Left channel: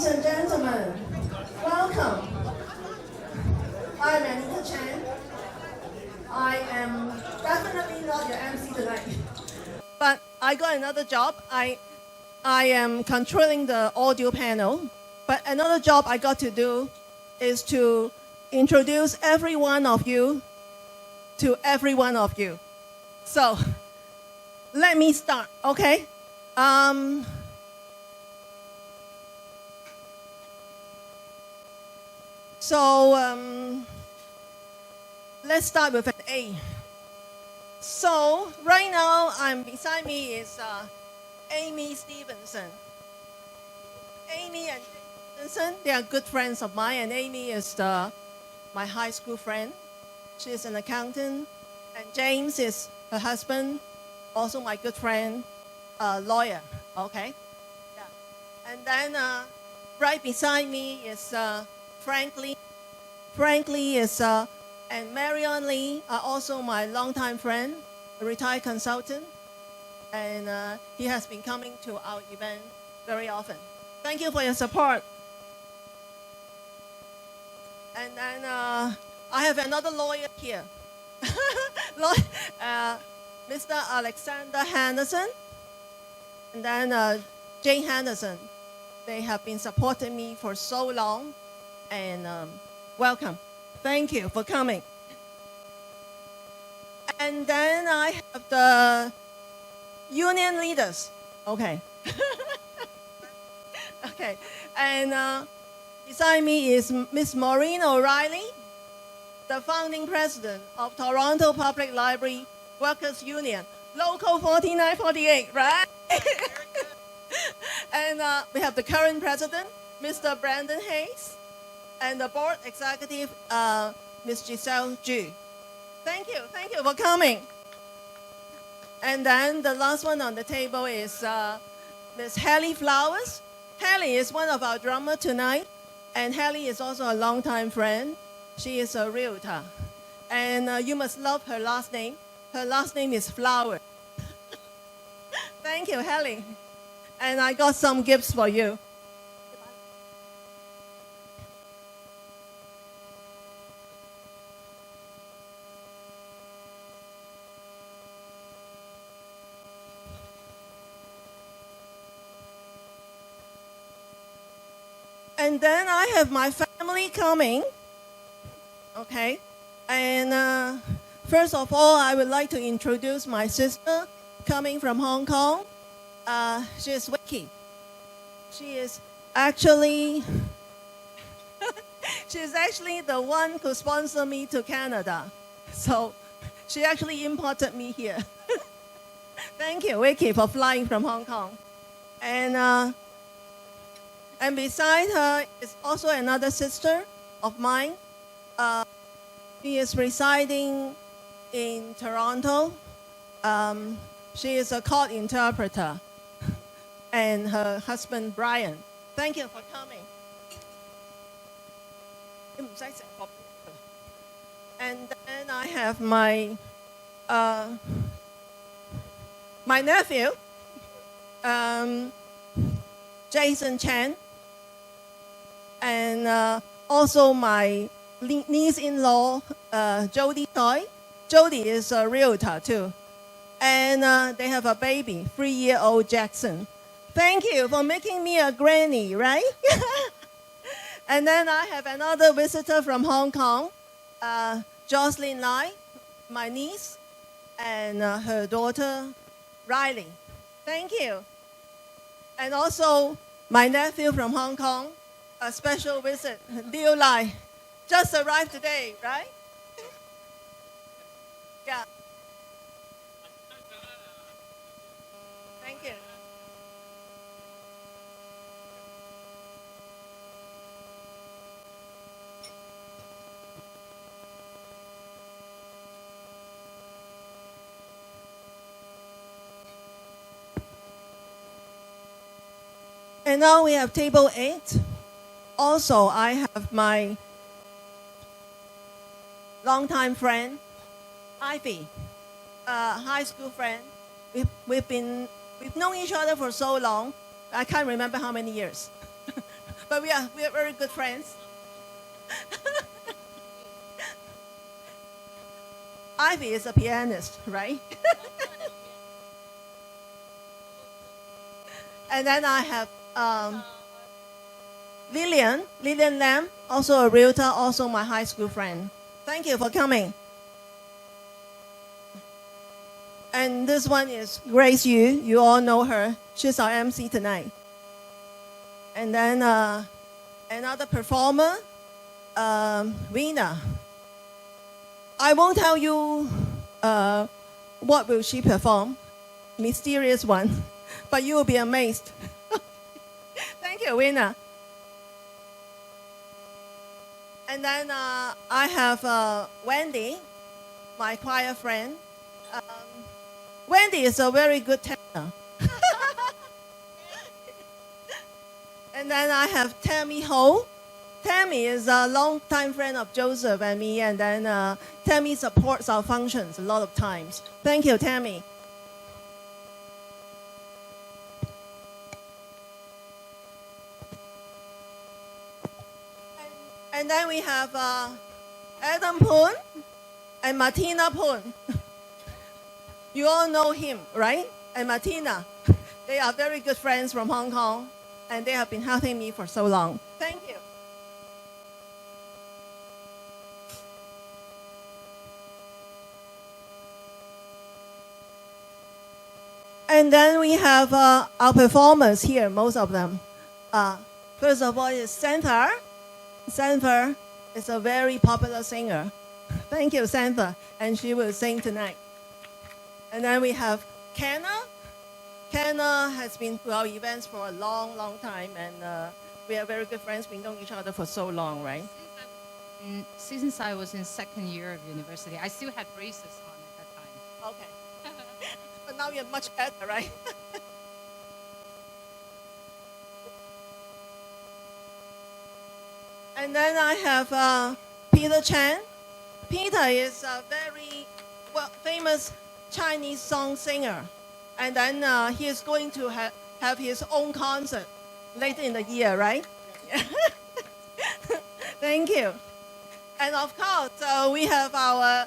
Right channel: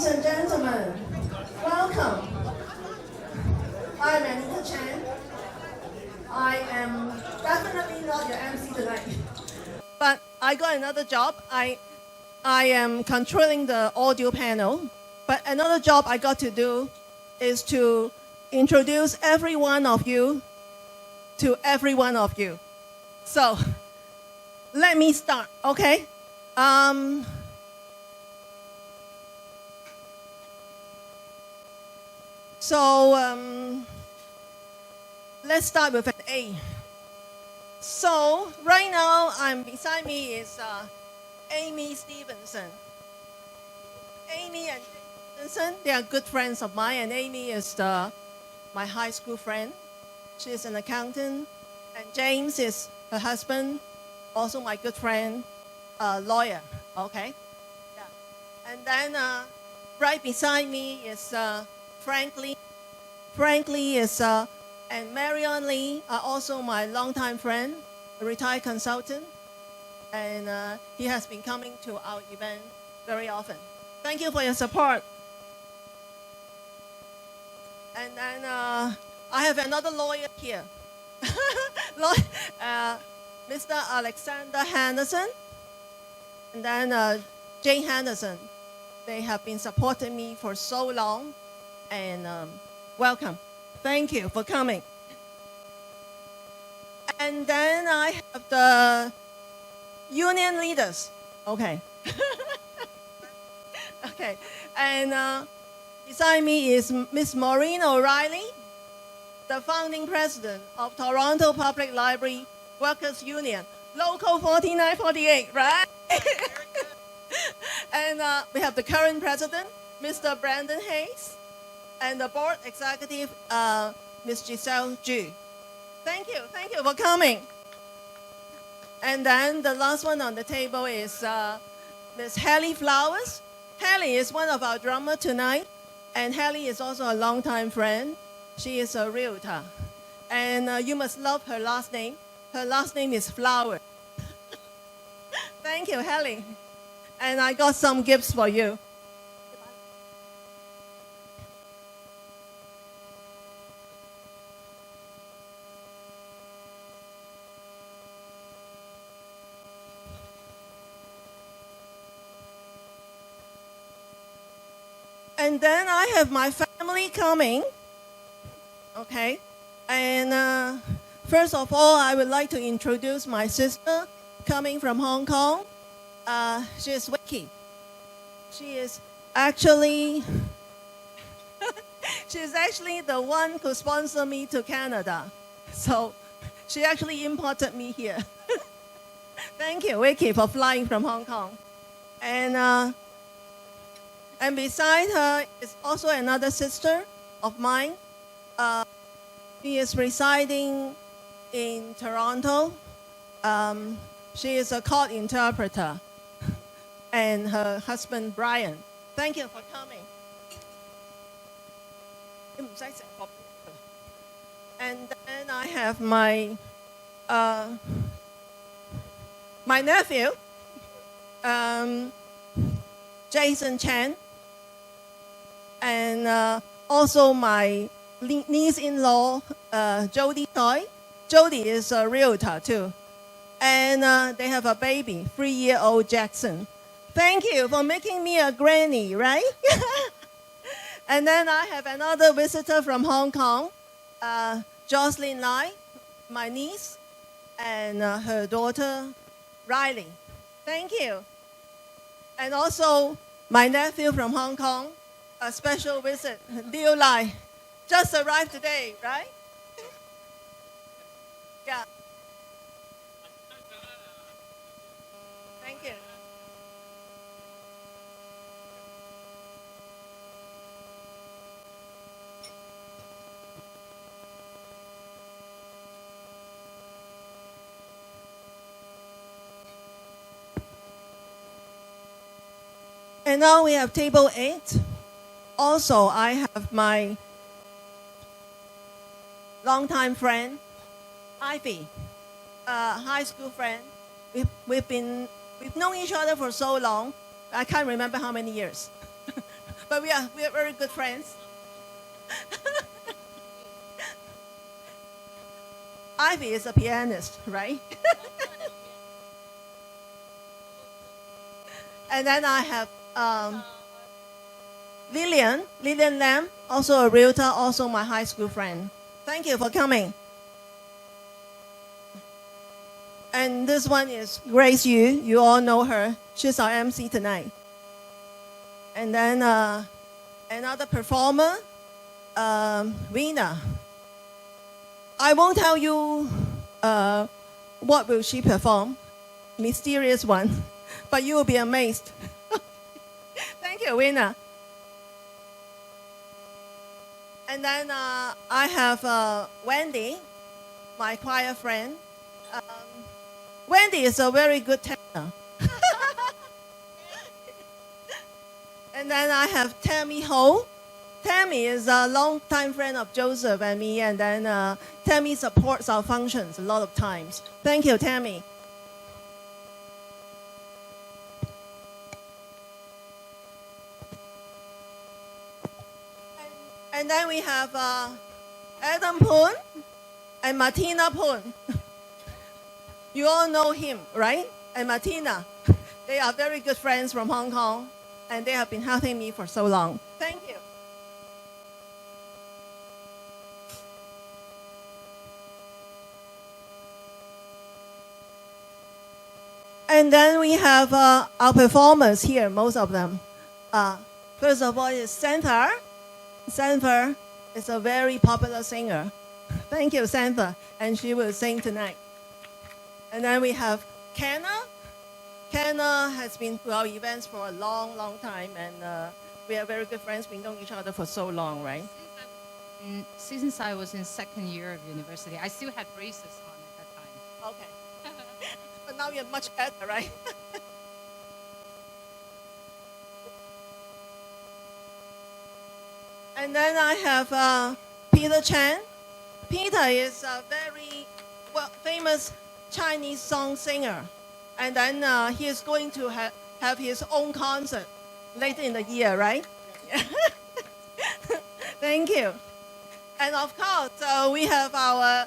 Ladies and gentlemen, welcome. I'm Anita Chan. I am definitely not your MC tonight. But I got another job. I am controlling the audio panel. But another job I got to do is to introduce every one of you to every one of you. So, let me start, okay? Let's start with an A. So, right now, beside me is Amy Stevenson. Amy and Stevenson, they are good friends of mine, and Amy is my high school friend. She is an accountant, and James is her husband, also my good friend, lawyer, okay? Yeah. And then right beside me is Franklin. Franklin is, and Marion Lee are also my longtime friend, a retired consultant, and he has been coming to our event very often. Thank you for your support. And then I have another lawyer here, Mr. Alexander Henderson, and then Jane Henderson. They have been supporting me for so long, and welcome. Thank you for coming. And then I have the union leaders. Okay. Okay. And beside me is Miss Maureen O'Reilly, the founding president of Toronto Public Library Workers Union, Local 4948, right? And we have the current president, Mr. Brandon Hayes, and the board executive, Ms. Giselle Ju. Thank you for coming. And then the last one on the table is Ms. Hallie Flowers. Hallie is one of our drummers tonight, and Hallie is also a longtime friend. She is a realtor, and you must love her last name. Her last name is Flower. Thank you, Hallie. And I got some gifts for you. And then I have my family coming, okay? And first of all, I would like to introduce my sister coming from Hong Kong. She is Vicky. She is actually the one who sponsored me to Canada. So she actually imported me here. Thank you, Vicky, for flying from Hong Kong. And beside her is also another sister of mine. She is residing in Toronto. She is a court interpreter. And her husband, Brian. Thank you for coming. And then I have my nephew, Jason Chan. And also my niece-in-law, Jody Toy. Jody is a realtor too. And they have a baby, 3-year-old Jackson. Thank you for making me a granny, right? And then I have another visitor from Hong Kong, Jocelyn Lai, my niece, and her daughter, Riley. Thank you. And also my nephew from Hong Kong, a special visit, Liu Lai, just arrived today, right? Yeah. Thank you. And now we have table 8. Also, I have my longtime friend, Ivy, a high school friend. We've known each other for so long, I can't remember how many years. but we are very good friends. Ivy is a pianist, right? And then I have Lillian Lam, also a realtor, also my high school friend. Thank you for coming. And this one is Grace Yu. You all know her. She's our MC tonight. And then another performer, Rena. I won't tell you what will she perform, mysterious one, but you will be amazed. Thank you, Rena. And then I have Wendy, my choir friend. Wendy is a very good tenor. And then I have Tammy Ho. Tammy is a long-time friend of Joseph and me, and then Tammy supports our functions a lot of times. Thank you, Tammy. And then we have Adam Poon and Martina Poon. You all know him, right? And Martina. They are very good friends from Hong Kong, and they have been helping me for so long. Thank you. And then we have our performers here, most of them. First of all is Santha. Santha is a very popular singer. Thank you, Santha. And she will sing tonight. And then we have Kenna. Kenna has been to our events for a long, long time. And we are very good friends. We've known each other for so long, right? Since I was in second year of university, I still had braces on at that time. Okay. But now you're much better, right? And then I have Peter Chan. Peter is a very famous Chinese song singer. And then he is going to have his own concert later in the year, right? Thank you. And of course, we have our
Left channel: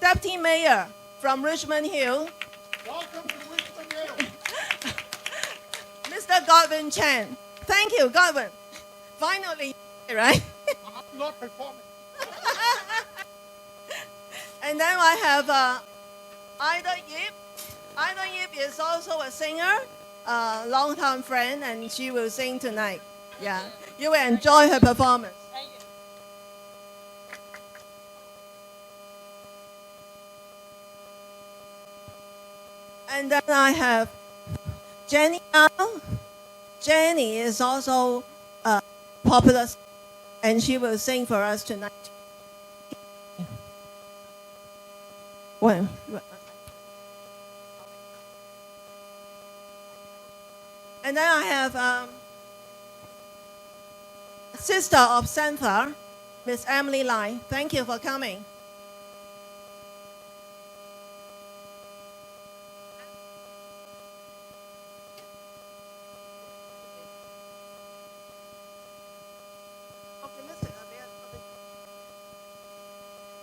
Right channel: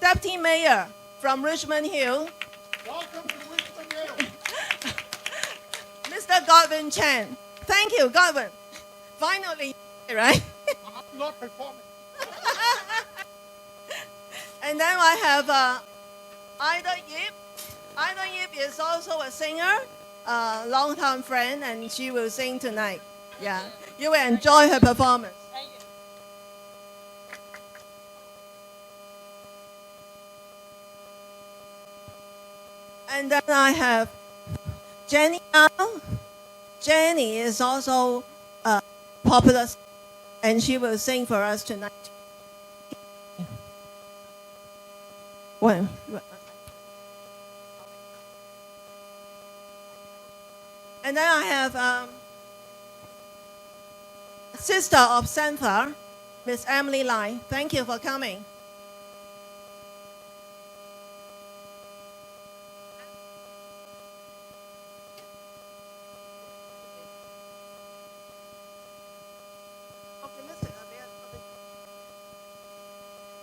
Deputy Mayor from Richmond Hill. Welcome to Richmond Hill. Mr. Godwin Chan. Thank you, Godwin. Finally, right? I'm not performing. And then I have Ida Yip. Ida Yip is also a singer, a long-time friend, and she will sing tonight. Yeah, you will enjoy her performance. Thank you. And then I have Jenny Yao. Jenny is also popular, and she will sing for us tonight. Well, and then I have sister of Santha, Miss Emily Lai. Thank you for coming.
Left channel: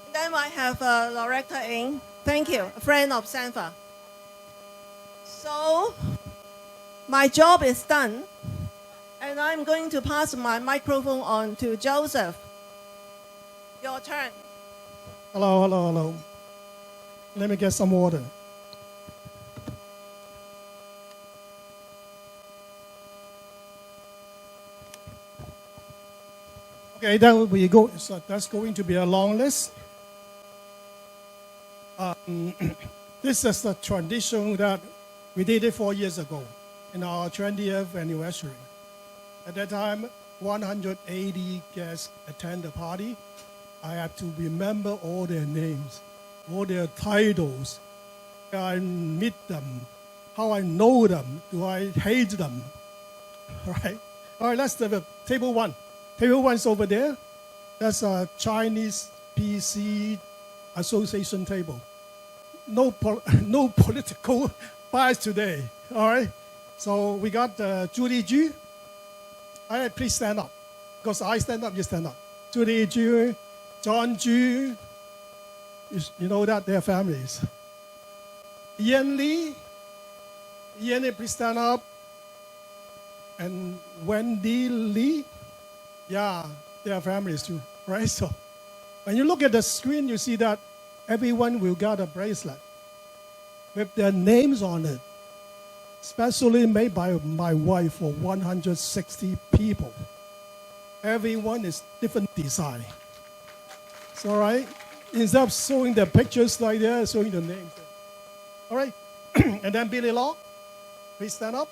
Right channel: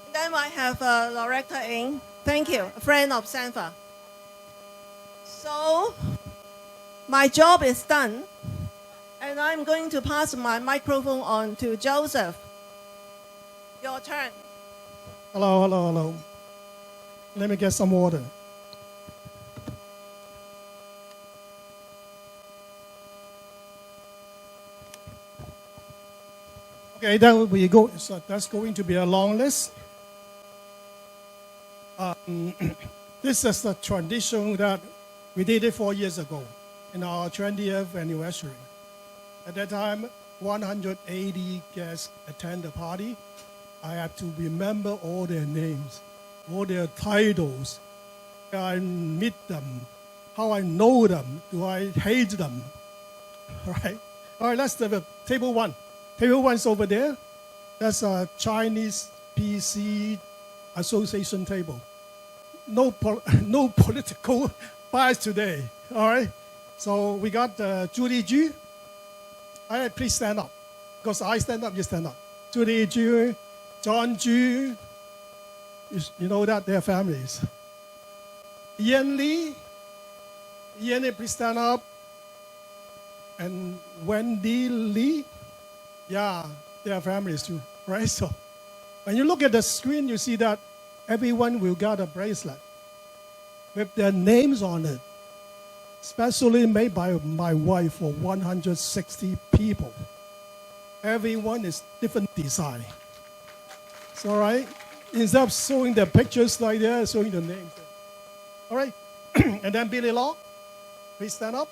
And then I have Loretta Ng. Thank you, a friend of Santha. So, my job is done, and I'm going to pass my microphone on to Joseph. Your turn. Hello, hello, hello. Let me get some water. Okay, then we go. So that's going to be a long list. This is the tradition that we did it 4 years ago in our 20th anniversary. At that time, 180 guests attend the party. I have to remember all their names, all their titles. I meet them, how I know them, do I hate them? All right, let's have a table one. Table one's over there. That's a Chinese PC Association table. No political bias today. All right. So we got Julie G. All right, please stand up. Because I stand up, you stand up. Judy Ju, John Ju, you know that they're families. Ian Lee, please stand up. And Wendy Lee, yeah, they are families too, right? So when you look at the screen, you see that everyone will get a bracelet with their names on it, specially made by my wife for 160 people. Everyone is different design. It's all right. Instead of showing the pictures like that, showing the names. All right. And then Billy Law, please stand up.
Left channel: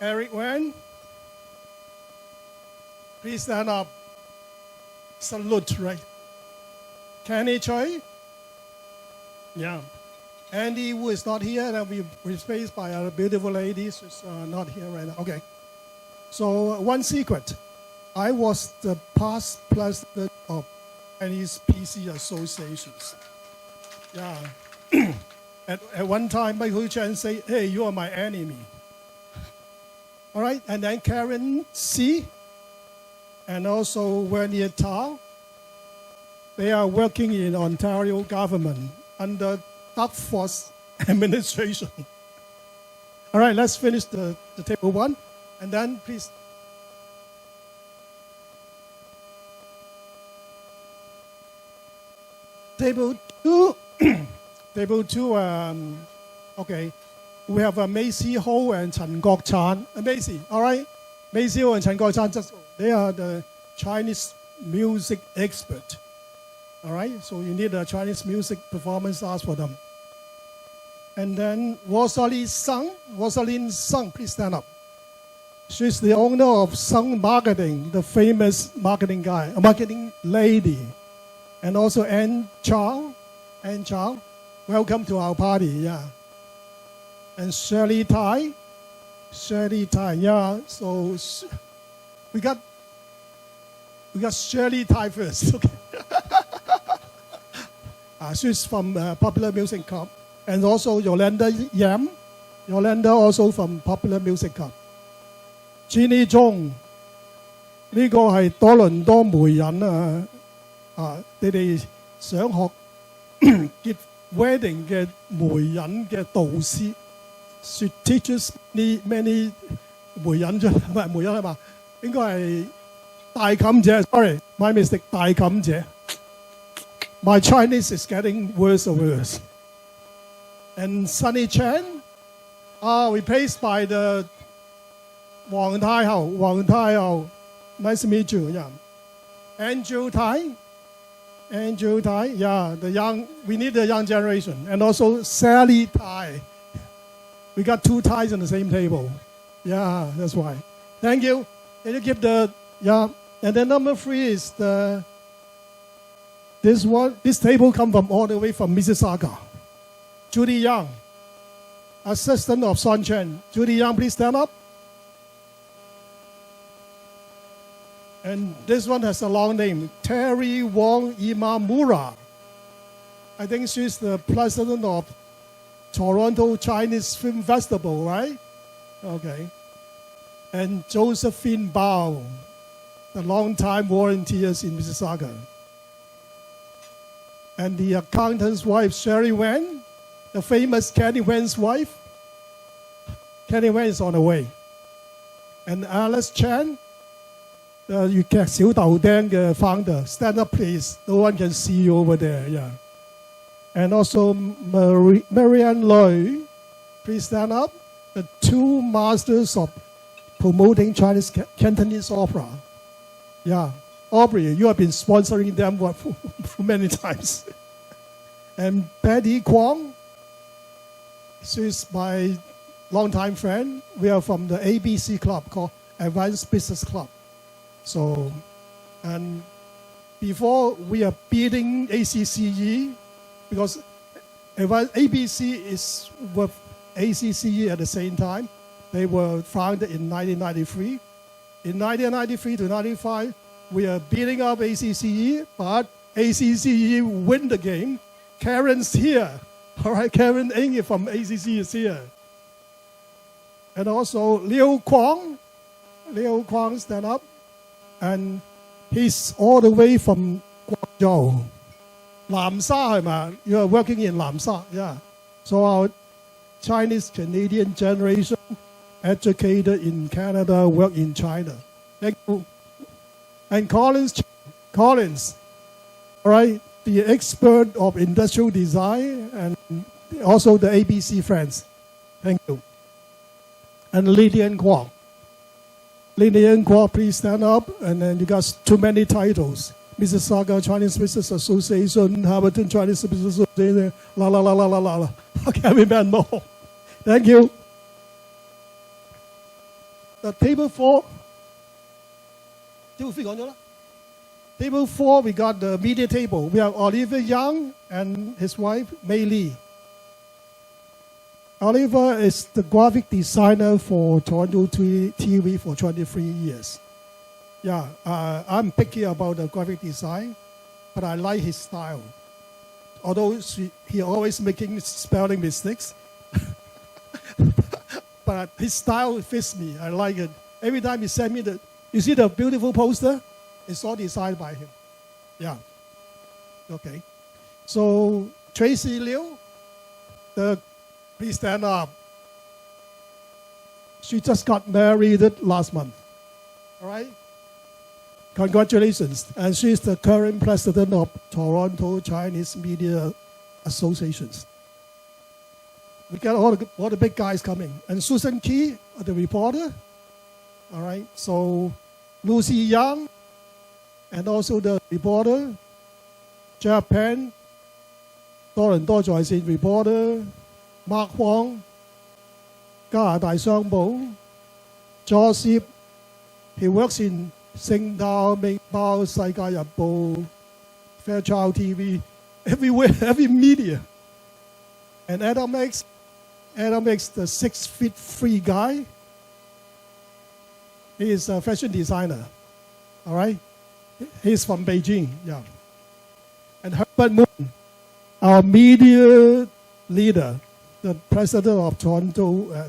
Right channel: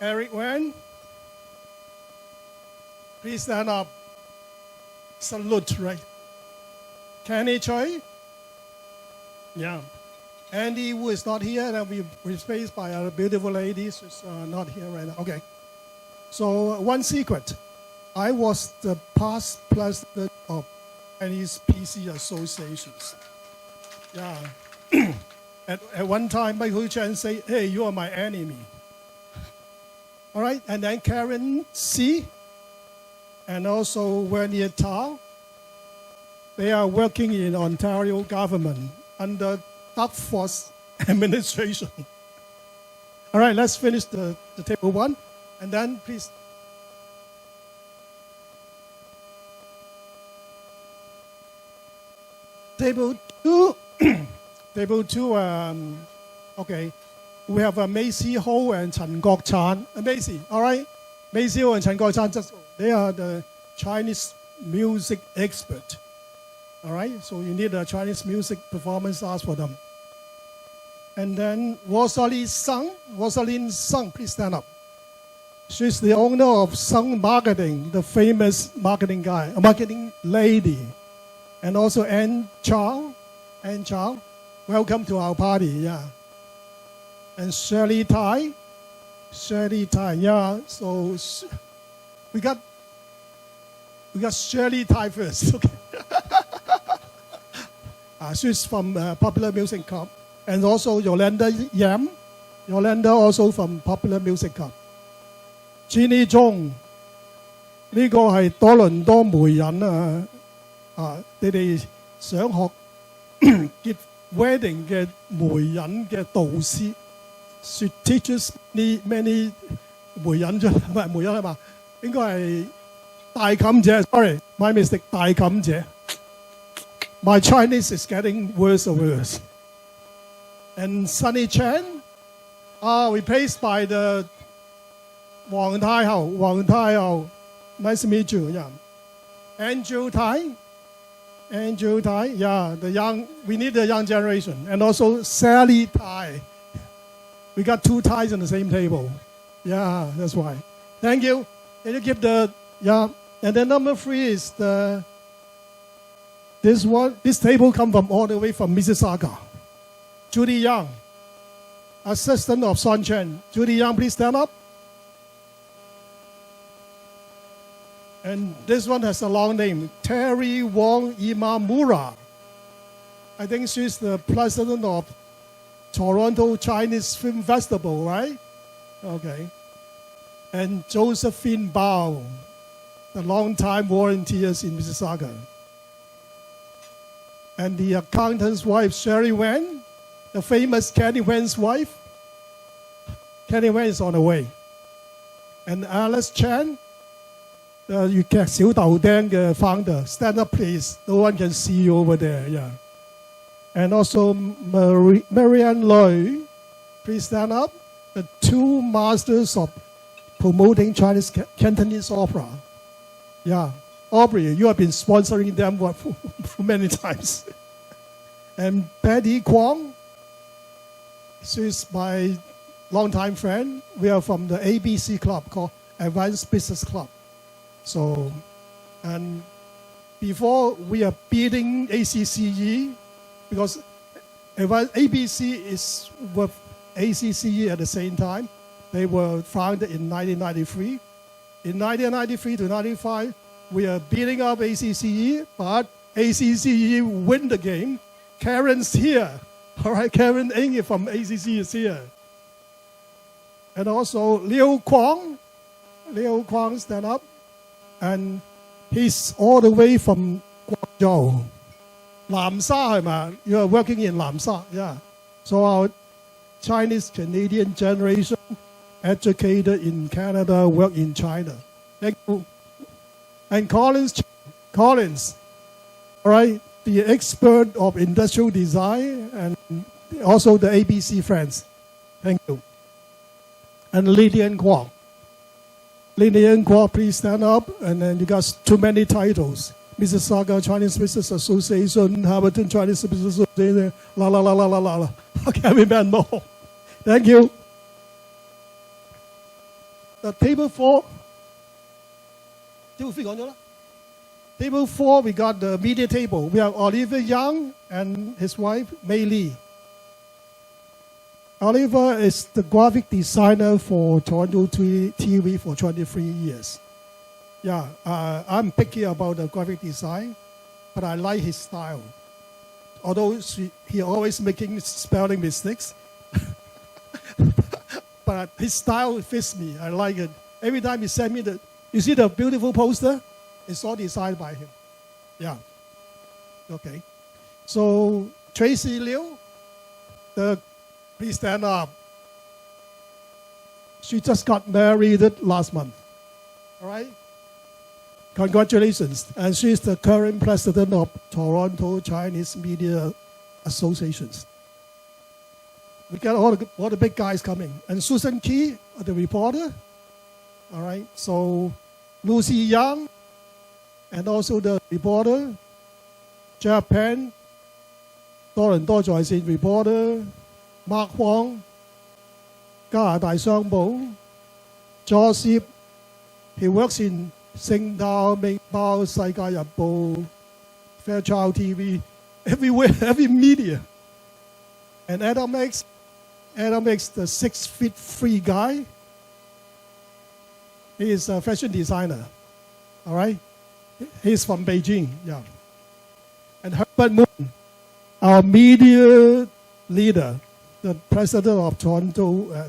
Eric Wen, please stand up. Salute, right? Kenny Choi, yeah. Andy, who is not here, and we replaced by a beautiful lady who's not here right now. Okay. So one secret, I was the past president of Chinese PC associations. Yeah. At one time, Michael Chen said, "Hey, you are my enemy." All right, and then Karen C. and also Wernier Tao. They are working in Ontario government under Task Force administration. All right, let's finish the table one. And then please. Table two. Table two, okay. We have Macy Ho and Chen Gok Chan. Macy, all right? Macy Ho and Chen Gok Chan, they are the Chinese music expert. All right? So you need a Chinese music performance art for them. And then Rosalind Sung, please stand up. She's the owner of Sung Marketing, the famous marketing lady. And also Ann Chow, welcome to our party, yeah. And Shirley Tai, yeah. So we got Shirley Tai first, okay. She's from Popular Music Club. And also Yolanda Yam, also from Popular Music Club. Jeannie Zhong, 呢個係多倫多媒人你哋想學結 wedding 嘅媒人嘅導師。She teaches many 媒人啫，唔係媒人係嘛？應該係大妗姐 ，sorry, my mistake， 大妗姐。My Chinese is getting worse and worse. And Sunny Chan, replaced by the Wang Tai Hao, nice to meet you, yeah. Andrew Tai, yeah, we need the young generation. And also Sally Tai. We got two ties on the same table. Yeah, that's why. Thank you. Can you give yeah. And then number 3 is this table come from all the way from Mississauga. Judy Young, assistant of Son Chen. Judy Young, please stand up. And this one has a long name, Terry Wong Imamura. I think she's the president of Toronto Chinese Film Festival, right? Okay. And Josephine Bao, the long-time volunteers in Mississauga. And the accountant's wife, Sherry Wen, the famous Kenny Wen's wife. Kenny Wen is on the way. And Alice Chan, the 粵劇小豆丁嘅 founder. Stand up, please. No one can see you over there. Yeah. And also Marianne Loy, please stand up. The 2 masters of promoting Chinese Cantonese opera. Yeah. Aubrey, you have been sponsoring them for many times. And Betty Kwong, she's my longtime friend. We are from the ABC club called Advanced Business Club. So, and before we are beating ACCE, because ABC is with ACCE at the same time. They were founded in 1993. In 1993 to 95, we are beating up ACCE, but ACCE win the game. Karen's here. All right, Karen Ng from ACCE is here. And also Liu Kwong, Leo Kwang stand up. And he's all the way from Guangzhou. Nam Sa, you are working in Nam Sa, yeah. So our Chinese-Canadian generation, educated in Canada, work in China. Thank you. And Collins, all right, the expert of industrial design and also the ABC friends. Thank you. And Lillian Kwok. Lillian Kwok, please stand up. And then you got too many titles. Mississauga Chinese Business Association, Hamilton Chinese Business Association, la la la la la la. I can't remember more. Thank you. The table 4. Table 4, we got the media table. We have Oliver Young and his wife, Mei Lee. Oliver is the graphic designer for TorontoTV for 23 years. Yeah, I'm picky about the graphic design, but I like his style. Although he always making spelling mistakes, but his style fits me. I like it. Every time he send me you see the beautiful poster? It's all designed by him. Yeah. Okay. So Tracy Liu, please stand up. She just got married last month. All right? Congratulations. And she's the current president of Toronto Chinese Media Associations. We got all the big guys coming. And Susan Key, the reporter. All right? So Lucy Young, and also the reporter. Japan, Toronto在線 reporter. Mark Huang, 加拿大商報. Joseph, he works in 星島、明報、世界日報, Fairchild TV, everywhere, every media. And Adam X, the 6'3" guy. He is a fashion designer. All right? He's from Beijing, yeah. And Herbert Moon, our media leader, the president of Toronto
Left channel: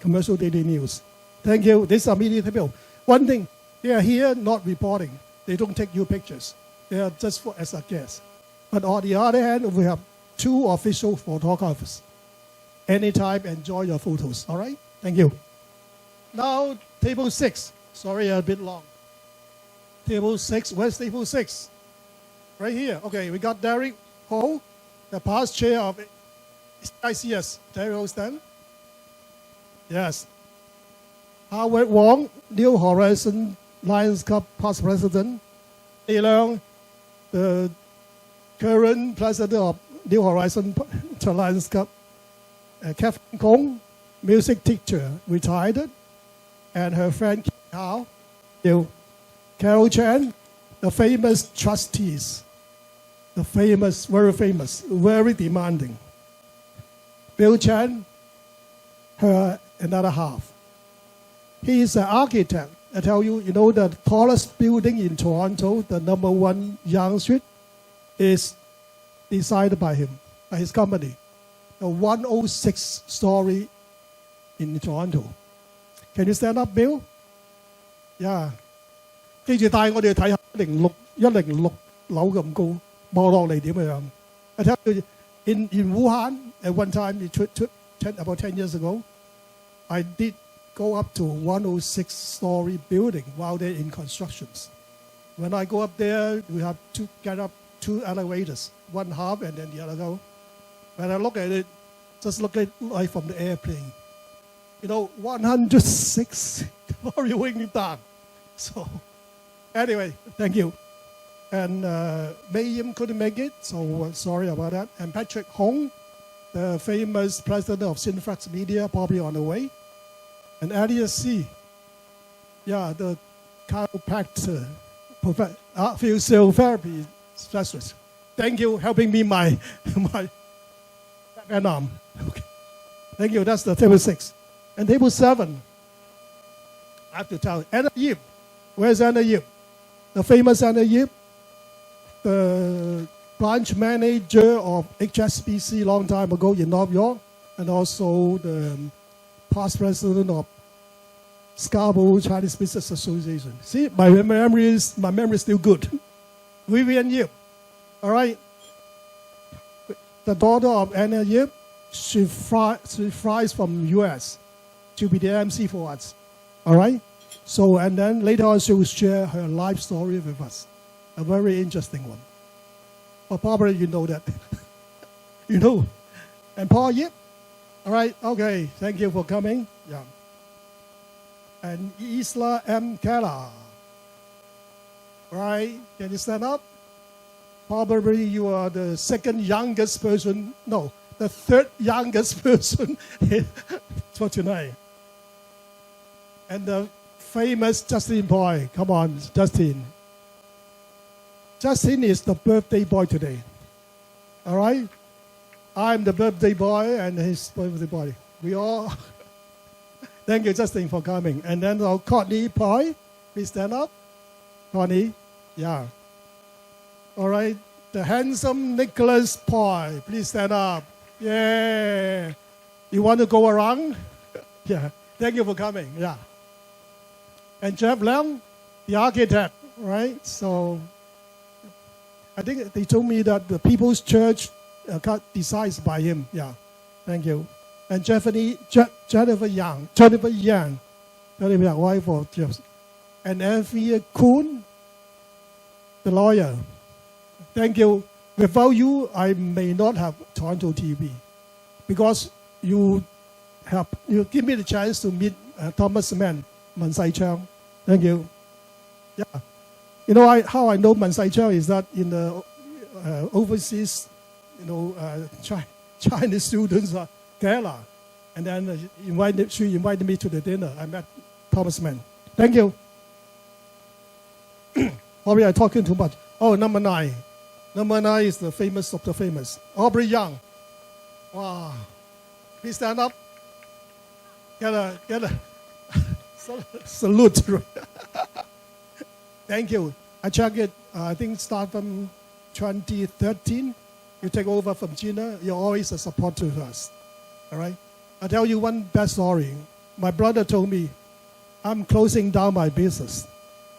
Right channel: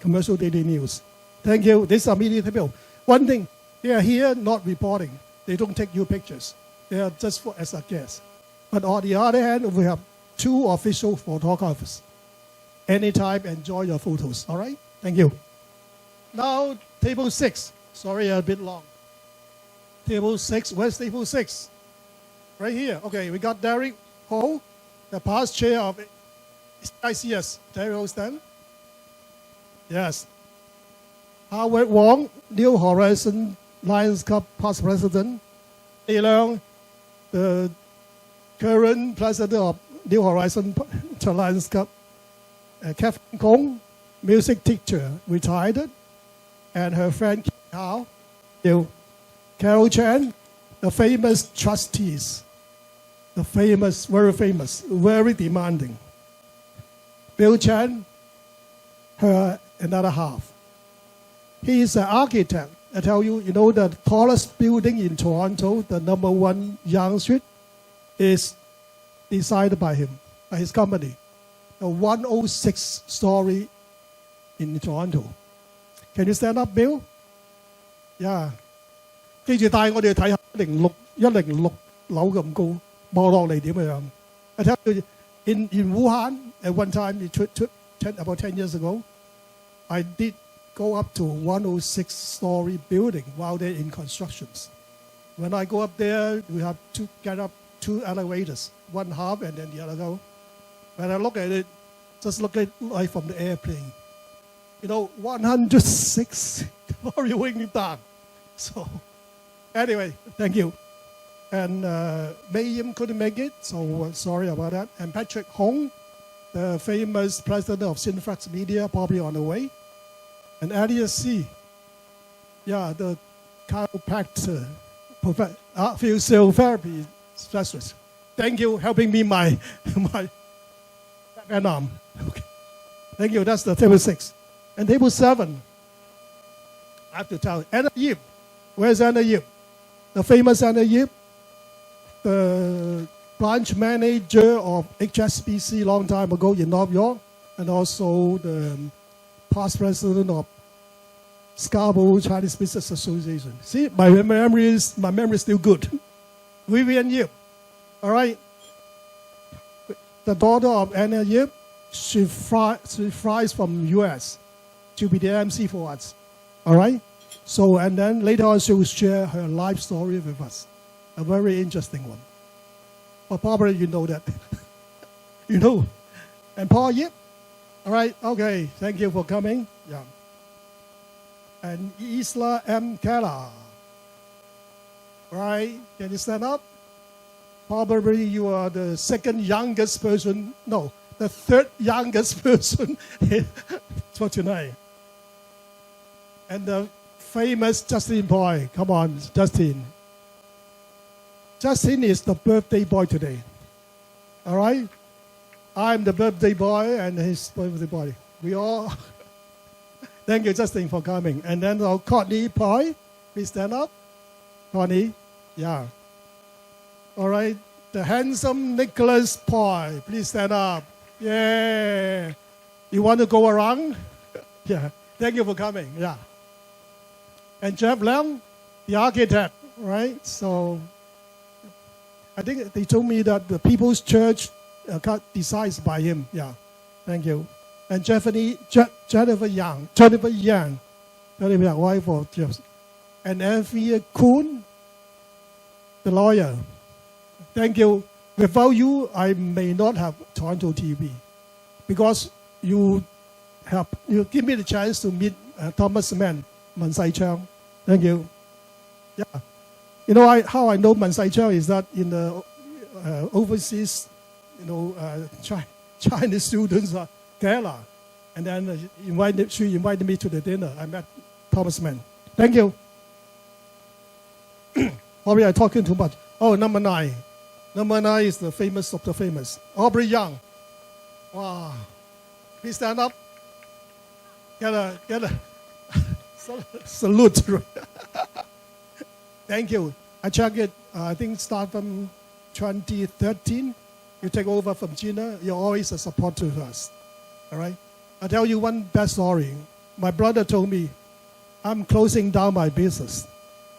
Commercial Daily News. Thank you. This is our media people. One thing, they are here not reporting. They don't take you pictures. They are just as a guest. But on the other hand, we have 2 official photographers. Anytime, enjoy your photos. All right? Thank you. Now, table 6. Sorry, a bit long. Table 6. Where's table 6? Right here. Okay, we got Derek Ho, the past chair of ICS. Derek Ho, stand. Yes. Howard Wong, New Horizon Lions Club past president. Lei Leung, the current president of New Horizon Lions Club. Catherine Kong, music teacher, retired. And her friend Kao, Carol Chan, the famous trustees. The famous, very demanding. Bill Chan, her another half. He is an architect. I tell you, the tallest building in Toronto, the number 1 Yonge Street, is designed by him, by his company. The 106-story in Toronto. Can you stand up, Bill? Yeah. 記住帶我哋去睇下106樓咁高，望落嚟點樣？I tell you, in Wuhan, at one time, about 10 years ago, I did go up to 106-story building while they're in constructions. When I go up there, we have to get up 2 elevators, one half and then the other go. When I look at it, just look at it like from the airplane. 106 story wing down. So, anyway, thank you. And Mei Yim couldn't make it, so sorry about that. And Patrick Hong, the famous president of Synfrax Media, probably on the way. And Elias C., the chiropractor, physiotherapy specialist. Thank you, helping me my back and arm. Okay. Thank you. That's the table 6. And table 7, I have to tell you, Anna Yip. Where's Anna Yip? The famous Anna Yip, the branch manager of HSBC long time ago in New York, and also the past president of Scarborough Chinese Business Association. See, my memory is still good. Vivian Yip, all right. The daughter of Anna Yip, she flies from U.S. to be the MC for us, all right. So, and then later on she will share her life story with us, a very interesting one. But probably you know that, you know. And Paul Yip, all right, okay, thank you for coming. Yeah. And Isla M. Keller. Right? Can you stand up? Probably you are the second youngest person, no, the third youngest person for tonight. And the famous Justin boy. Come on, Justin. Justin is the birthday boy today. All right? I'm the birthday boy and his birthday boy. We all... Thank you, Justin, for coming. And then Courtney Poi, please stand up. Courtney, yeah. All right. The handsome Nicholas Poi, please stand up. Yeah. You want to go around? Yeah. Thank you for coming. Yeah. And Jeff Lam, the architect, right? So I think they told me that the People's Church got decided by him. Yeah. Thank you. And Jennifer Yang, wife of Jeff. And Anthea Kuhn, the lawyer. Thank you. Without you, I may not have TorontoTV, because you give me the chance to meet Thomas Mann, Man Sai Chang. Thank you. Yeah. You know how I know Man Sai Chang is that in the overseas, Chinese students are Kerala, and then she invited me to the dinner. I met Thomas Mann. Thank you. Probably I'm talking too much. Oh, number 9. Number 9 is the famous of the famous. Aubrey Young. Wow. Please stand up. Get a salute. Thank you. I checked it. I think start from 2013. You take over from Gina. You're always a support to us. All right? I'll tell you one bad story. My brother told me, I'm closing down my business.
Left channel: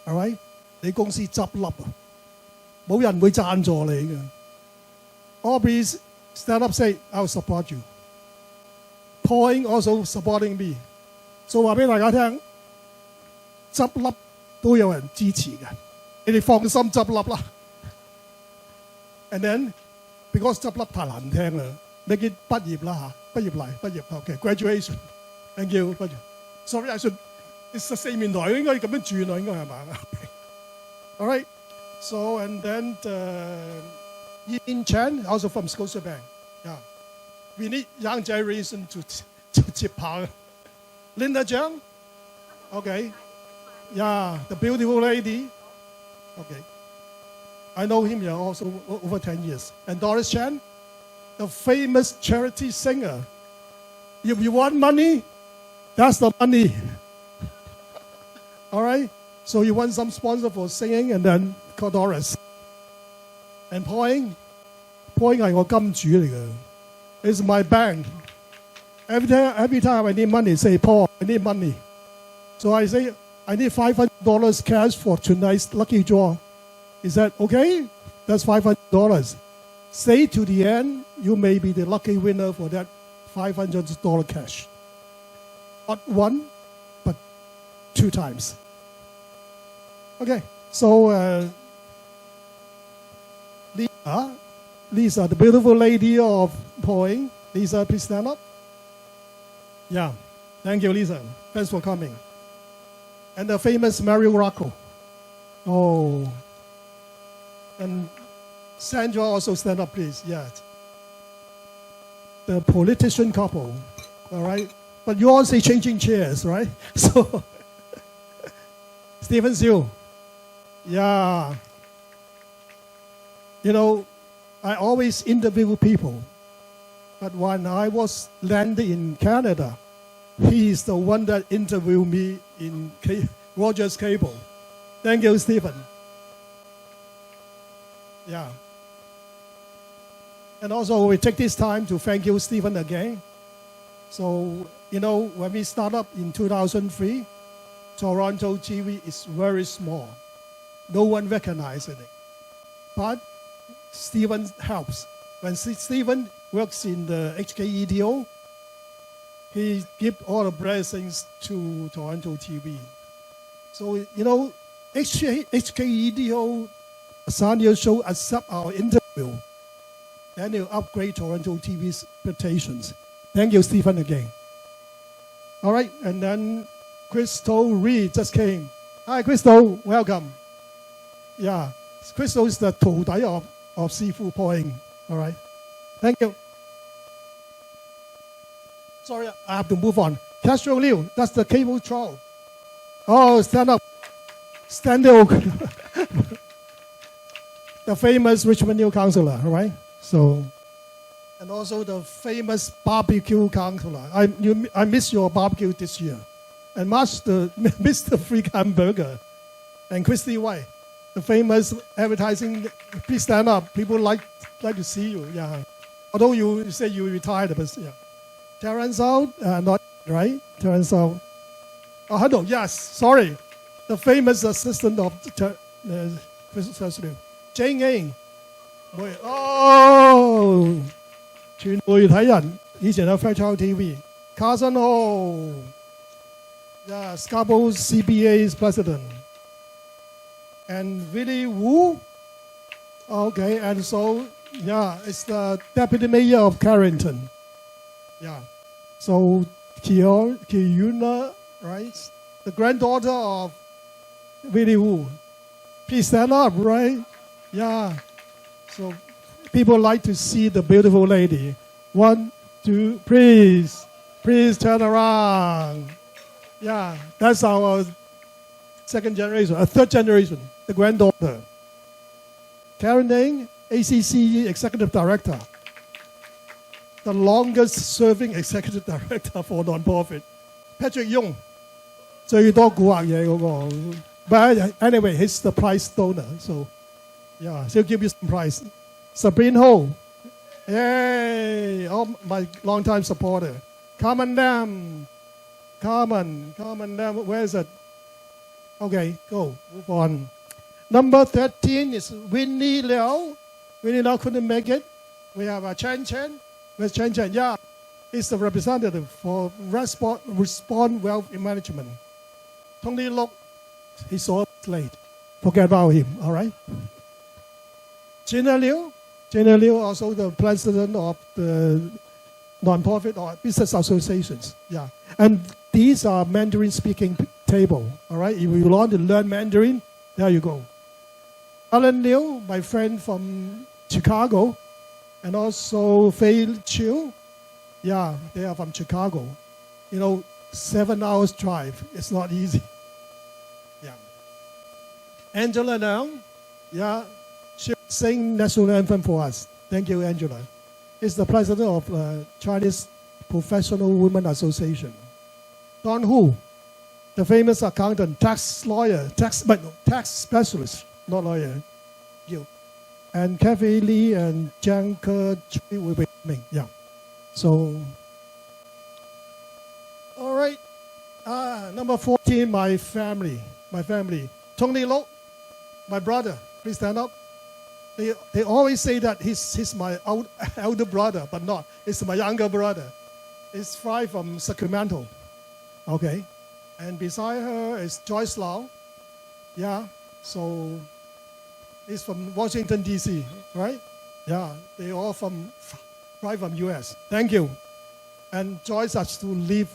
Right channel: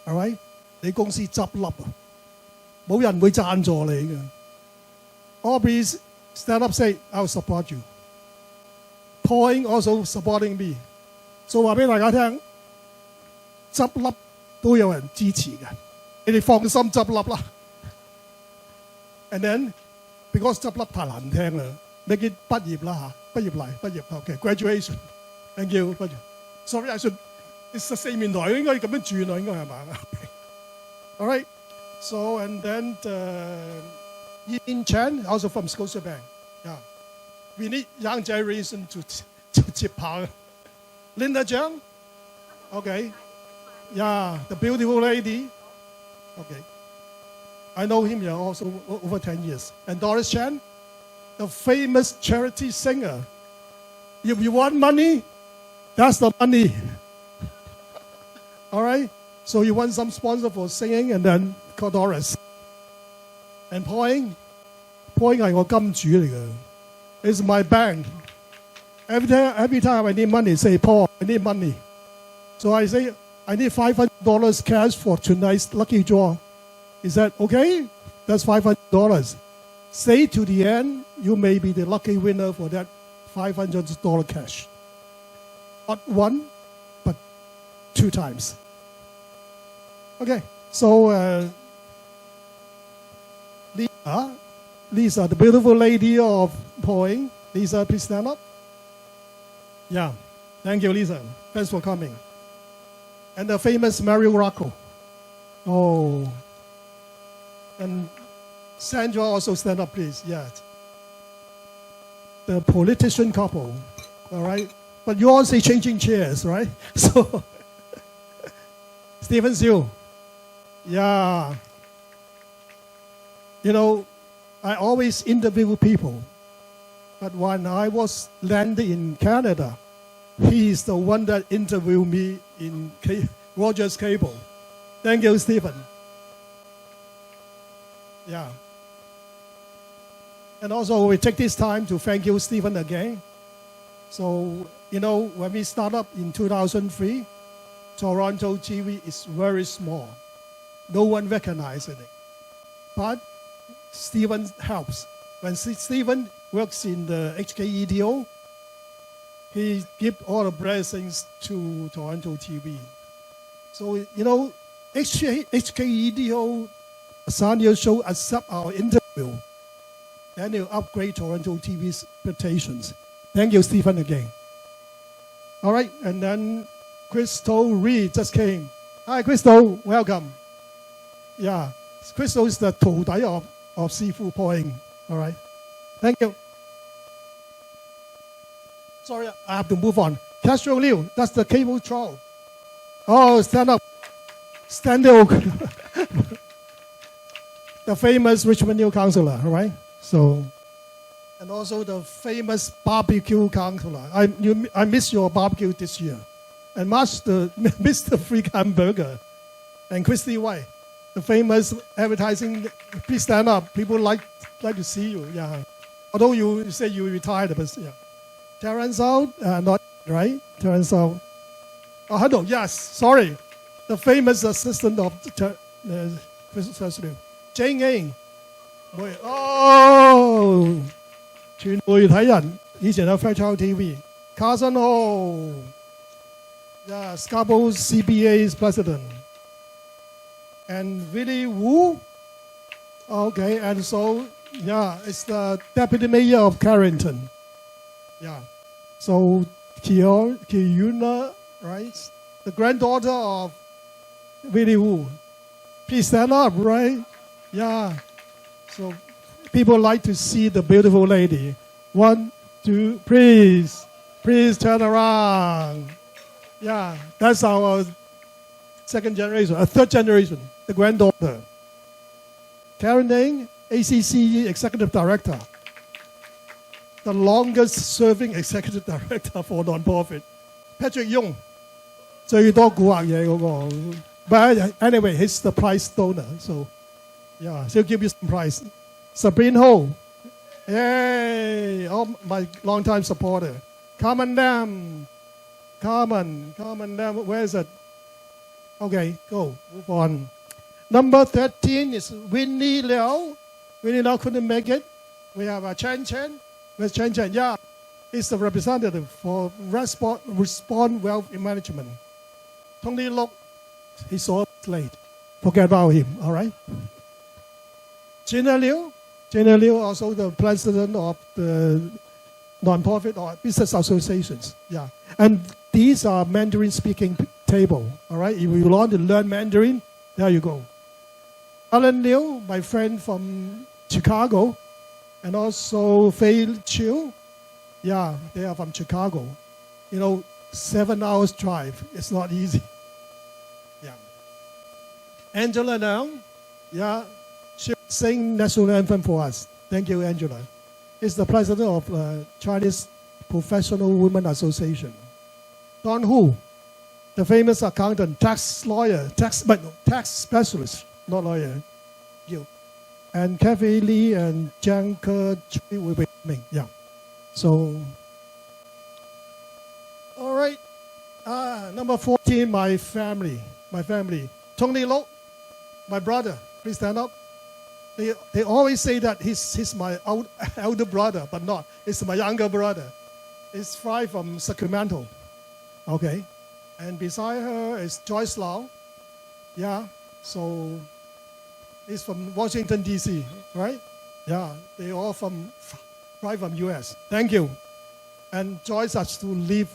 All right? 你公司執笠啊，冇人會贊助你嘅。Aubrey stand up say, I'll support you. Point also supporting me. So 話俾大家聽，執笠都有人支持嘅，你哋放心執笠啦。And then because 執笠太難聽啦，你見畢業啦嚇，畢業 OK graduation. Thank you， 畢業。Sorry I should， 四面台應該咁樣轉啊，應該係嘛？All right. So, and then Yin Chen, also from Scotiabank. Yeah. We need young generation to chip power. Linda Jiang. Okay. Yeah, the beautiful lady. Okay. I know him here also over 10 years. And Doris Chan, the famous charity singer. If you want money, that's the money. All right? So you want some sponsor for singing, and then call Doris. And Point係我金主嚟嘅。It's my bank. Every time I need money, say Paul, I need money. So I say I need $500 cash for tonight's lucky draw. Is that okay? That's $500. Stay to the end. You may be the lucky winner for that $500 cash. Not one, but 2 times. Okay, so Lisa, the beautiful lady of Point. Lisa, please stand up. Yeah, thank you, Lisa. Thanks for coming. And the famous Mario Rocco. Oh, and Sandra also stand up, please. Yeah, the politician couple. All right, but you all say changing chairs, right? So Stephen Siu. Yeah. You know, I always interview people. But when I was landed in Canada, he is the one that interviewed me in Rogers Cable. Thank you, Stephen. Yeah. And also, we take this time to thank you, Stephen, again. So, you know, when we started up in 2003, TorontoTV is very small. No one recognizes it. But Stephen helps. When Stephen works in the HKEDO, he gives all the blessings to TorontoTV. So, you know, HKEDO, Sanyo Show accept our interview. Then he'll upgrade TorontoTV's reputations. Thank you, Stephen, again. All right, and then Crystal Reed just came. Hi, Crystal, welcome. Yeah, Crystal is the 徒弟 of Sifu Poing. All right, thank you. Sorry, I have to move on. Castro Liu, that's the cable troll. Oh, stand up. Stand up. The famous Richmond Hill councillor, all right? So, and also the famous barbecue councillor. I miss your barbecue this year. And Mr. Freak Hamburger. And Christy White, the famous advertising. Please stand up. People like to see you. Yeah. Although you say you retired, but yeah. Terrence out, not right. Terrence out. Oh, hello. Yes. Sorry. The famous assistant of Christopher Liu. Jane A. 哦，全媒體人以前有 Fairchild TV。Carson Ho. Yeah, Scarborough CBA's president. And Willie Wu. Okay, and so, yeah, it's the deputy mayor of Carrington. Yeah. So, Kiuna, right? The granddaughter of Willie Wu. Please stand up, right? Yeah. So, people like to see the beautiful lady. 1, 2, please. Please turn around. Yeah, that's our second generation, third generation, the granddaughter. Karen Ding, ACC Executive Director. The longest serving Executive Director for non-profit. Patrick Young, 最多古惑嘢嗰個. But anyway, he's the prize donor, so yeah, she'll give you some prize. Sabrina Ho, yay, oh, my long-time supporter. Carmen Lam. Carmen Lam, where is it? Okay, go, move on. Number 13 is Winnie Liao. Winnie Liao couldn't make it. We have Chen Chen. Where's Chen Chen? Yeah, he's the representative for Respond Wealth Management. Tony Lok, he's so late. Forget about him, all right? Gina Liu, also the president of the non-profit or business associations. Yeah, and these are Mandarin-speaking table. All right, if you want to learn Mandarin, there you go. Alan Liu, my friend from Chicago, and also Fei Chiu. Yeah, they are from Chicago. You know, 7 hours drive. It's not easy. Yeah. Angela Leung, yeah, she sing national anthem for us. Thank you, Angela. Is the president of Chinese Professional Women Association. Don Hu, the famous accountant, tax lawyer, tax specialist, not lawyer. You. And Kathy Lee and Jiang Ke will be coming. Yeah. So, all right. Number 14, my family. Tony Lo, my brother. Please stand up. They always say that he's my elder brother, but not. It's my younger brother. It's fly from Sacramento. Okay. And beside her is Joyce Lau. Yeah. So he's from Washington, D.C., right? Yeah. They all fly from U.S. Thank you. And Joyce has to leave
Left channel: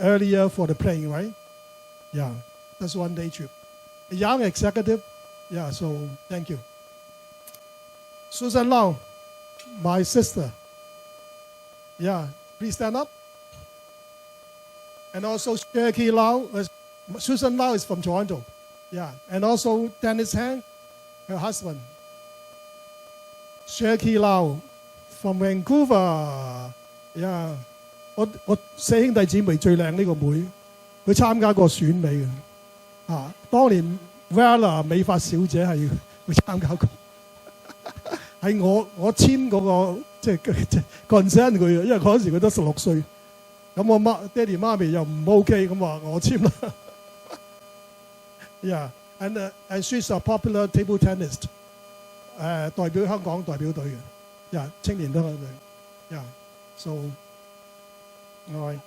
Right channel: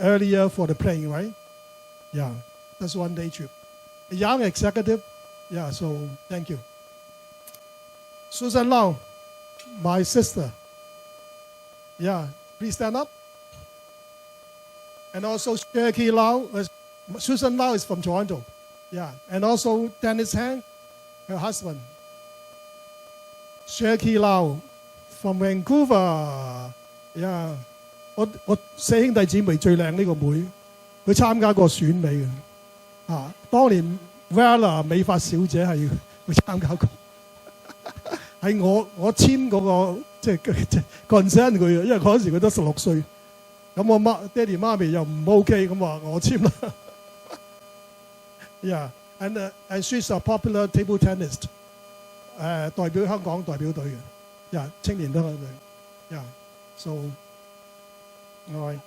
earlier for the plane, right? Yeah. That's one day trip. A young executive. Yeah. So thank you. Susan Lau, my sister. Yeah, please stand up. And also Cherokee Lau. Susan Lau is from Toronto. Yeah, and also Dennis Hang, her husband. Cherokee Lau from Vancouver. Yeah, 我四兄弟姊妹最靚呢個妹，佢參加過選美嘅。當年 Vella 美髮小姐係佢參加過。係我簽嗰個即係 consent 佢嘅，因為嗰陣時佢都16歲，咁我爹哋媽咪又唔 OK，咁話我簽啦。Yeah, and she's a popular table tennis. 代表香港代表隊嘅，yeah， 青年香港隊，yeah， so all right.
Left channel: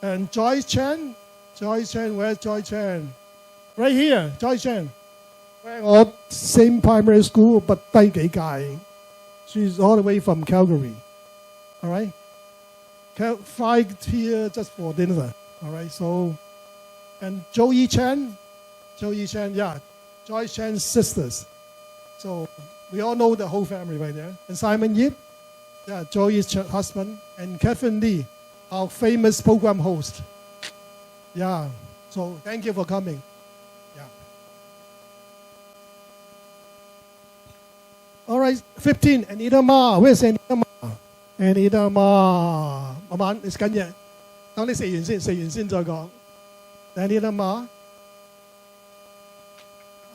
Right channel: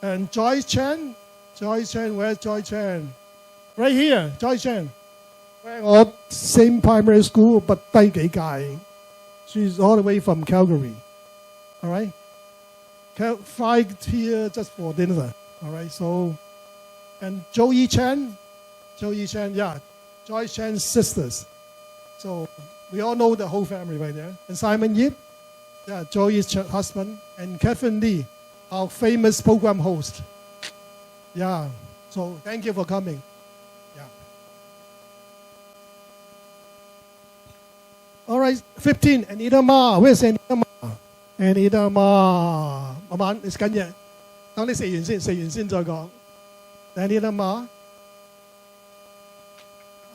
And Joyce Chen, where's Joyce Chen? Right here, Joyce Chen. 我 same primary school but 低幾屆。She's all the way from Calgary. All right, fly here just for dinner. All right, so and Joey Chen, yeah, Joyce Chen's sisters. So we all know the whole family right there. And Simon Yip, yeah, Joey's husband, and Kevin Lee, our famous program host. Yeah, so thank you for coming. Yeah. All right, 15, Anita Ma. Where's Anita Ma? Anita Ma. 慢慢，你食緊嘢，等你食完先再講。Anita Ma.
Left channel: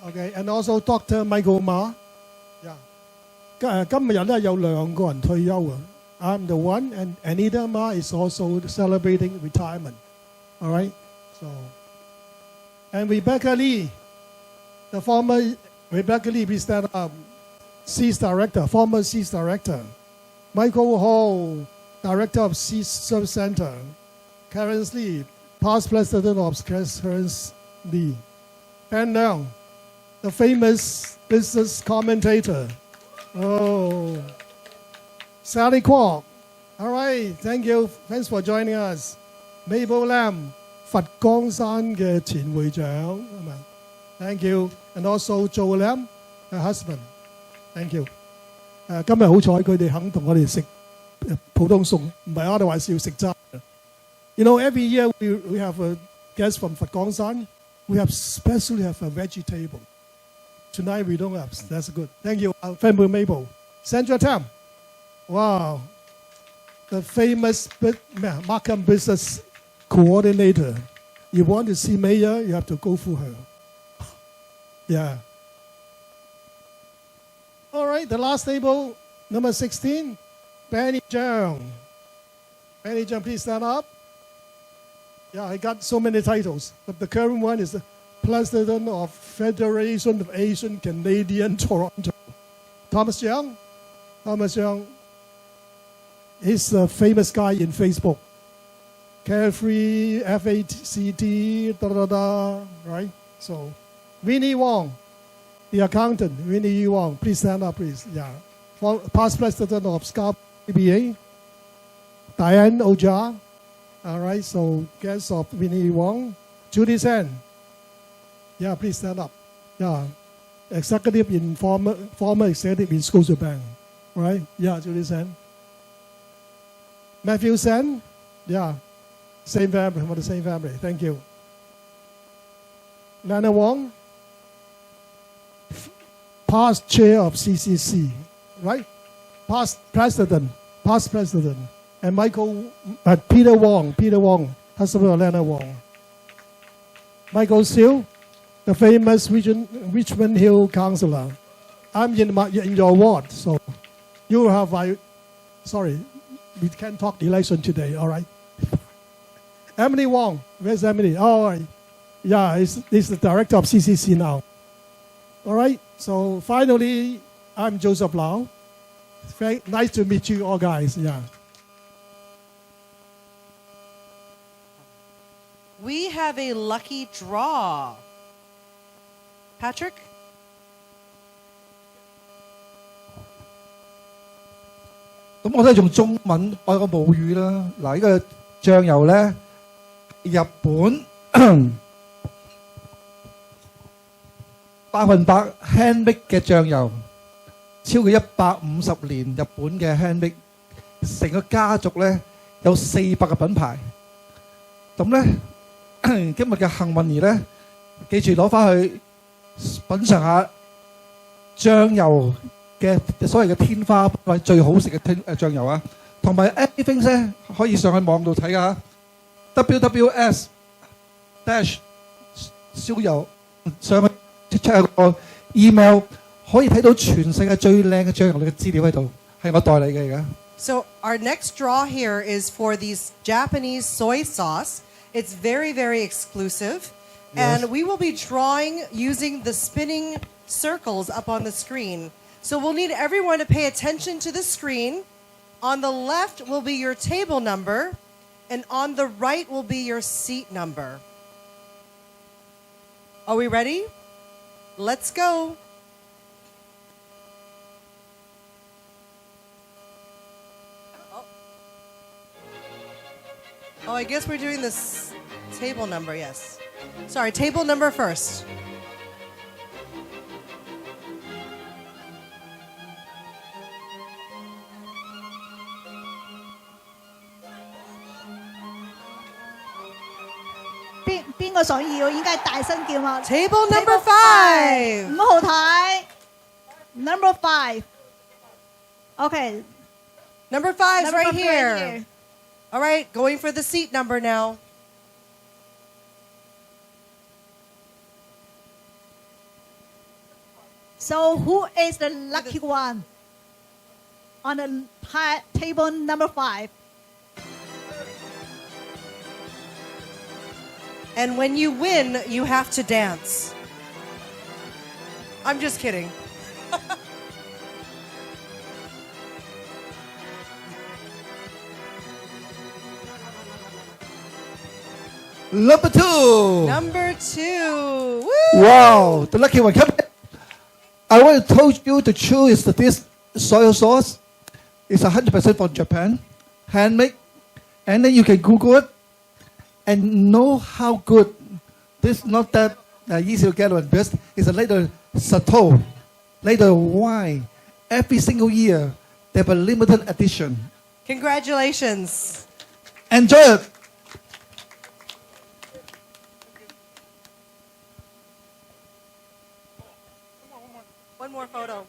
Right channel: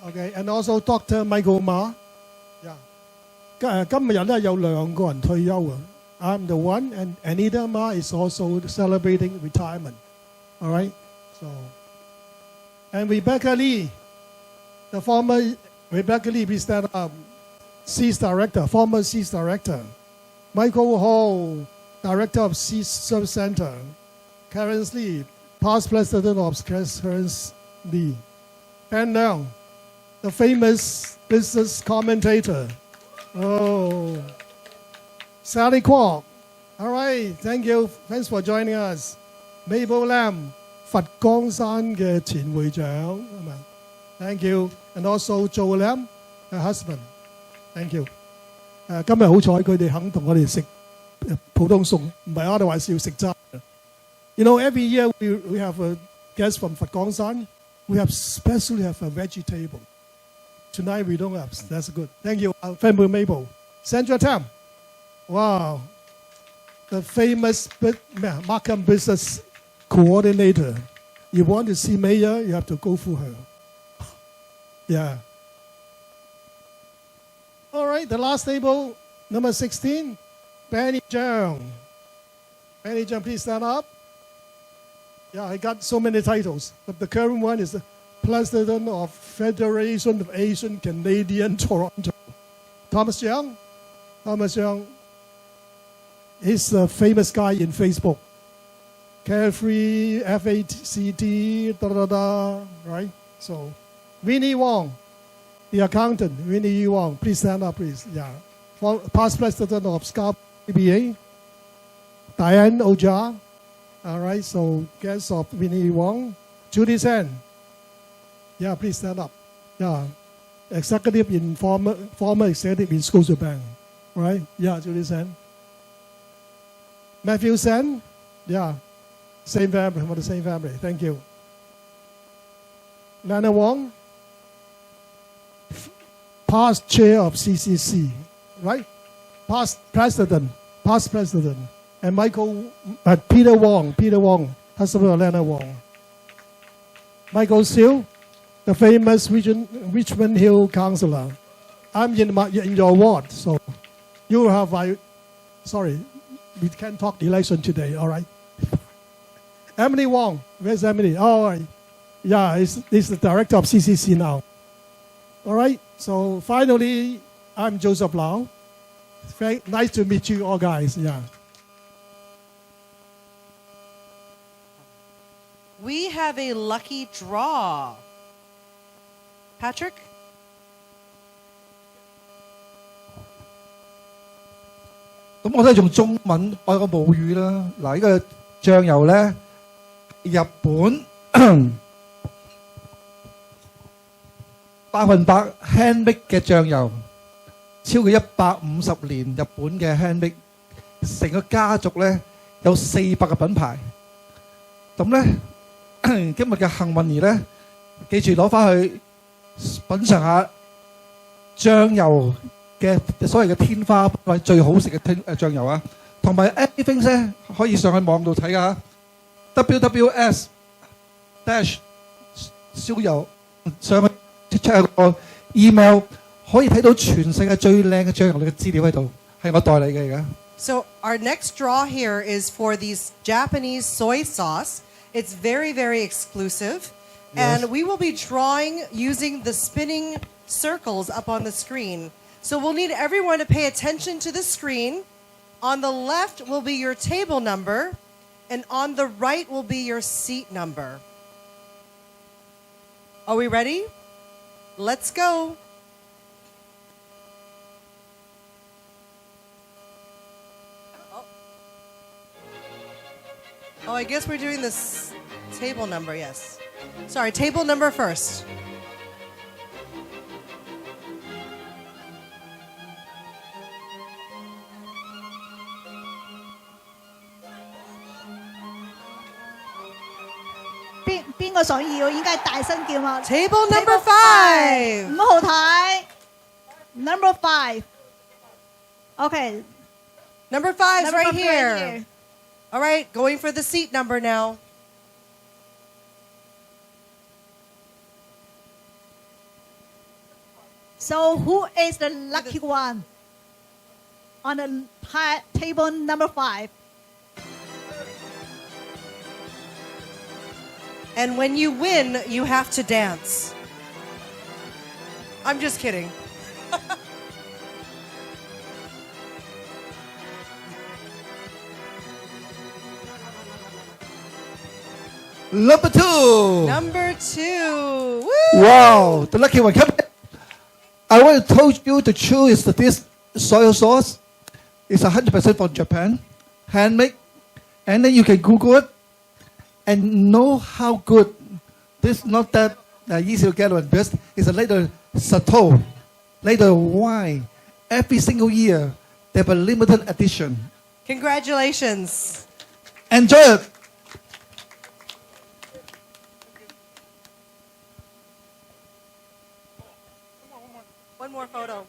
Okay, and also Dr. Michael Ma. Yeah. 今日咧有2個人退休啊。I'm the one, and Anita Ma is also celebrating retirement. All right. So, and Rebecca Lee, the former Rebecca Lee, please stand up. CIS director, former CIS director. Michael Hall, director of CIS Service Center. Karen Lee, past president of Karen Lee. Pan Leung, the famous business commentator. Oh, Sally Kwok. All right, thank you. Thanks for joining us. Mabel Lam, 佛光山嘅前會長，係咪 ？Thank you. And also Joe Lam, her husband. Thank you. 今日好彩佢哋肯同我哋食普通餸，唔係我哋話要食齋。You know, every year we have a guest from 佛光山. We especially have a vegetable. Tonight we don't have. That's good. Thank you, family Mabel. Sandra Tam. Wow. The famous Markham business coordinator. You want to see Mayor, you have to go through her. Yeah. All right, the last table, number 16, Benny Zhang. Benny Zhang, please stand up. Yeah, I got so many titles, but the current one is the President of Federation of Asian Canadian Toronto. Thomas Young. He's a famous guy in Facebook. Carefree, FACT, right? So, Winnie Wong, the accountant, Winnie Wong. Please stand up, please. Yeah. Past president of SCAP BBA. Diane Oja. All right, so guest of Winnie Wong. Judy Sen. Yeah, please stand up. Yeah. Executive in former executive in Scotiabank. Right? Yeah, Judy Sen. Matthew Sen. Yeah. Same family, for the same family. Thank you. Lana Wong. Past chair of CCC. Right? Past president. And Peter Wong, husband of Lana Wong. Michael Siu, the famous Richmond Hill councillor. I'm in your ward, so you have sorry, we can't talk election today, all right? Emily Wong, where's Emily? Oh, all right. Yeah, he's the director of CCC now. All right, so finally, I'm Joseph Lau. Very nice to meet you all guys, yeah. We have a lucky draw. Patrick?咁我都係用中文我個母語啦。嗱，呢個醬油咧，日本100% handmade 嘅醬油，超過150年日本嘅 handmade，成個家族咧有400個品牌。咁咧。今日嘅幸運兒咧，記住攞翻去品嚐下醬油嘅所謂嘅天花板最好食嘅醬油啊，同埋 everything 咧可以上去網度睇噶 ，WWS dash 燒油上去 check 個 email 可以睇到全世界最靚嘅醬油嘅資料喺度，係我代理嘅而家。So our next draw here is for these Japanese soy sauce. It's very, very exclusive. And we will be drawing using the spinning circles up on the screen. So we'll need everyone to pay attention to the screen. On the left will be your table number, and on the right will be your seat number. Are we ready? Let's go. Oh, I guess we're doing this table number, yes. Sorry, table number first. Table number 5. 5號台 number 5 OK Number 5's number right five here. All right, going for the seat number now. So who is the lucky one on the table number 5? And when you win, you have to dance. I'm just kidding. Number 2. Number 2. Woo! Wow, the lucky one. Come here. I want to told you to choose this soy sauce. It's 100% from Japan, handmade, and then you can Google it and know how good. This not that easy to get one. Best is a little Sato, little wine. Every single year they have a limited edition. Congratulations. Enjoy it. One more photo.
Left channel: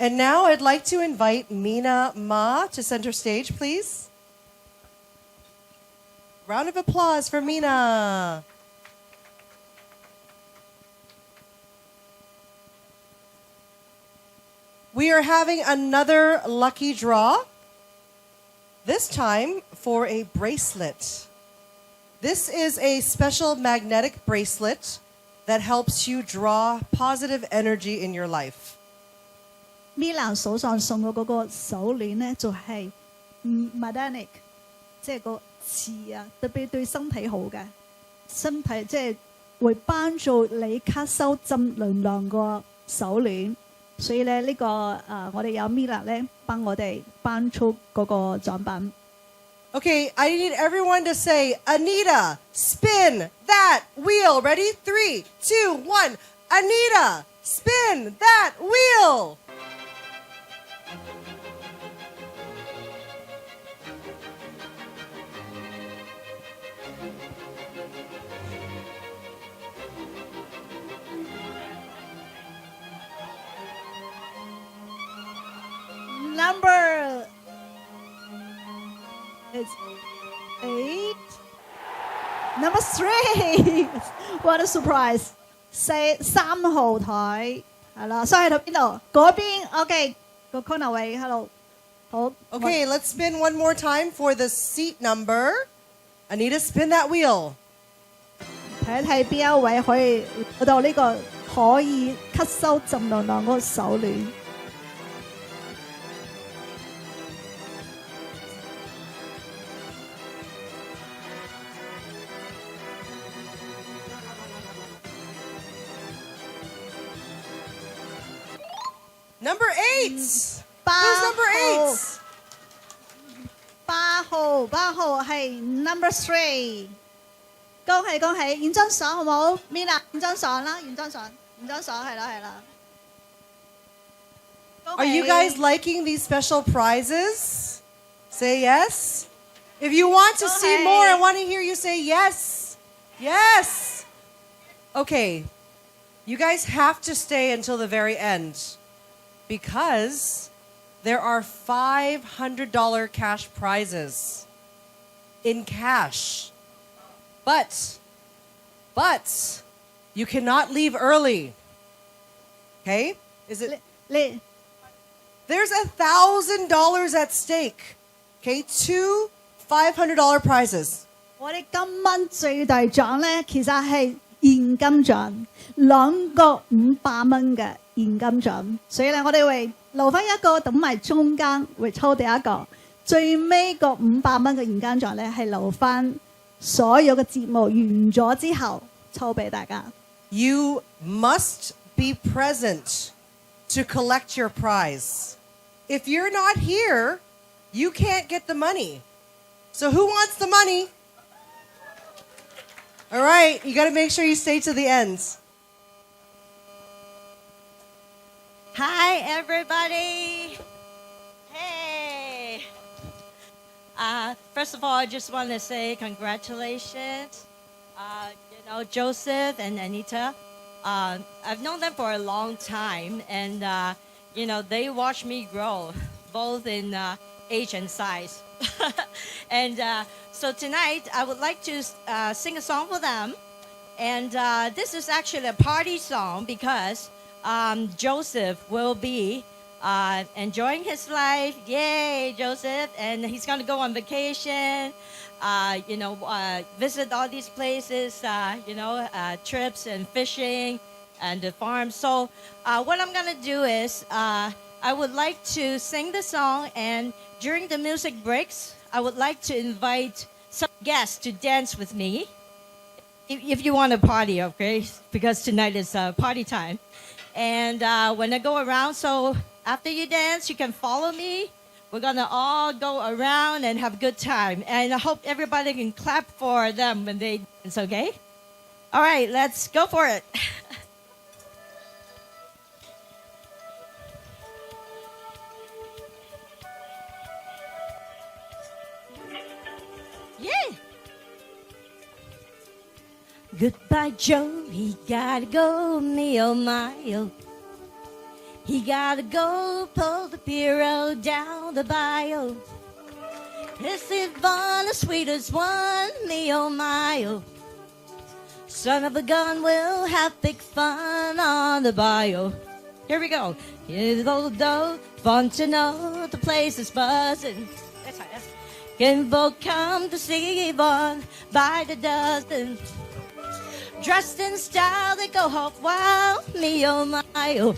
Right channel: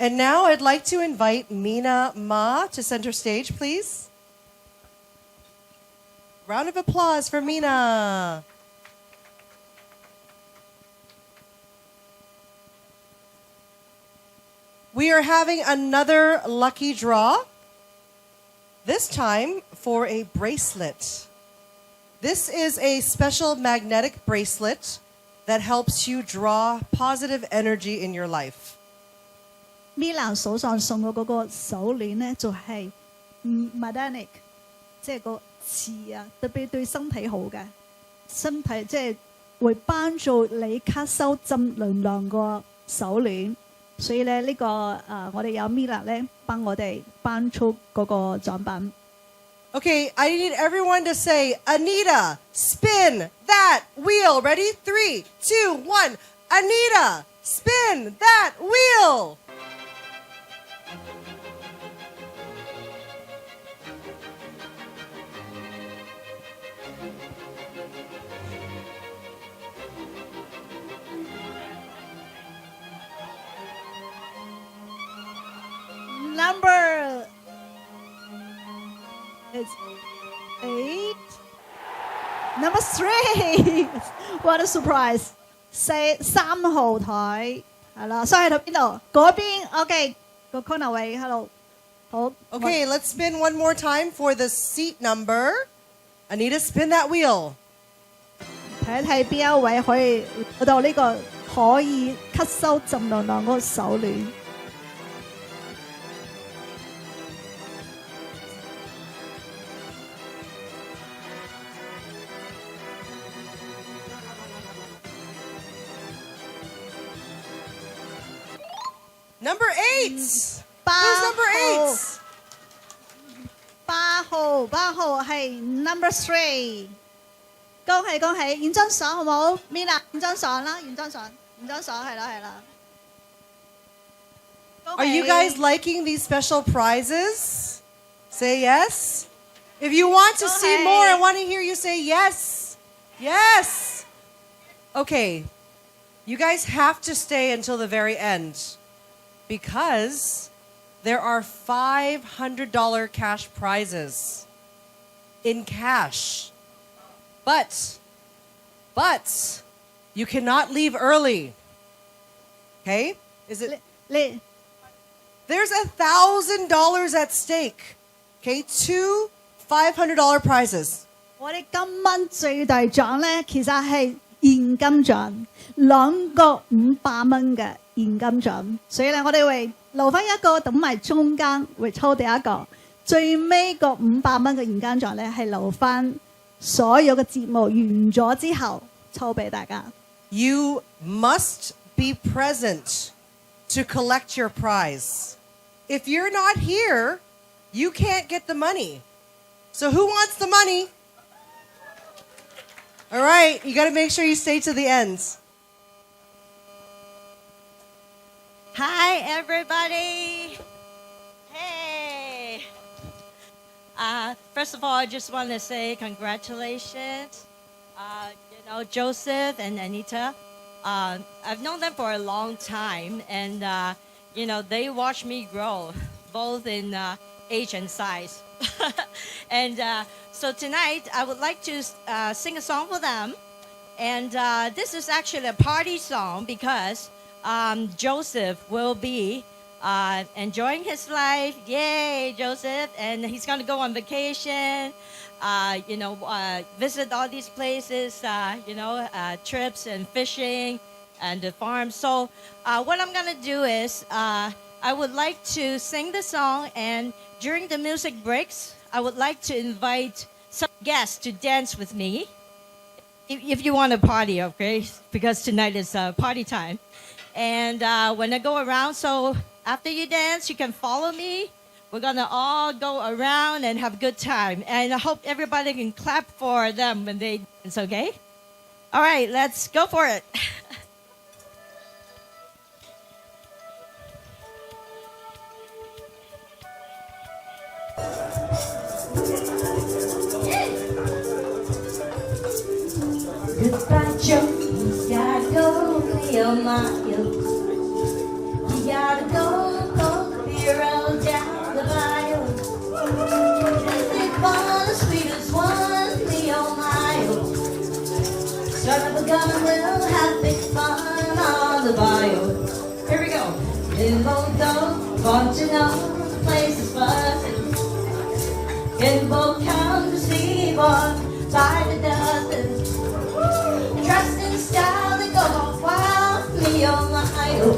And now I'd like to invite Mina Ma to center stage, please. Round of applause for Mina. We are having another lucky draw, this time for a bracelet. This is a special magnetic bracelet that helps you draw positive energy in your life. Milan 手上送嘅嗰個手鏈咧，就係magnetic，即係個磁啊，特別對身體好嘅，身體即係會幫助你吸收正能量個手鏈。所以咧呢個我哋有 Milan 咧幫我哋頒出嗰個獎品。Okay, I need everyone to say, Anita, spin that wheel. Ready? 3, 2, 1. Anita, spin that wheel. Number is 8. Number 3. What a surprise! 3號台係啦，所以喺度邊度？嗰邊 OK 個 corner 位，hello 好。Okay, let's spin one more time for the seat number. Anita, spin that wheel. 睇一睇邊一位可以攞到呢個可以吸收正能量嗰個手鏈。Number 8. Who's 8 number 8? 8號係 number 3。恭喜恭喜，影張相好冇 ？Mina 影張相啦，影張相係啦係啦。Are you guys liking these special prizes? Say yes. If you want to see more, I want to hear you say yes. Yes. Okay. You guys have to stay until the very end because there are $500 cash prizes in cash. But you cannot leave early. Okay? Is it? 你 There's $1,000 at stake. Okay? 2 $500 prizes. 我哋今晚最大獎咧，其實係現金獎，2個500蚊嘅現金獎。所以咧，我哋會留翻一個，等埋中間會抽第一個，最尾個500蚊嘅現金獎咧係留翻所有嘅節目完咗之後抽俾大家。You must be present to collect your prize. If you're not here, you can't get the money. So who wants the money? All right, you got to make sure you stay to the end. Hi, everybody. Hey. First of all, I just want to say congratulations. Joseph and Anita. I've known them for a long time, and they watched me grow, both in age and size. And so tonight, I would like to sing a song for them. And this is actually a party song because Joseph will be enjoying his life. Yay, Joseph! And he's going to go on vacation, visit all these places, trips and fishing and the farm. So what I'm going to do is I would like to sing the song, and during the music breaks, I would like to invite some guests to dance with me. If you want to party, okay? Because tonight is party time. And when I go around, so after you dance, you can follow me. We're going to all go around and have a good time. And I hope everybody can clap for them when they dance, okay? All right, let's go for it. Goodbye, Joe. He gotta go, Nehemiah. He gotta go, pull the bureau down the bayou. This is one, the sweetest one, Nehemiah. Son of a gun will have big fun on the bayou. Here we go. It'll go, want to know the place is buzzing. People come to see one by the dozen. Dressed in style, they go off wild, me oh my oh.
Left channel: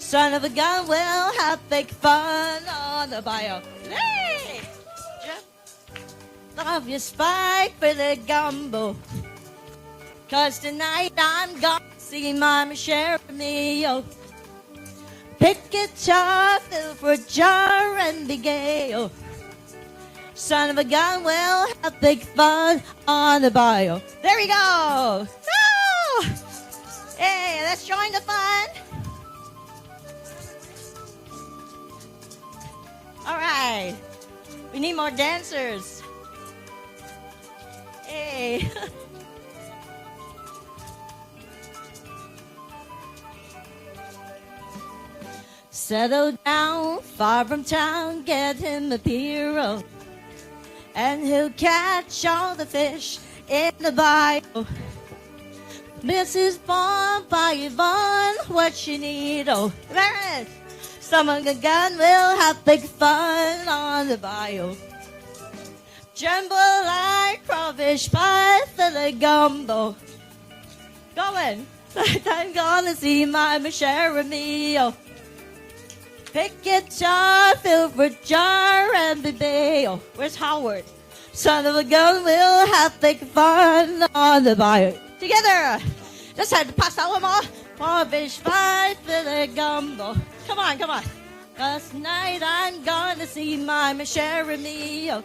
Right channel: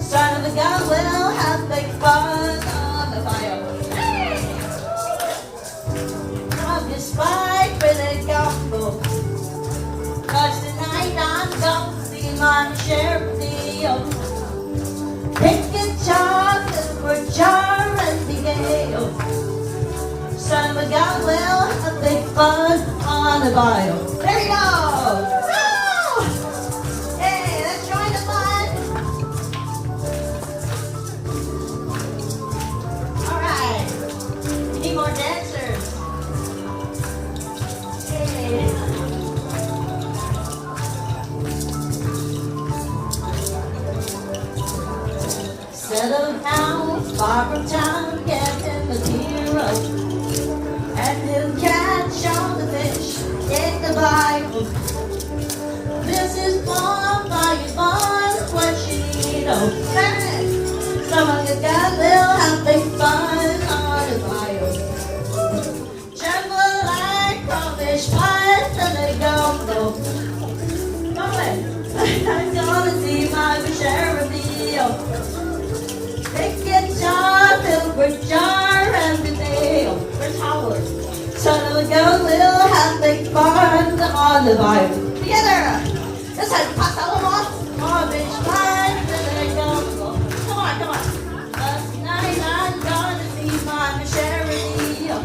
Son of a gun will have big fun on the bio. Hey! Love your spike with a gumbo. Cause tonight I'm gonna see my share of the oh. Pick guitar, fill for jar and be gay oh. Son of a gun will have big fun on the bio. There we go! Woo! Hey, let's join the fun! Alright. We need more dancers. Hey. Settle down, far from town, give him a hero. And he'll catch all the fish in the Bible. This is one by one, what you need, oh, hey! Some of the guys will have big fun on the bio. Tremble like crawfish pies and a gumbo. Going, I'm gonna see my share of meal. Pick guitar, fill with jar and potato. Where's Howard? Son of a gun will have big fun on the bio. Together! Let's pass that one off. Crawfish pies and a gumbo. Come on, come on. Last night I'm gonna see my share of meal.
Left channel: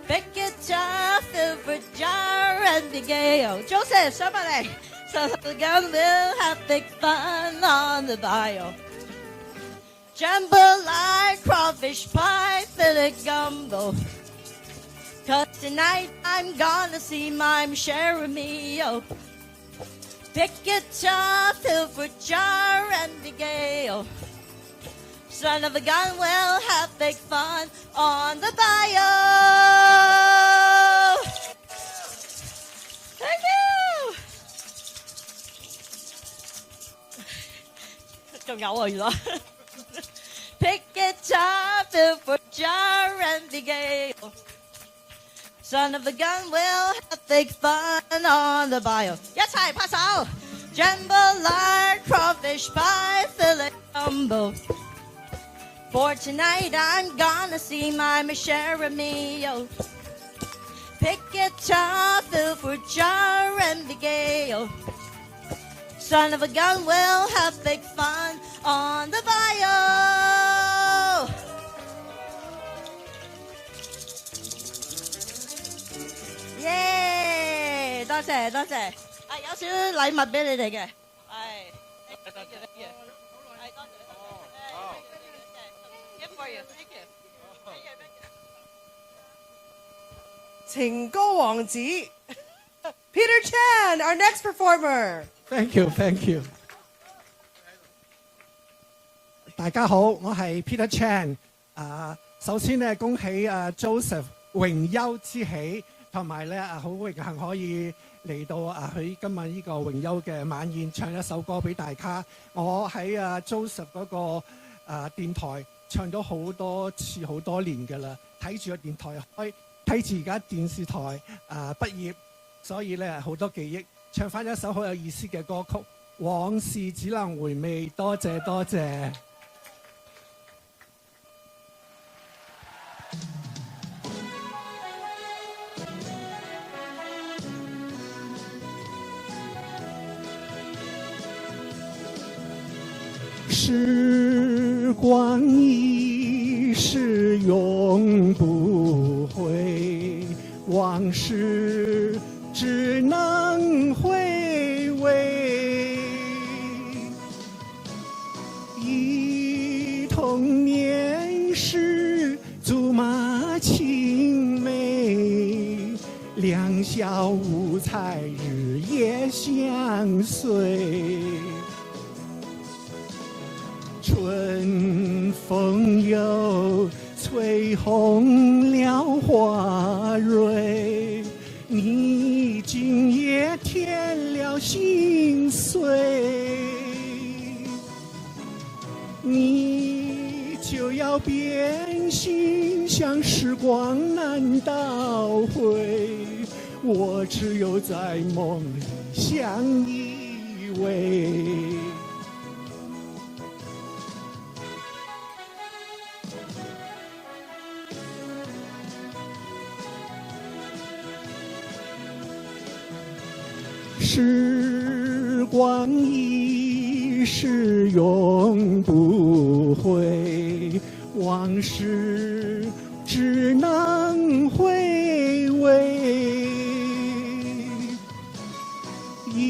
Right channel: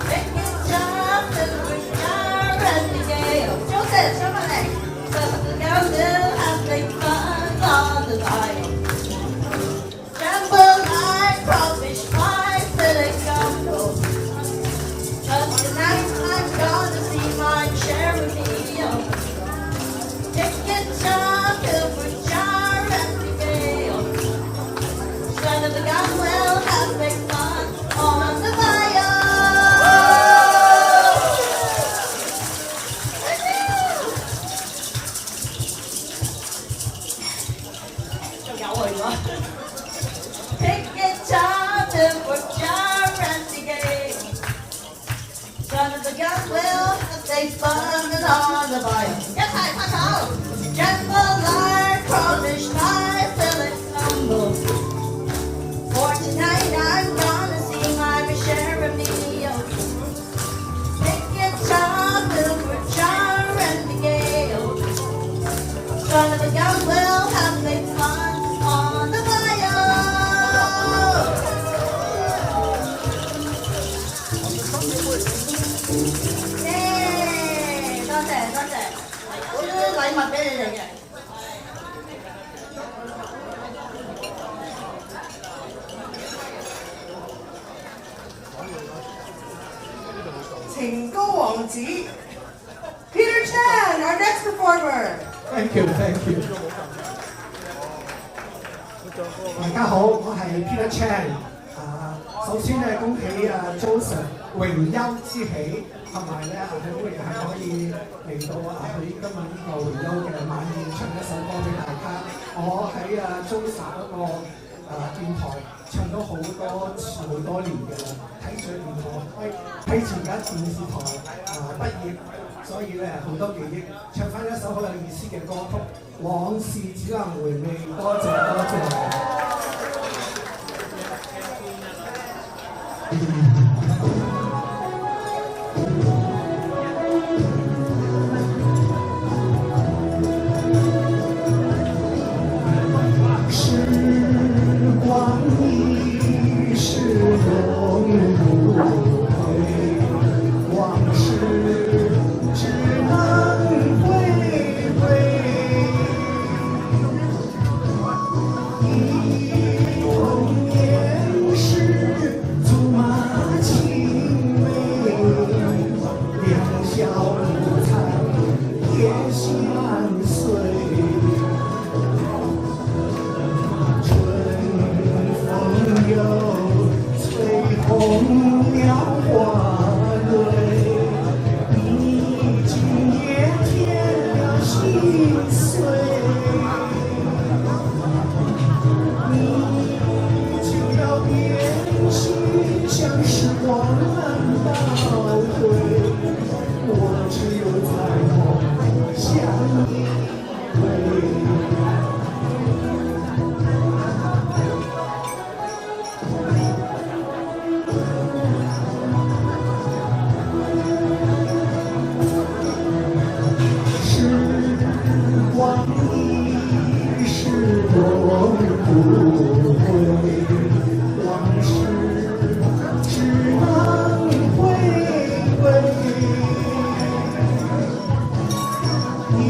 Pick guitar, fill with jar and potato. Joseph, somebody! Son of a gun will have big fun on the bio. Jumble like crawfish flies to the gumbo. Cause tonight I'm gonna see my share of meal. Pick 去咗。Pick guitar, then work jar and the game. Son of a gun will have they fun and on the bio. 一齊拍手 Jambalaya, crawfish pie, fill it humble. For tonight I'm gonna see my share of meals. Pick guitar, then work jar and the gale. Son of a gun will have big fun on the bio. 耶！多謝多謝，有少少禮物俾你哋嘅。情歌王子 Peter Chan, our next performer. Thank you, thank you。大家好，我係 Peter Chan。首先咧，恭喜Joseph 榮休之喜，同埋咧好榮幸可以嚟到佢今日呢個榮休嘅晚宴，唱一首歌俾大家。我喺Joseph 嗰個電台唱咗好多次好多年㗎啦，睇住電台，睇住而家電視台畢業。所以咧好多記憶，唱翻一首好有意思嘅歌曲《往事只能回味》，多謝多謝。時光一逝永不回，往事只能回味，忆童年时竹马青梅，两小无猜也相随，春风又吹红了花蕊。今夜添了心碎，你就要变心，像时光倒退，我只有在梦里相依偎。时光一逝永不回，往事只能回味，忆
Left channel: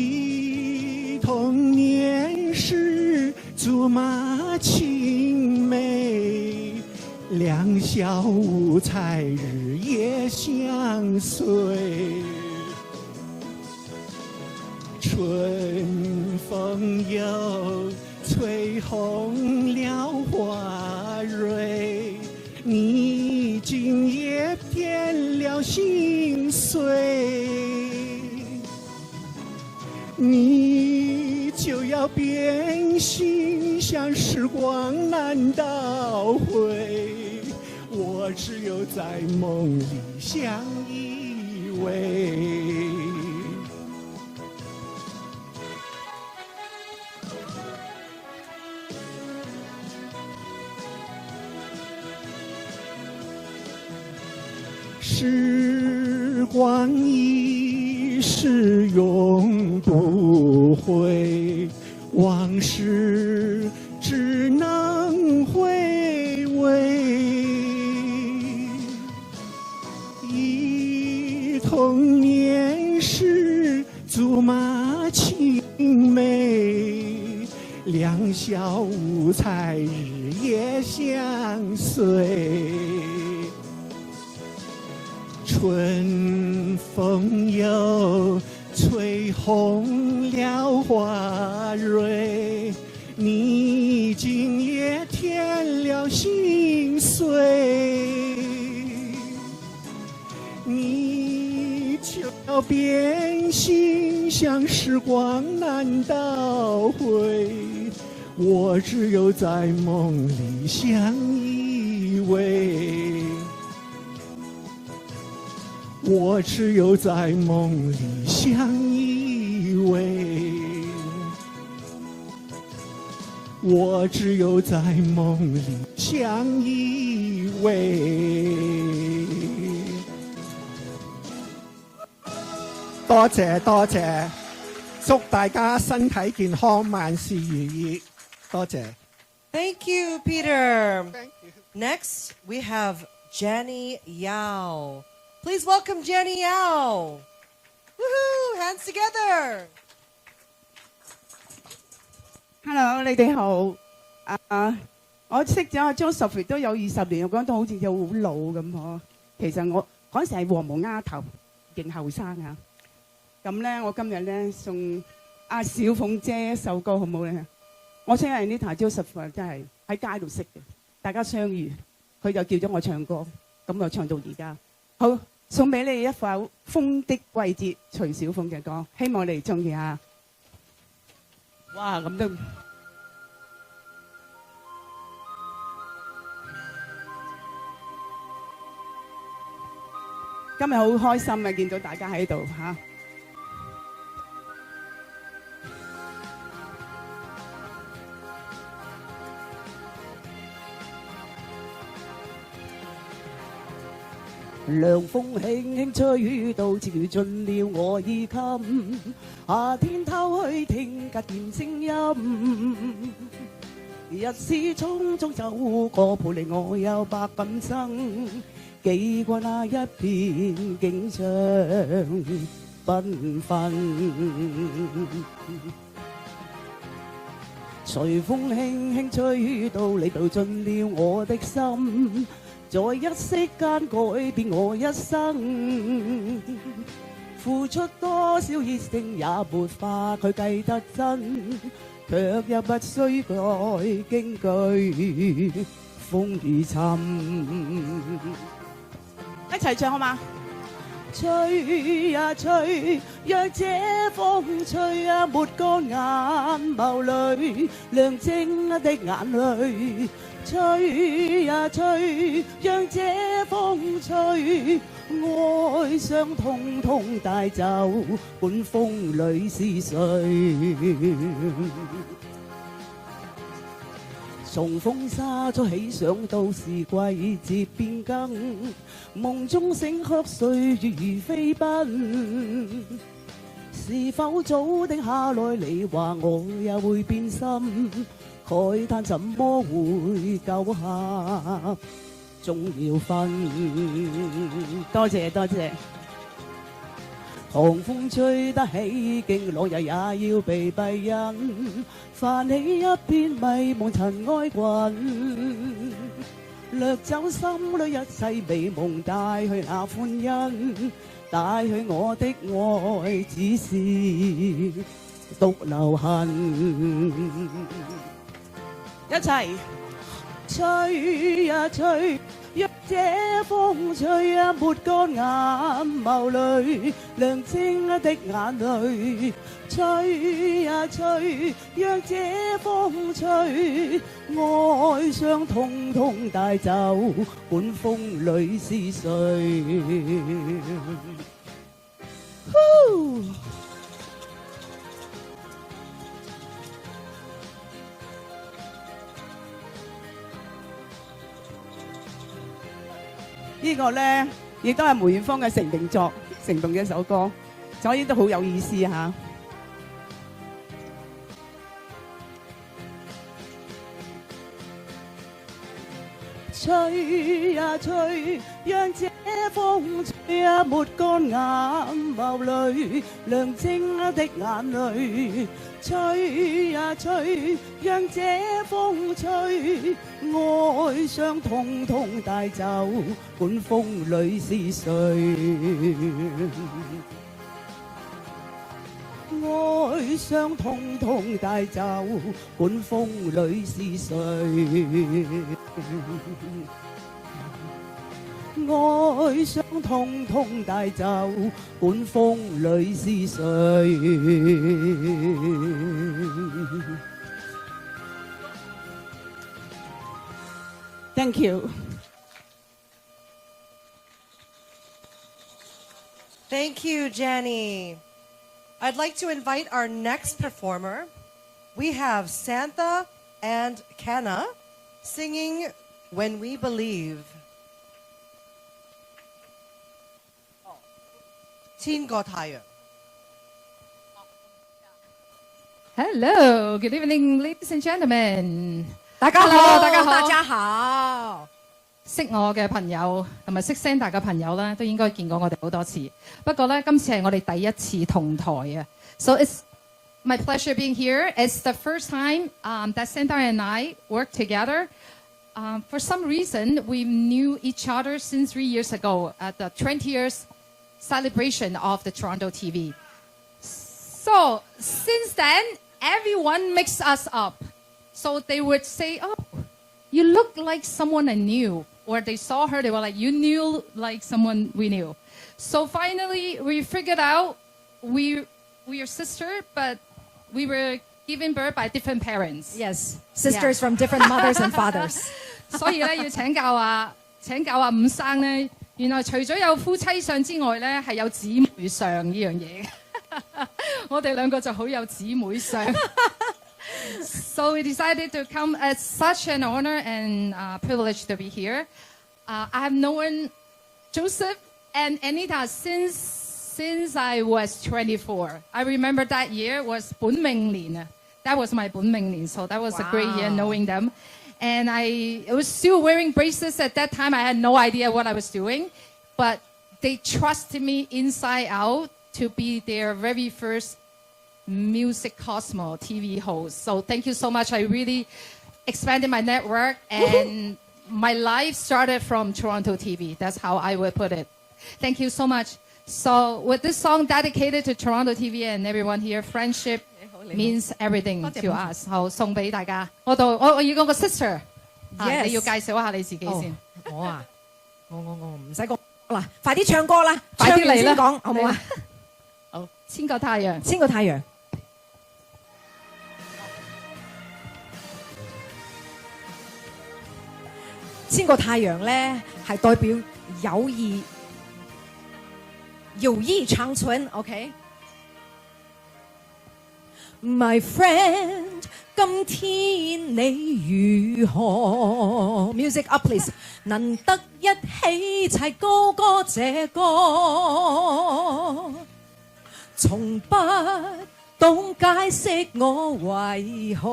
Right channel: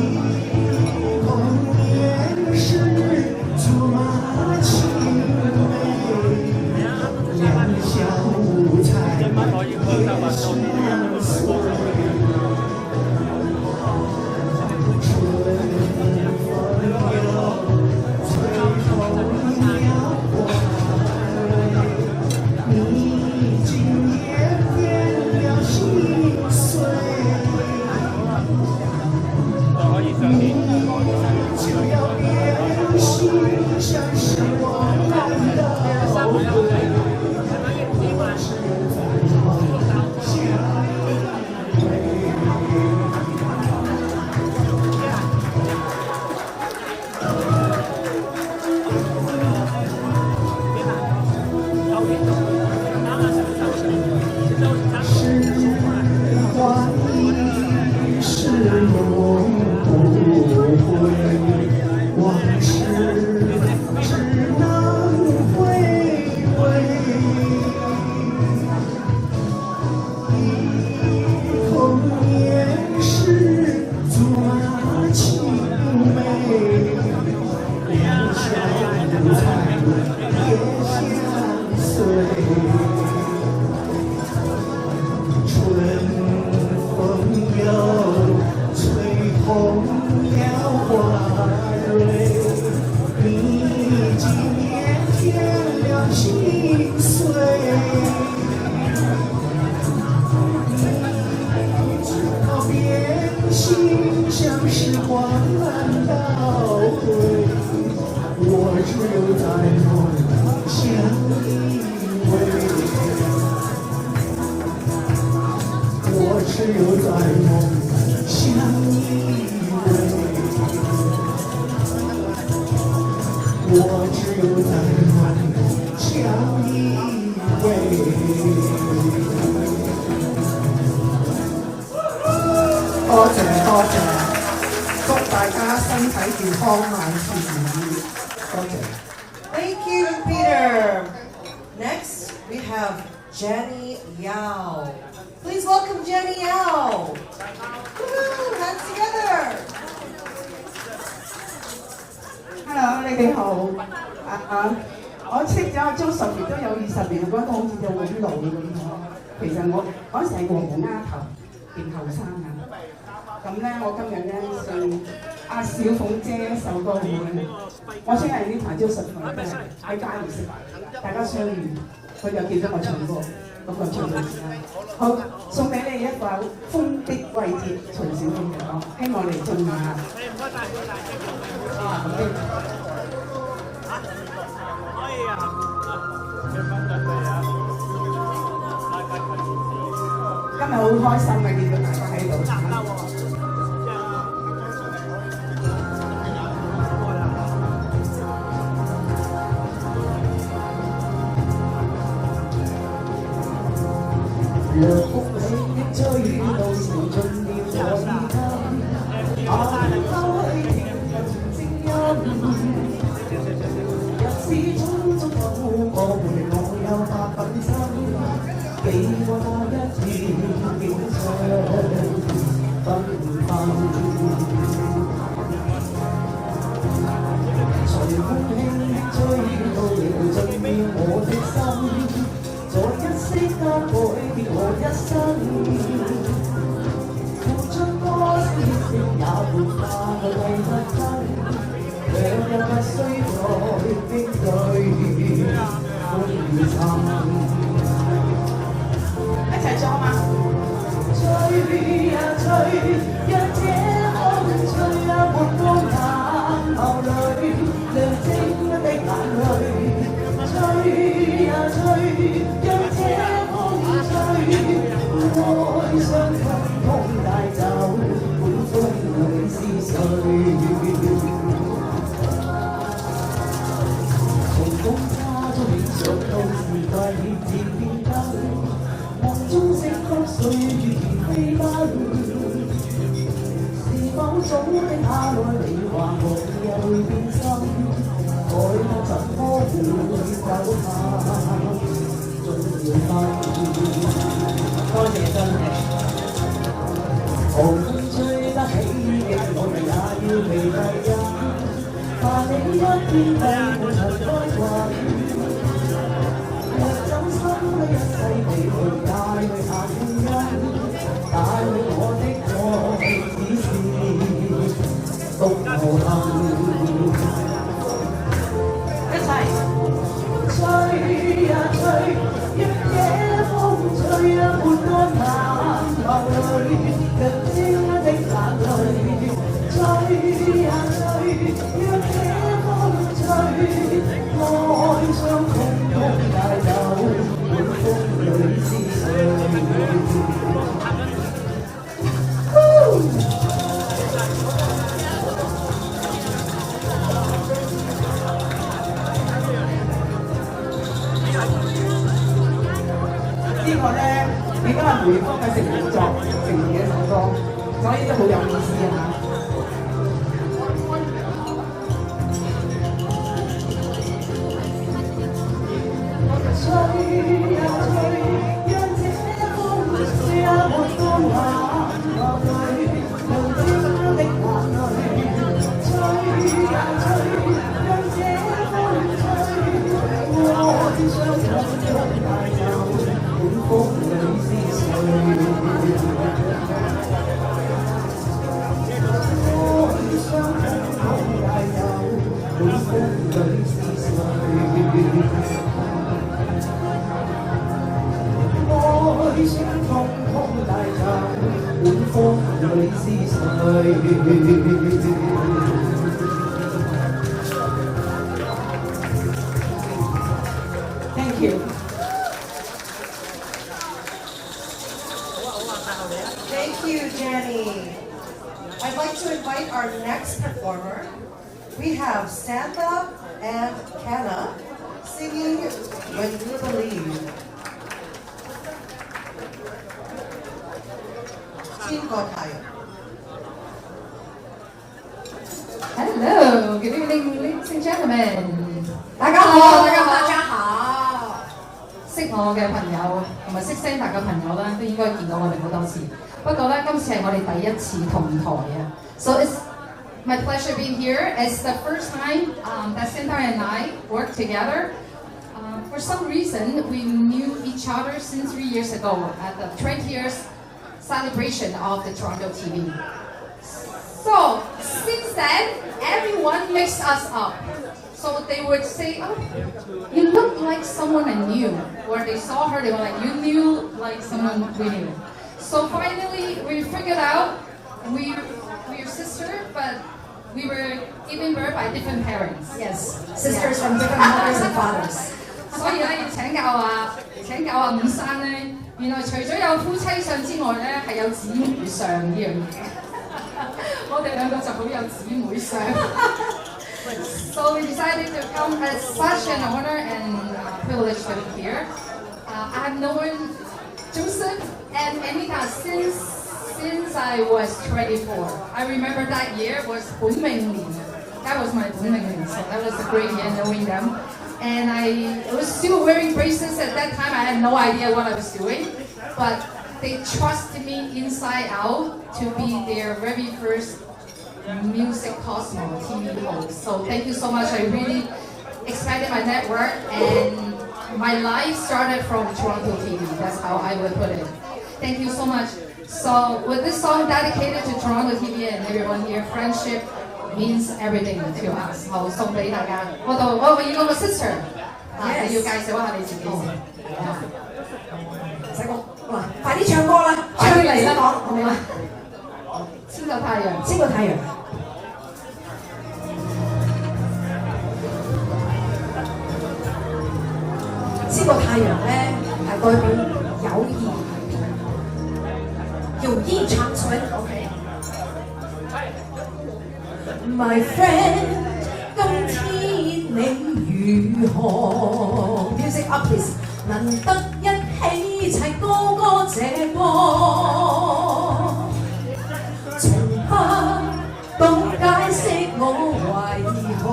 童年时竹马青梅，两小无猜也相随。你今夜添了心碎，你就要变心，像时光倒退，我只有在梦里相依偎。时光一逝永不回，往事只能回味，忆童年时竹马青梅，两小无猜也相随。春风又吹红了花蕊，你今夜添了心碎，你就要变心，像时光倒回，我只有在梦里相依偎，我只有在梦里相依偎，我只有在梦里相依偎。多謝多謝，祝大家身體健康，萬事如意。多謝。Thank you, Peter. Next, we have Jenny Yao. Please welcome Jenny Yao. Woohoo! Hands together. Hello， 你哋好。我識咗阿 Joseph 亦都有20年，覺得好似有好老咁咯。其實我嗰時係黃毛丫頭，嫌後生啊。咁咧，我今日咧送阿小鳳姐一首歌好唔好咧？我相信呢台 Joseph 都係喺街度識，大家相遇，佢就叫咗我唱歌，咁我唱到而家。好，送俾你一首《風的季節》，徐小鳳嘅歌，希望你中意啊！啊，咁都。今日好開心嘅，見到大家喺度。涼風輕輕吹到潮盡了我衣襟，開聽人聲音。日子匆匆走過，換嚟我有百品生。記過那一片景象繽紛，隨風輕輕吹到靈盡了我的心，在一息間改變我一生。付出多少熱情也沒法去計得真，卻又不需再驚懼風雨沉。一齊唱好嗎？吹呀吹，讓這風吹呀沒乾眼眸裏，亮晶的眼淚。吹呀吹，讓這風吹，愛傷通通帶走，管風裏是誰？從風沙中起想到時季節變更。夢中醒曲歲月如飛奔，是否早的下來你話我也會變心，改得怎麼會夠下盡了分？多謝真嘅。寒風吹得起勁，我哋也要被低音，泛起一片迷霧從開滾。若走心裏一世被紅帶去行因，帶去我的愛只是獨無恨。一齊吹呀吹，讓這風吹呀沒乾眼眸裏，亮晶的眼淚。吹呀吹，讓這風吹，愛傷通通帶走，管風裏是誰？呢個咧亦都係梅芳嘅成名作，成名嘅一首歌，所以都好有意思嚇。吹呀吹，讓這風吹呀沒乾眼眸裏，亮晶的眼淚。吹呀吹，讓這風吹，愛傷通通帶走，管風裏是誰？愛傷通通帶走，管風裏是誰？愛傷通通帶走，管風裏是誰？ Thank you. Thank you, Jenny. I'd like to invite our next performer. We have Santa and Kana singing When We Believe. Team got higher. Hello, good evening, ladies and gentlemen. 大家好，大家好，大家好。識我嘅朋友同埋識 Santa 嘅朋友咧，都應該見過我哋好多次。不過咧，今次係我哋第一次同台啊。So it's my pleasure being here. It's the first time that Santa and I work together. For some reason, we knew each other since 3 years ago at the 20 years celebration of the TorontoTV. So since then, everyone mixed us up. So they would say, "Oh, you look like someone I knew," or they saw her, they were like, "You knew like someone we knew." So finally, we figured out we are sister, but we were given birth by different parents. Yes, sisters from different mothers and fathers. 所以咧要請教阿伍生咧，原來除咗有夫妻相之外咧，係有姊妹相呢樣嘢。我哋兩個就好有姊妹相。So we decided to come as such an honor and privilege to be here. I've known Joseph and Anita since I was 24. I remember that year was 本命年. That was my 本命年, so that was a great year knowing them. And I was still wearing braces at that time. I had no idea what I was doing, but they trusted me inside out to be their very first Music Cosmo TV host. So thank you so much. I really expanded my network and my life started from Toronto TV. That's how I would put it. Thank you so much. So with this song dedicated to Toronto TV and everyone here, friendship means everything to us. 好，送俾大家。我要講個 sister， 你要介紹一下你自己先。唔使講嗱，快啲唱歌啦，快啲嚟啦，講好唔好啊？千個太陽，千個太陽。千個太陽咧係代表友誼，友誼長存。OK。My friend， 今天你如何 ？Music up please， 能得一起齊高歌這歌，從不懂解釋我為何，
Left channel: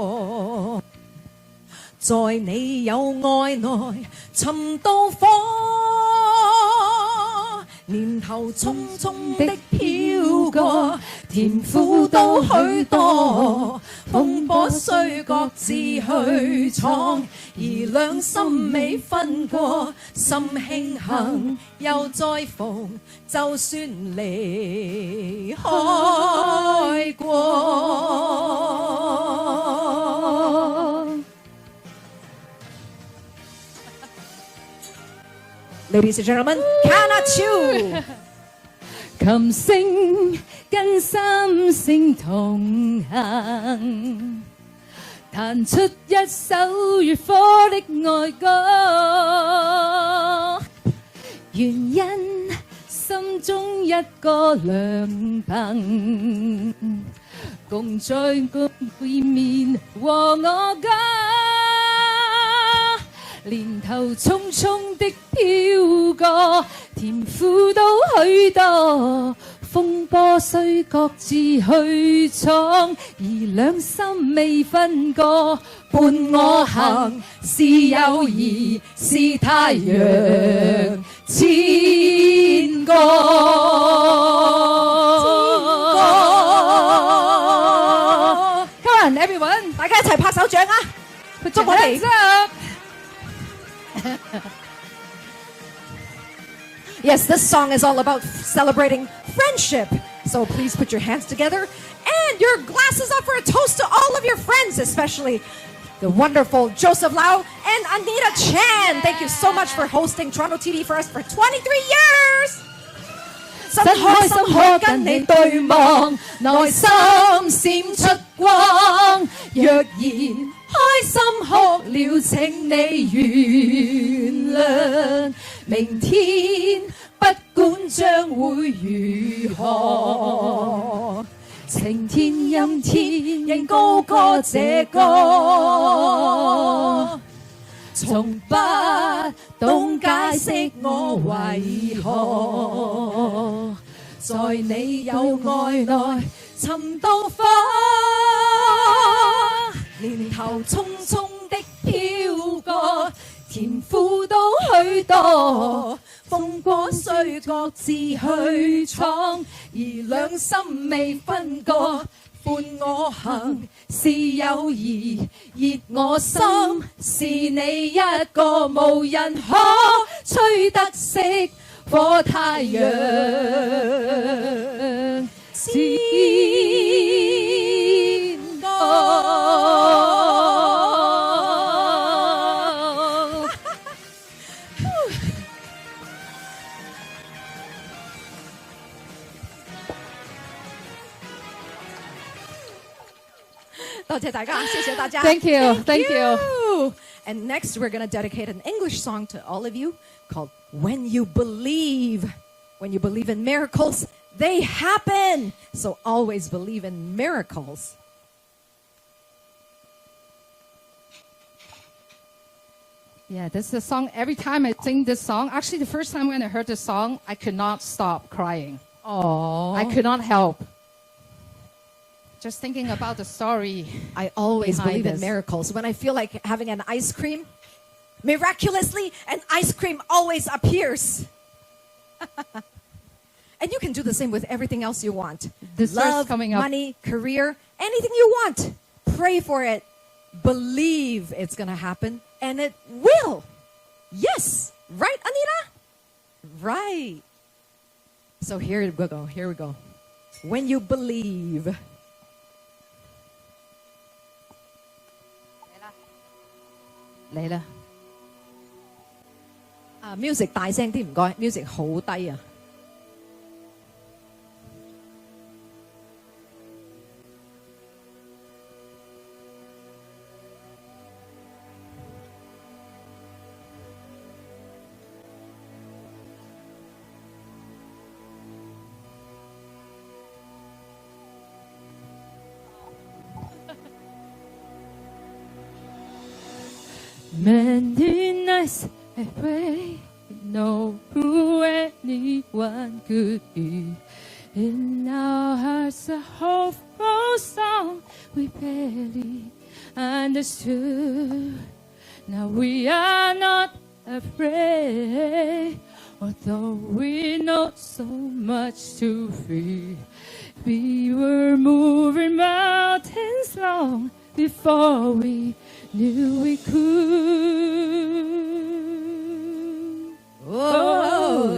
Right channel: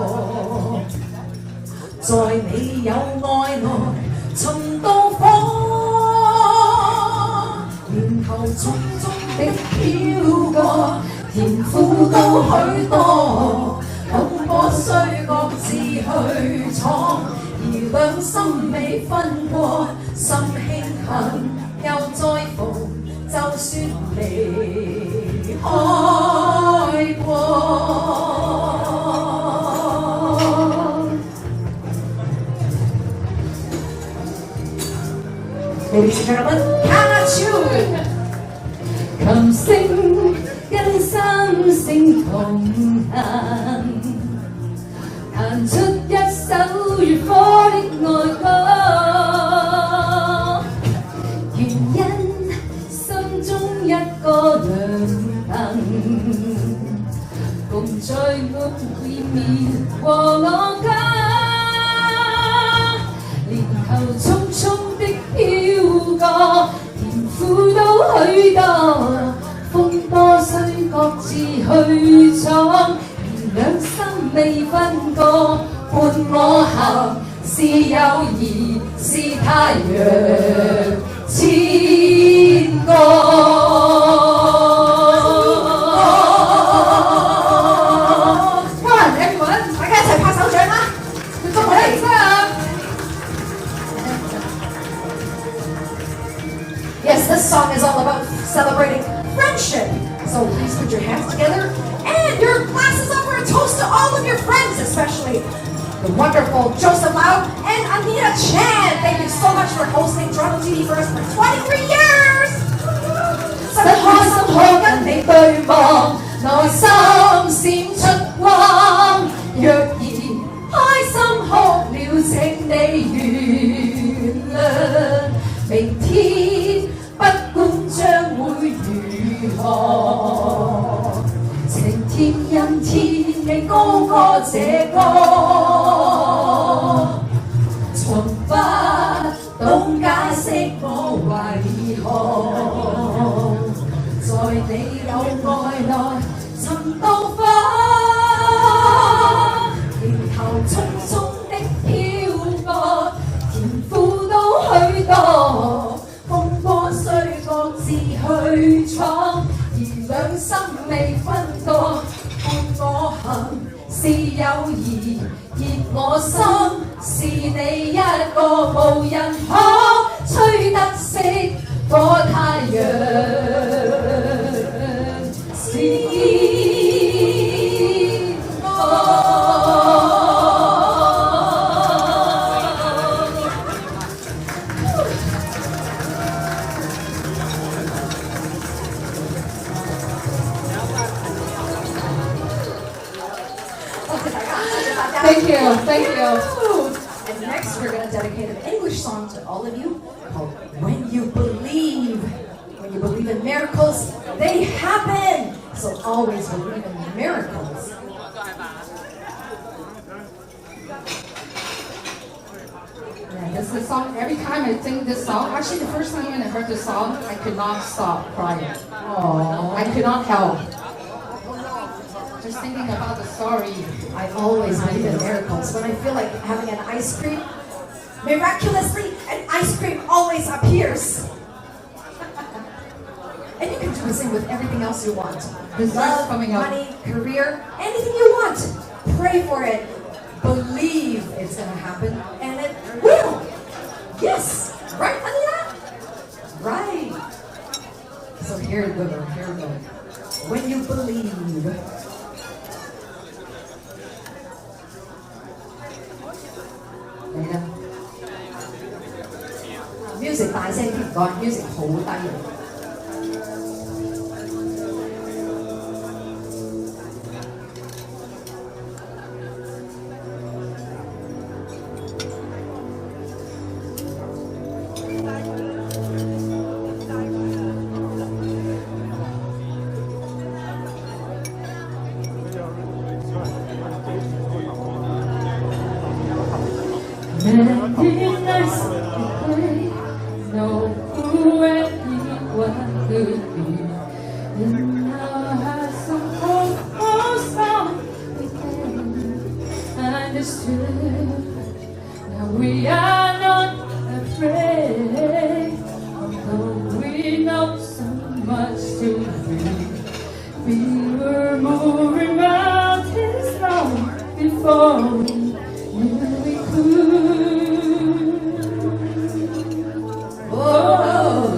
在你有愛內尋到火，年頭匆匆的飄過。甜苦都許多，風波雖各自去闖，而兩心未分過，心慶幸又再逢，就算離開過。Ladies and gentlemen, cannot tune。琴聲跟心聲同行，彈出一首越火的愛歌，原因心中一個亮燈，共在夢會面和我家，年頭匆匆的飄過，甜苦都許多。風波雖各自去闖，而兩心未分過，伴我行是友誼，是太陽千個。Come on everyone， 大家一齊拍手掌啦！祝我哋！Yes, this song is all about celebrating friendship. So please put your hands together and your glasses up for a toast to all of your friends, especially the wonderful Joseph Lau and Anita Chan. Thank you so much for hosting Toronto TV for us for 23 years. 真開心可跟你對望，內心閃出光。若然開心哭了，請你原今天竟高歌這歌，從不懂解釋我為何，在你有愛內尋到火，年頭匆匆的飄過，甜苦都許多，風波雖各自去闖，而兩心未分割，伴我行是友誼，熱我心是你一個，無人可吹得熄火太陽。Thank you, thank you. And next, we're going to dedicate an English song to all of you called When You Believe. When you believe in miracles, they happen. So always believe in miracles. Yeah, this is the song. Every time I sing this song, actually the first time when I heard this song, I could not stop crying. Oh, I could not help. Just thinking about the story. I always believe in miracles. When I feel like having an ice cream, miraculously, an ice cream always appears. And you can do the same with everything else you want. Love, money, career, anything you want. Pray for it. Believe it's going to happen. And it will. Yes. Right, Anita? Right. So here we go. Here we go. When you believe. Music 大聲啲唔該 ，music 好低啊！Know who anyone could be. In our hearts of almost all we can understood. Now we are not afraid, although we know so much to fear. We were moving mountains long before we knew we could. Oh,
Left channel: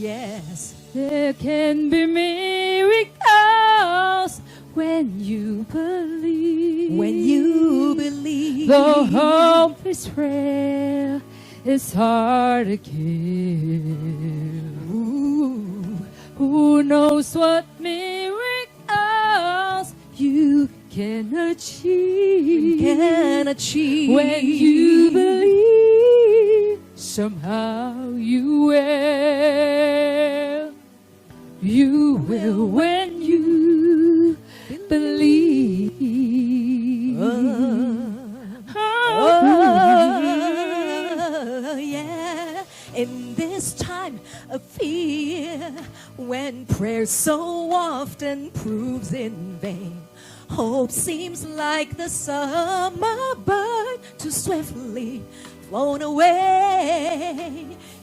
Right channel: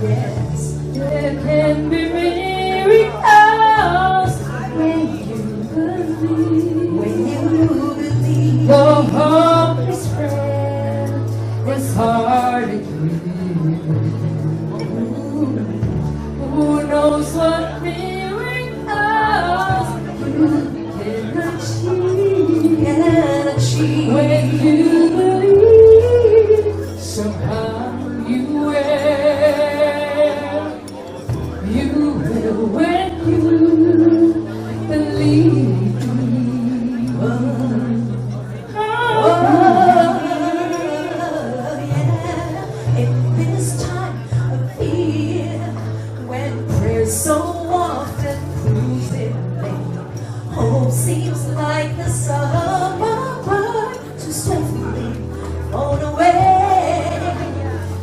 yes. There can be miracles when you believe. When you believe. Though hope is frail, it's hard to give. Who knows what miracles you can achieve? When you believe, somehow you will when you believe. Yeah. In this time of fear, when prayer so often proves in vain, hope seems like the summer bird too swiftly flown away.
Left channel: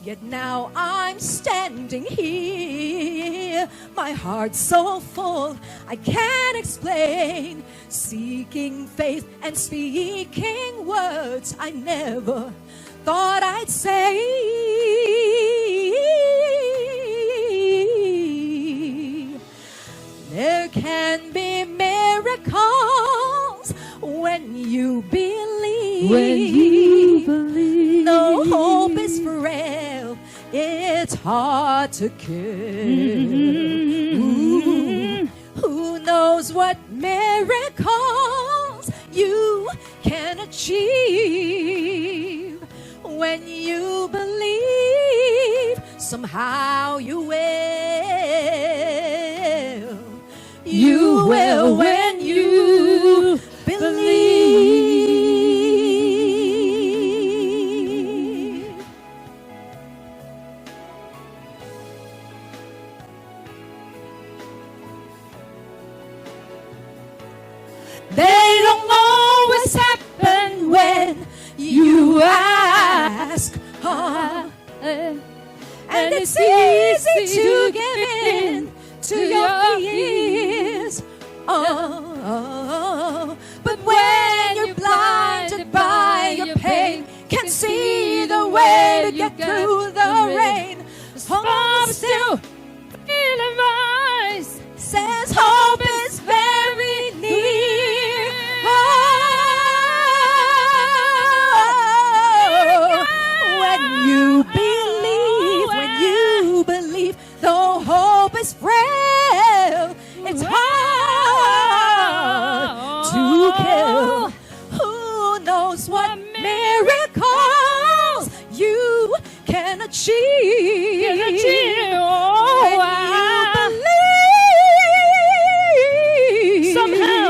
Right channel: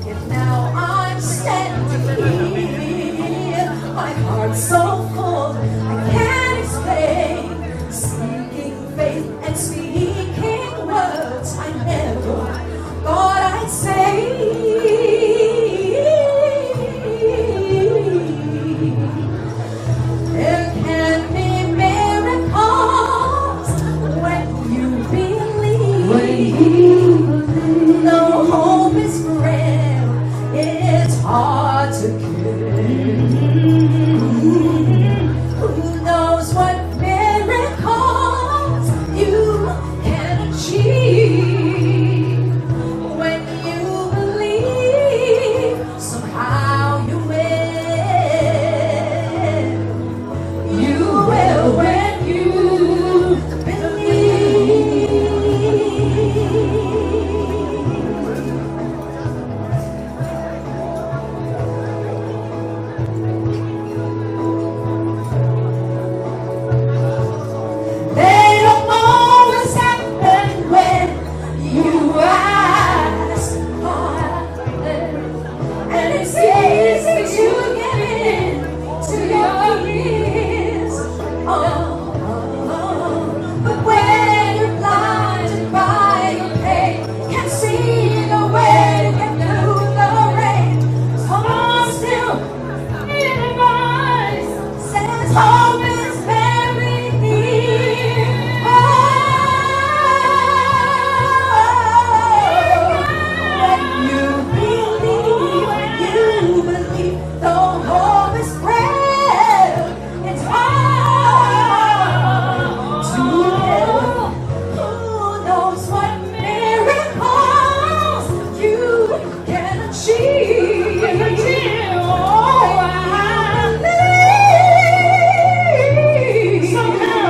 Yet now I'm standing here, my heart so full I can't explain, seeking faith and speaking words I never thought I'd say. There can be miracles when you believe. No hope is frail, it's hard to kill. Who knows what miracles you you believe. They don't always happen when you ask hard, and it's easy to get in to your ears. But when you're blinded by your pain, can't see the way to get through the rain, someone still in your voice says hope is very near. When you believe, though hope is frail, it's hard to live. Who knows what miracles you can achieve? Oh, I believe. Somehow,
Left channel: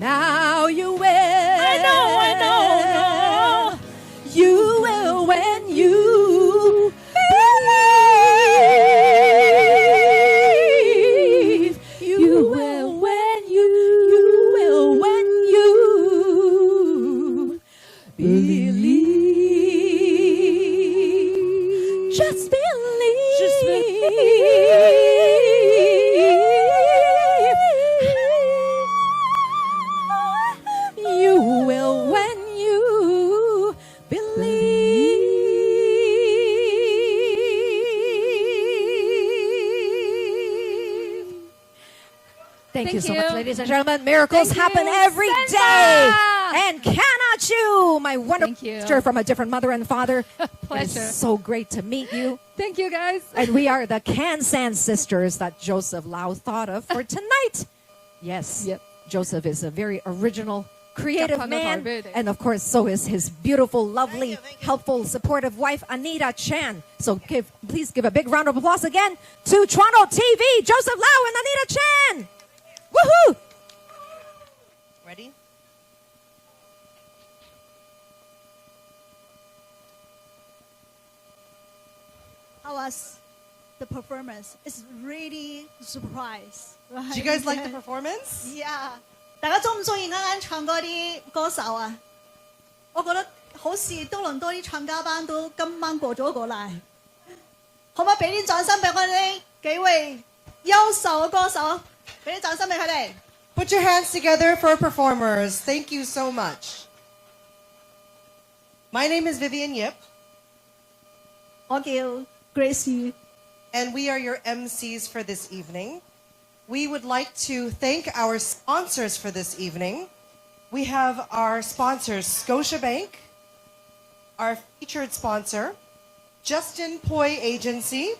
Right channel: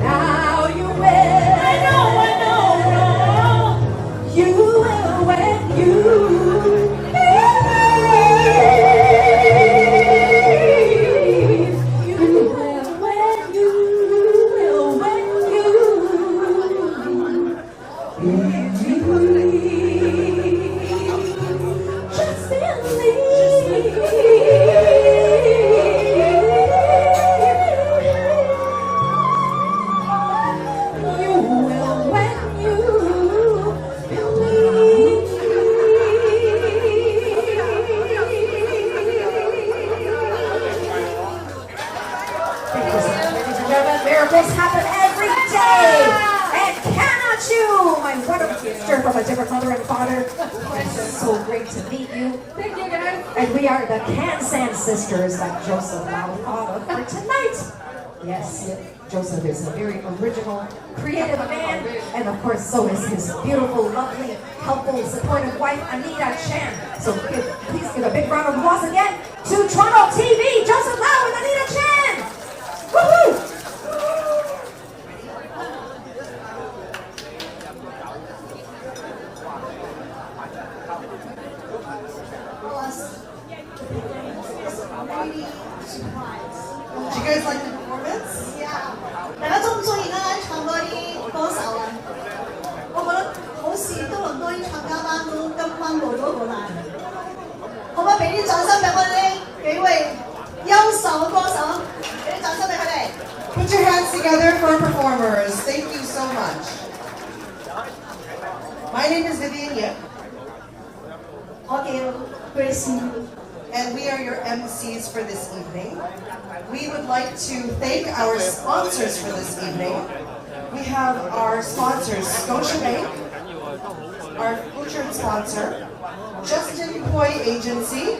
now you will. I know. You will when you believe. You will when you believe. Just believe. You will when you believe. Thank you so much, ladies and gentlemen. Miracles happen every day. And cannot you, my wonderful sister from a different mother and father. It's so great to meet you. Thank you, guys. And we are the Can-San sisters that Joseph Lau thought of for tonight. Yes, Joseph is a very original, creative man. And of course, so is his beautiful, lovely, helpful, supportive wife, Anita Chan. So please give a big round of applause again to Toronto TV, Joseph Lau and Anita Chan. Woohoo! The performance is really surprise. Did you guys like the performance? Yeah，大家中唔中意咧唱歌啲歌手啊？我覺得好似多倫多啲唱家班都今晚過咗個啦。可唔可以俾啲掌聲俾我哋呢幾位優秀嘅歌手？俾啲掌聲俾佢哋。Put your hands together for our performers. Thank you so much. My name is Vivian Yip. 我叫 Grace Lee。 And we are your MCs for this evening. We would like to thank our sponsors for this evening. We have our sponsors, Scotiabank, our featured sponsor, Justin Poi Agency,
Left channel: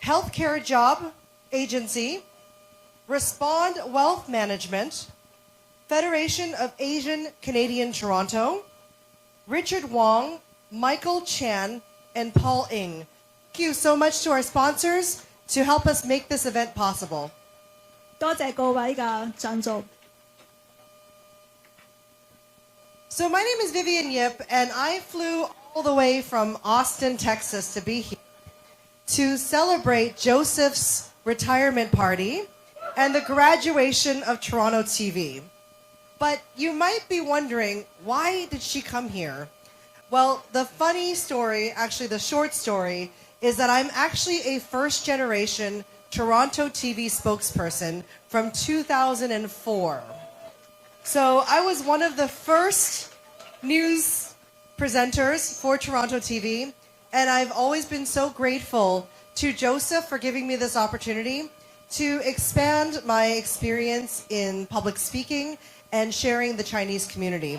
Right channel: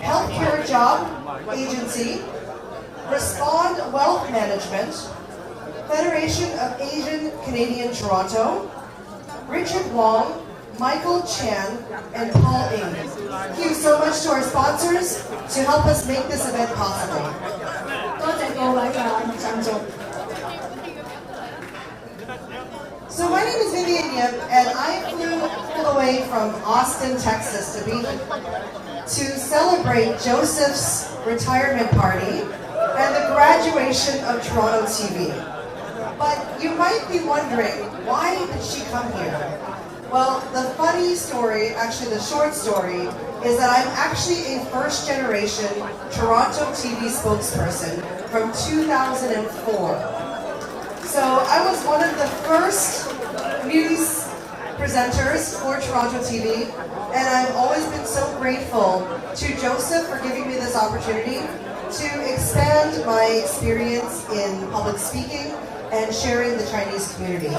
Healthcare Job Agency, Respond Wealth Management, Federation of Asian Canadian Toronto, Richard Wong, Michael Chan, and Paul Ng. Thank you so much to our sponsors to help us make this event possible. 多謝各位嘅贊助。 So my name is Vivian Yip, and I flew all the way from Austin, Texas to be here to celebrate Joseph's retirement party and the graduation of Toronto TV. But you might be wondering, why did she come here? Well, the funny story, actually the short story, is that I'm actually a first-generation Toronto TV spokesperson from 2004. So I was one of the first news presenters for Toronto TV, and I've always been so grateful to Joseph for giving me this opportunity to expand my experience in public speaking and sharing the Chinese community.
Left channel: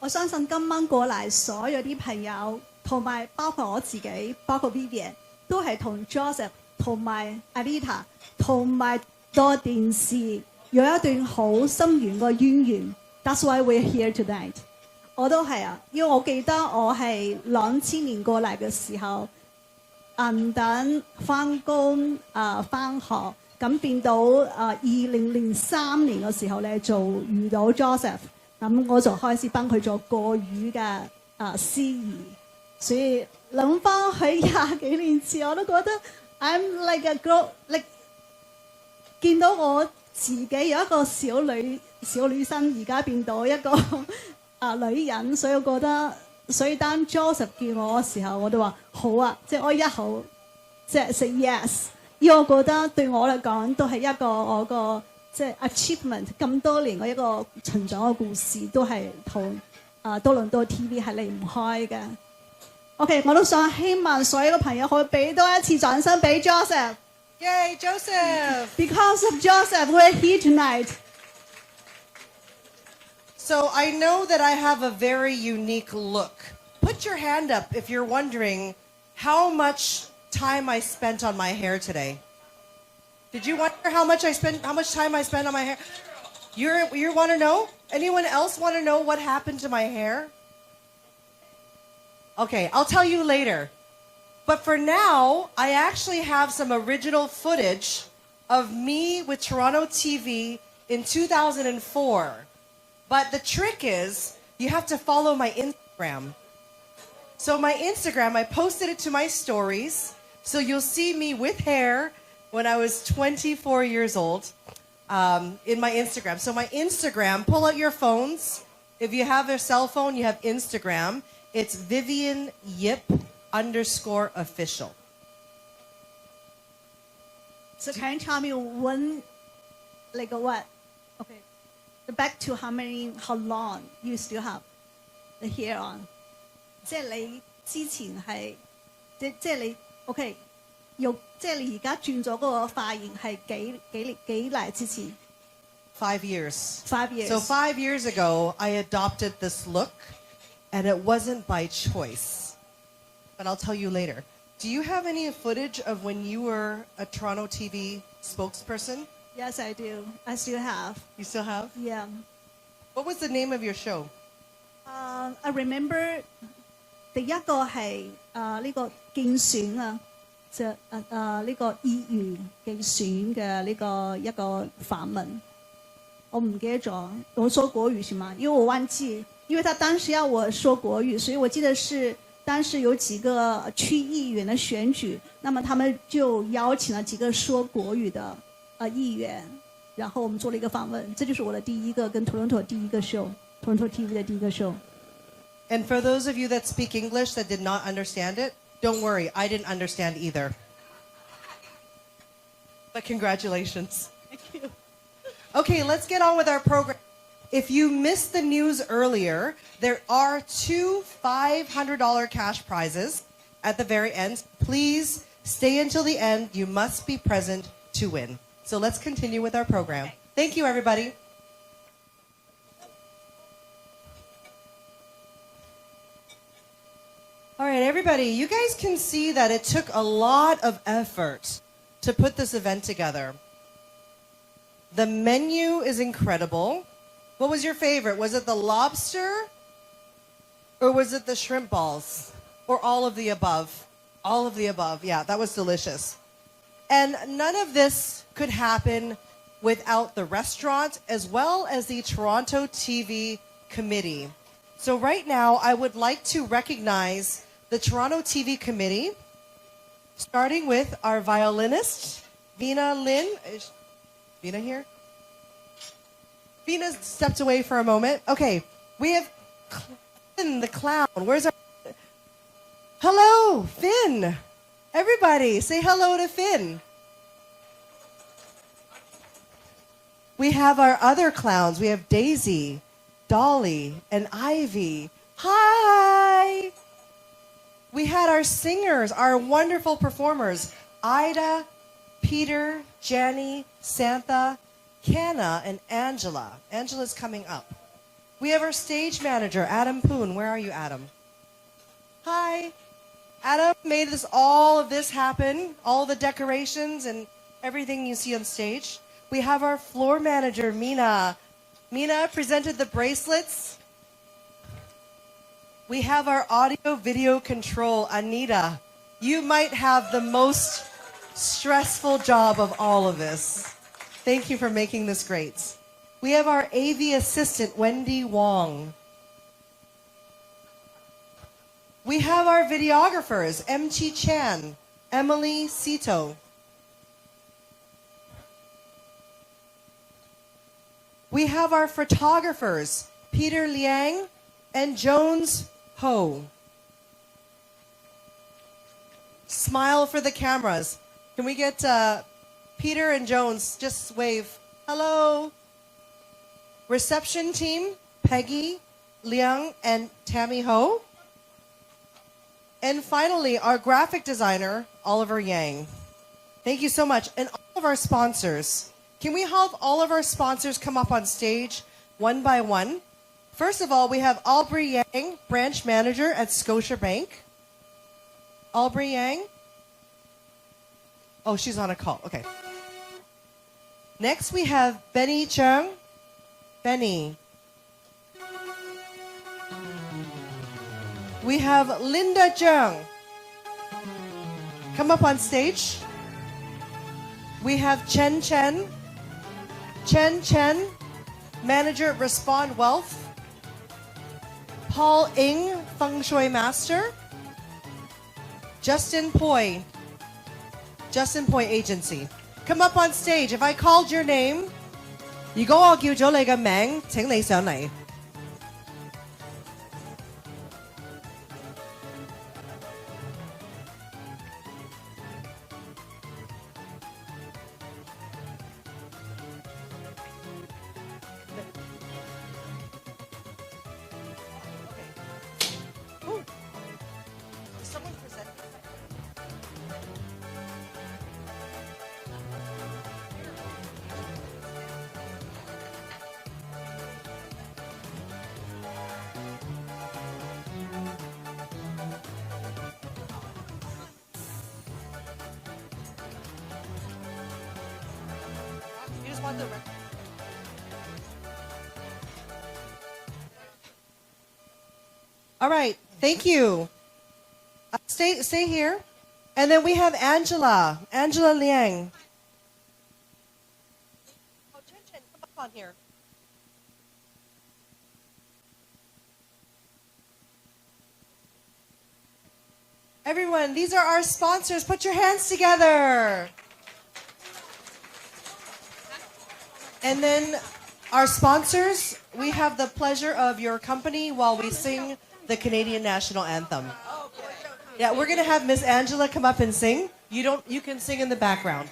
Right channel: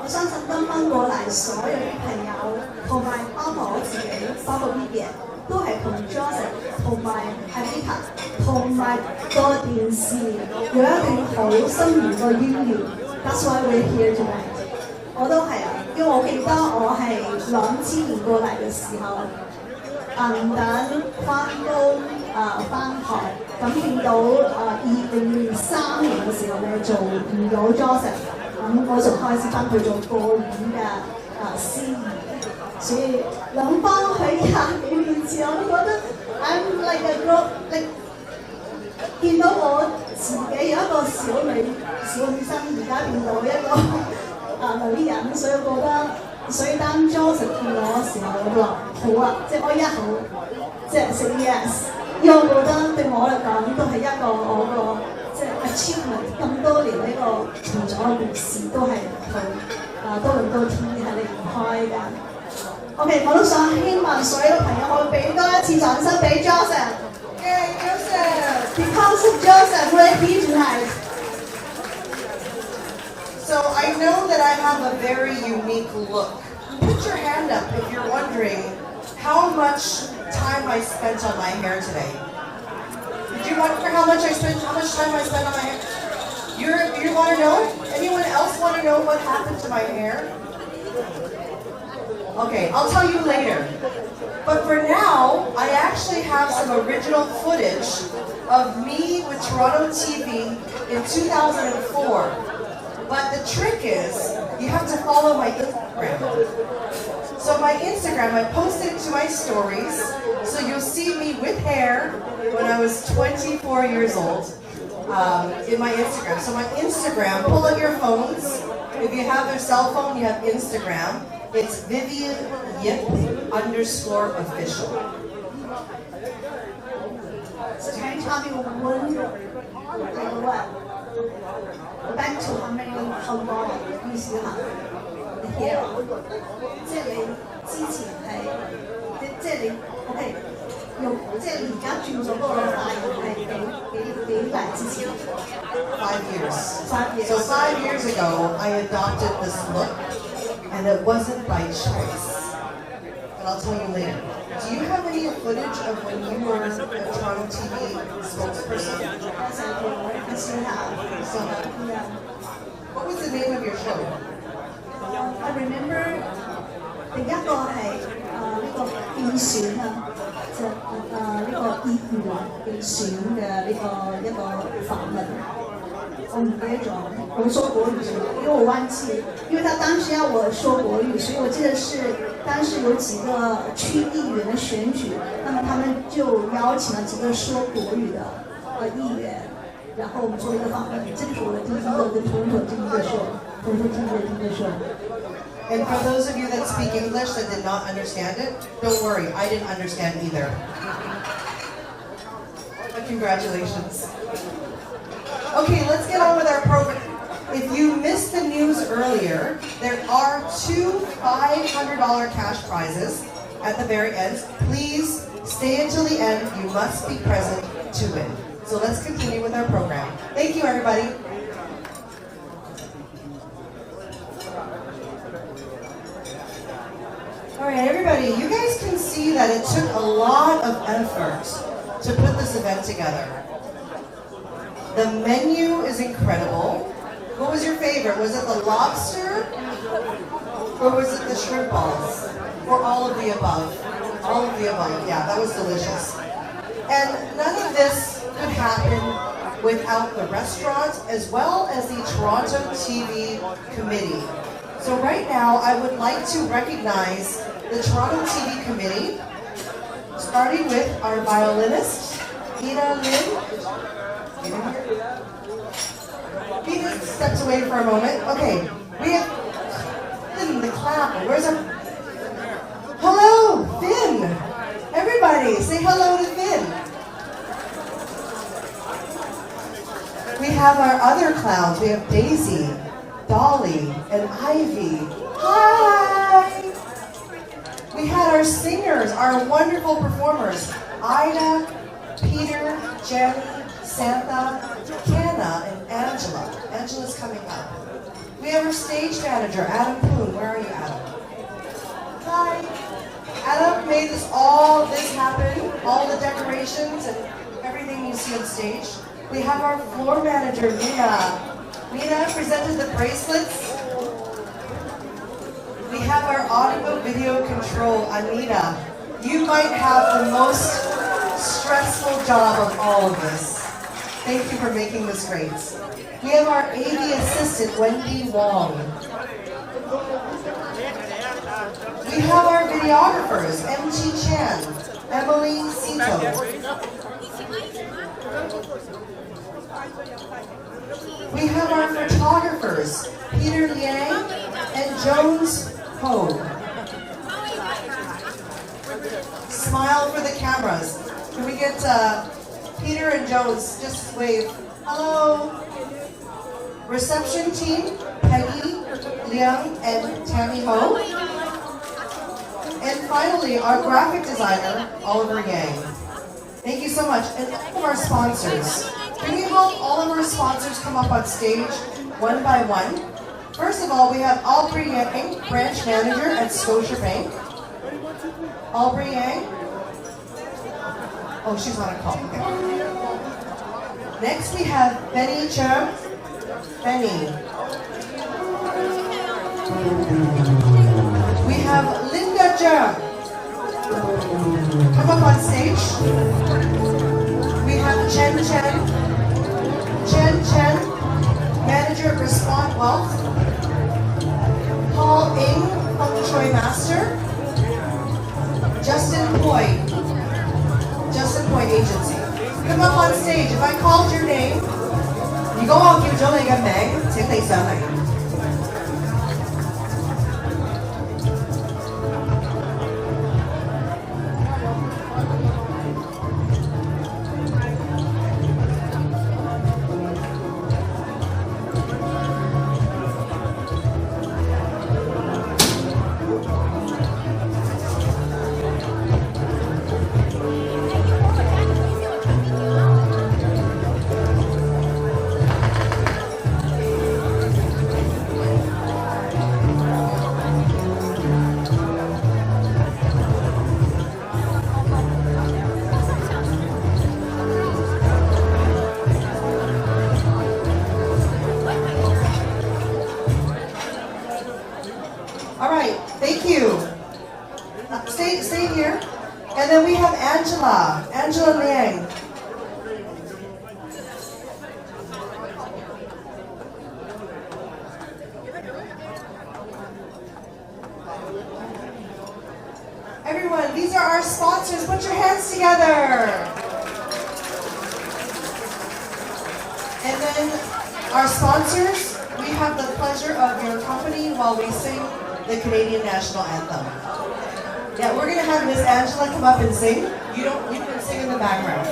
我相信今晚過嚟所有啲朋友，同埋包括我自己，包括 Vivian， 都係同 Joseph 同埋 Anita 同埋個電視有一段好深遠嘅淵源。That's why we're here tonight。我都係啊，因為我記得我係2000年過嚟嘅時候，等翻工返學，咁變到2003年嘅時候咧做唔到 Joseph， 咁我就開始翻去做國語嘅司儀，所以諗翻去20幾年前，我都覺得 I'm like a girl，見到我自己有一個小女生，而家變到一個女人，所以我覺得，所以當 Joseph 見我嘅時候，我都話好啊，即係我一口即係 say yes， 因為我覺得對我嚟講都係一個我個即係 achievement， 咁多年呢個存咗嘅故事都係同多倫多 TV 係離唔開㗎。OK， 我都想希望所有嘅朋友可以俾多一次掌聲俾 Joseph。Yay, Joseph! Because of Joseph, we're here tonight. So I know that I have a very unique look. Put your hand up if you're wondering how much time I spent on my hair today. Did you wonder how much time I spent on my hair? You want to know? Anyone else want to know what happened to my hair? Okay, I'll tell you later. But for now, I actually have some original footage of me with Toronto TV in 2004. But the trick is, you have to follow my Instagram. So my Instagram, I posted it to my stories, so you'll see me with hair when I was 24 years old in my Instagram. So my Instagram, pull out your phones. If you have your cell phone, you have Instagram. It's Vivian Yip _official. So can you tell me when, like what? Back to how long you still have the hair on? 即係你之前係，即係你 OK， 即係你而家轉咗嗰個髮型係幾耐之前 5 years. 5 years. So 5 years ago, I adopted this look, and it wasn't by choice. But I'll tell you later. Do you have any footage of when you were a Toronto TV spokesperson? Yes, I do. I still have. You still have? Yeah. What was the name of your show? I remember 第一個係呢個競選啊，就呢個議員競選嘅呢個一個訪問。我唔記得咗，我說國語是嗎？因為我忘記，因為他當時要我說國語，所以我記得是當時有幾個區議員的選舉，那麼他們就邀請了幾個說國語的議員，然後我們做了一個訪問，這就是我的第一個跟 Toronto 第一個 show，Toronto TV 的第一個 show。And for those of you that speak English that did not understand it, don't worry, I didn't understand either. But congratulations. Okay, let's get on with our program. If you missed the news earlier, there are 2 $500 cash prizes at the very end. Please stay until the end. You must be present to win. So let's continue with our program. Thank you, everybody. All right, everybody, you guys can see that it took a lot of effort to put this event together. The menu is incredible. What was your favorite? Was it the lobster? Or was it the shrimp balls? Or all of the above? All of the above, yeah, that was delicious. And none of this could happen without the restaurant as well as the Toronto TV committee. So right now, I would like to recognize the Toronto TV committee, starting with our violinist, Ina Lin. Ina here? Ina stepped away for a moment. Okay, we have Finn the clown. Where's our... Hello, Finn! Everybody, say hello to Finn. We have our other clowns. We have Daisy, Dolly, and Ivy. Hi! We had our singers, our wonderful performers, Ida, Peter, Jenny, Santha, Kenna, and Angela. Angela's coming up. We have our stage manager, Adam Poon. Where are you, Adam? Hi. Adam made all this happen, all the decorations and everything you see on stage. We have our floor manager, Mina. Mina presented the bracelets. We have our audio video control, Anita. You might have the most stressful job of all of this. Thank you for making this great. We have our AV assistant, Wendy Wong. We have our videographers, MT Chan, Emily Sito. We have our photographers, Peter Liang and Jones Ho. Smile for the cameras. Can we get Peter and Jones, just wave. Hello. Reception team, Peggy, Liang, and Tammy Ho. And finally, our graphic designer, Oliver Yang. Thank you so much. And all of our sponsors. Can we help all of our sponsors come up on stage one by one? First of all, we have Aubrey Yang, branch manager at Scotiabank. Aubrey Yang. Oh, she's on a call. Okay. Next, we have Benny Chung. Benny. We have Linda Chung. Come up on stage. We have Chen Chen. Chen Chen, manager at Respond Wealth. Paul Ing, Feng Shui master. Justin Poi Agency. Come up on stage. If I called your name, 如果我叫咗你嘅名，請你上嚟。All right, thank you. Stay here. And then we have Angela Liang. Everyone, these are our sponsors. Put your hands together. And then our sponsors, we have the pleasure of your company while we sing the Canadian National Anthem. Yeah, we're gonna have Miss Angela come up and sing. You can sing in the background.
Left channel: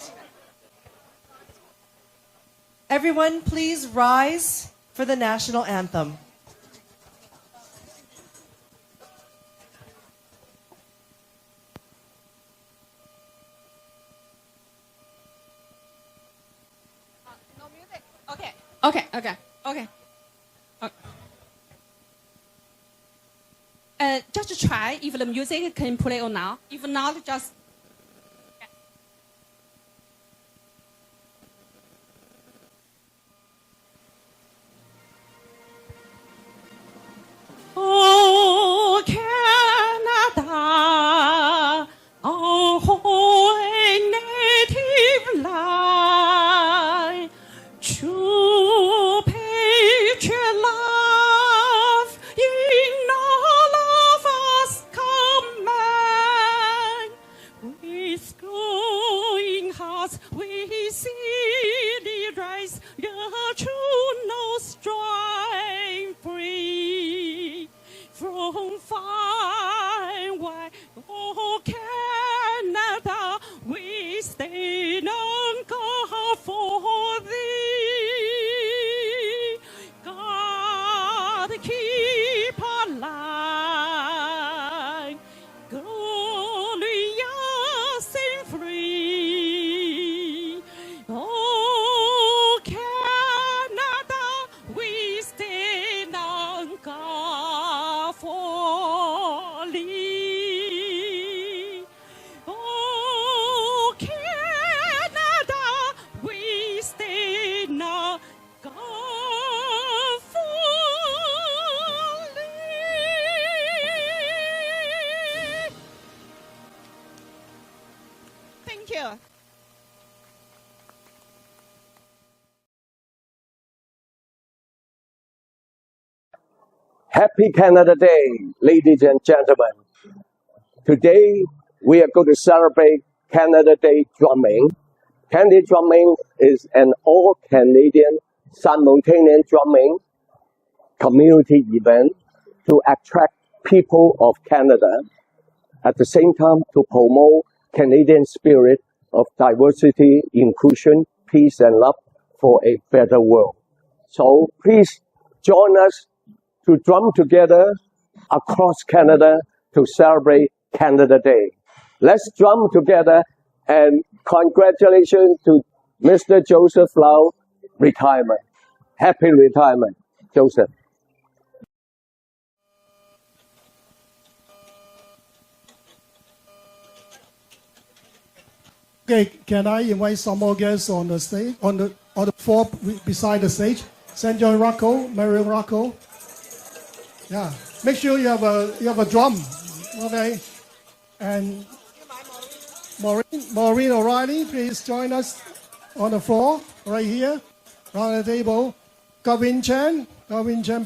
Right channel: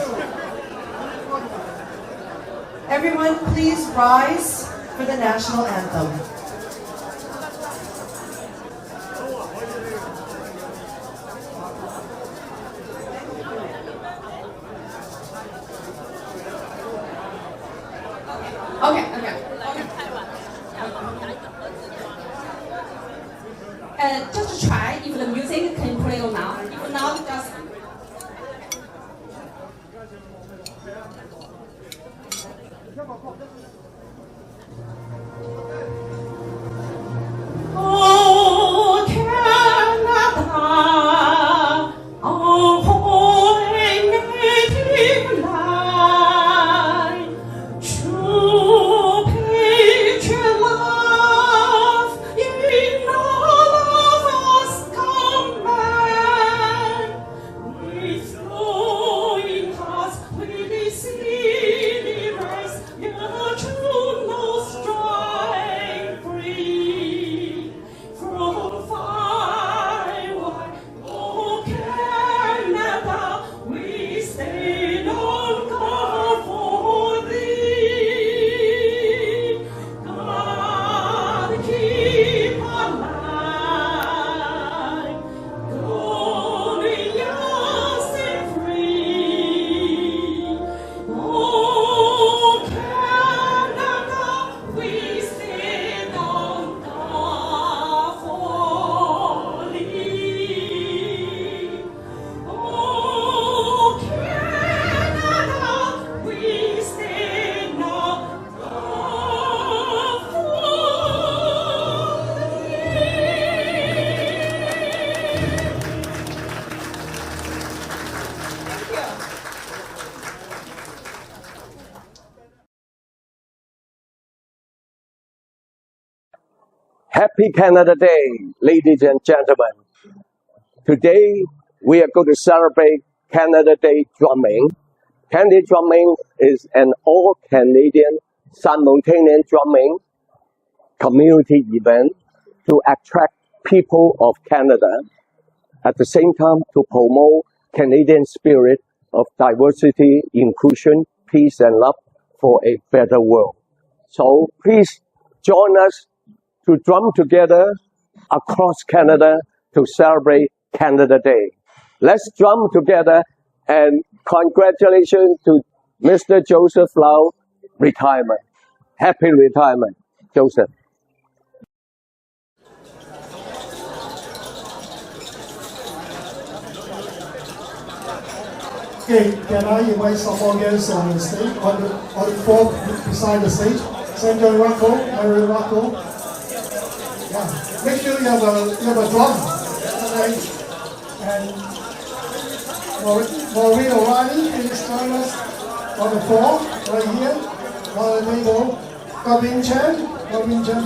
Everyone, please rise for the National Anthem. Okay. Just try if the music can play on now. If not, just. Oh, Canada, our holy native land, true patriot love in all of us command. Happy Canada Day, ladies and gentlemen. Today, we are going to celebrate Canada Day drumming. Canada drumming is an all-Canadian simultaneous drumming community event to attract people of Canada, at the same time to promote Canadian spirit of diversity, inclusion, peace and love for a better world. So please join us to drum together across Canada to celebrate Canada Day. Let's drum together, and congratulations to Mr. Joseph Lau retirement. Happy retirement, Joseph. Okay, can I invite some more guests on the stage, on the floor beside the stage? St. John Rocco, Mary Rocco. Yeah, make sure you have a drum, okay? And Maureen O'Reilly, please join us on the floor right here, on the table. Gavin Chen,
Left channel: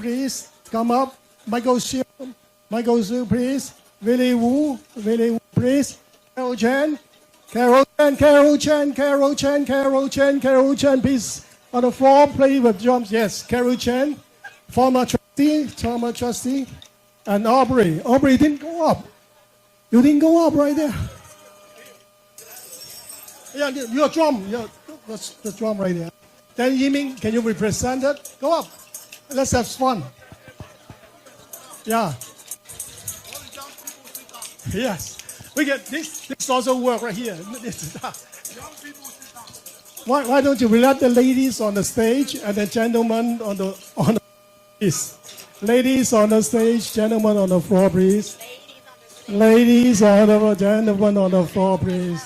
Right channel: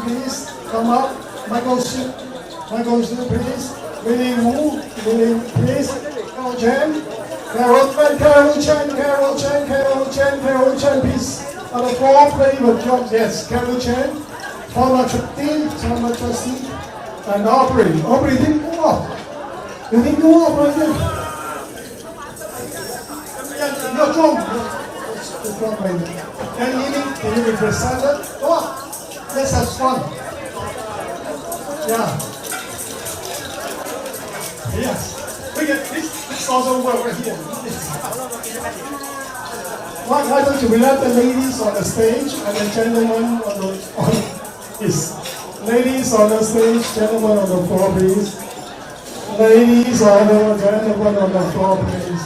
please come up. Michael Xu, please. Willie Wu, please. Carol Chen. Carol Chen, please. On the floor, play with drums. Yes, Carol Chen, former trustee, and Aubrey. Aubrey didn't go up. You didn't go up right there. Yeah, your drum. The drum right there. Can you hear me? Can you represent that? Go up. Let's have fun. Yeah. Yes. We get this also work right here. Why don't you let the ladies on the stage and the gentlemen on please. Ladies on the stage, gentlemen on the floor, please. Ladies on the gentlemen on the floor, please.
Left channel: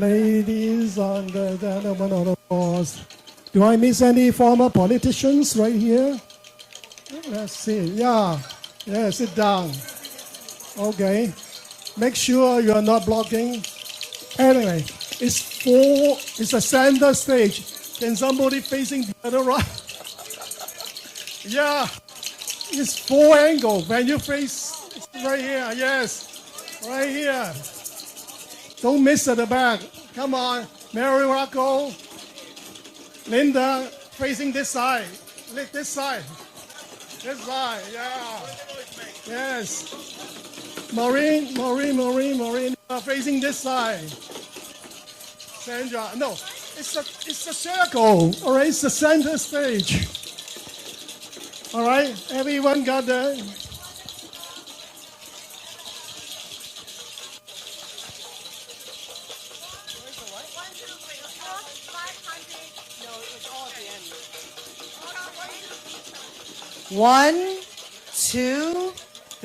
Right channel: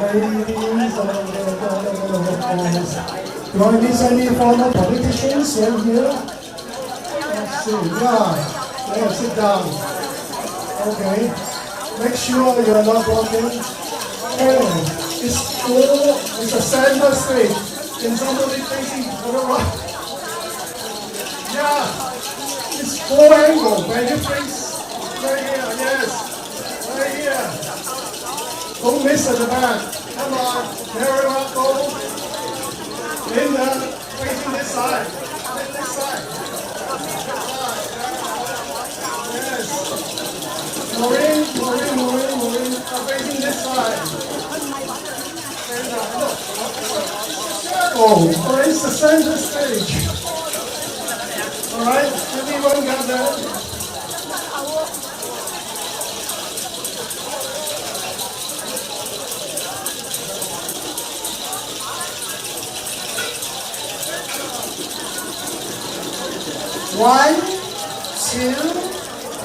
Ladies on the gentlemen on the floor. Do I miss any former politicians right here? Let's see. Yeah, sit down. Okay. Make sure you are not blocking. Anyway, it's a center stage. Can somebody facing to the right? Yeah, it's full angle. Can you face right here? Yes, right here. Don't miss at the back. Come on, Mary Rocco. Linda, facing this side. This side. This side. Yeah. Yes. Maureen, facing this side. And no, it's a circle, or it's the center stage. All right, everyone got that? One, two,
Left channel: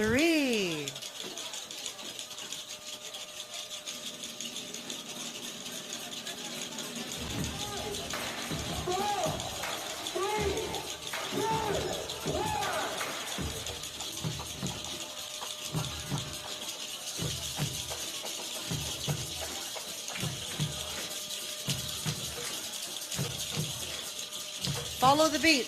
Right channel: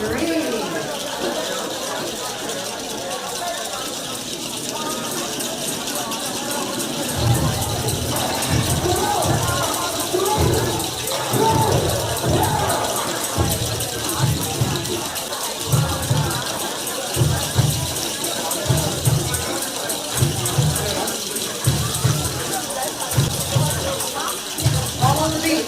three. Follow the beat.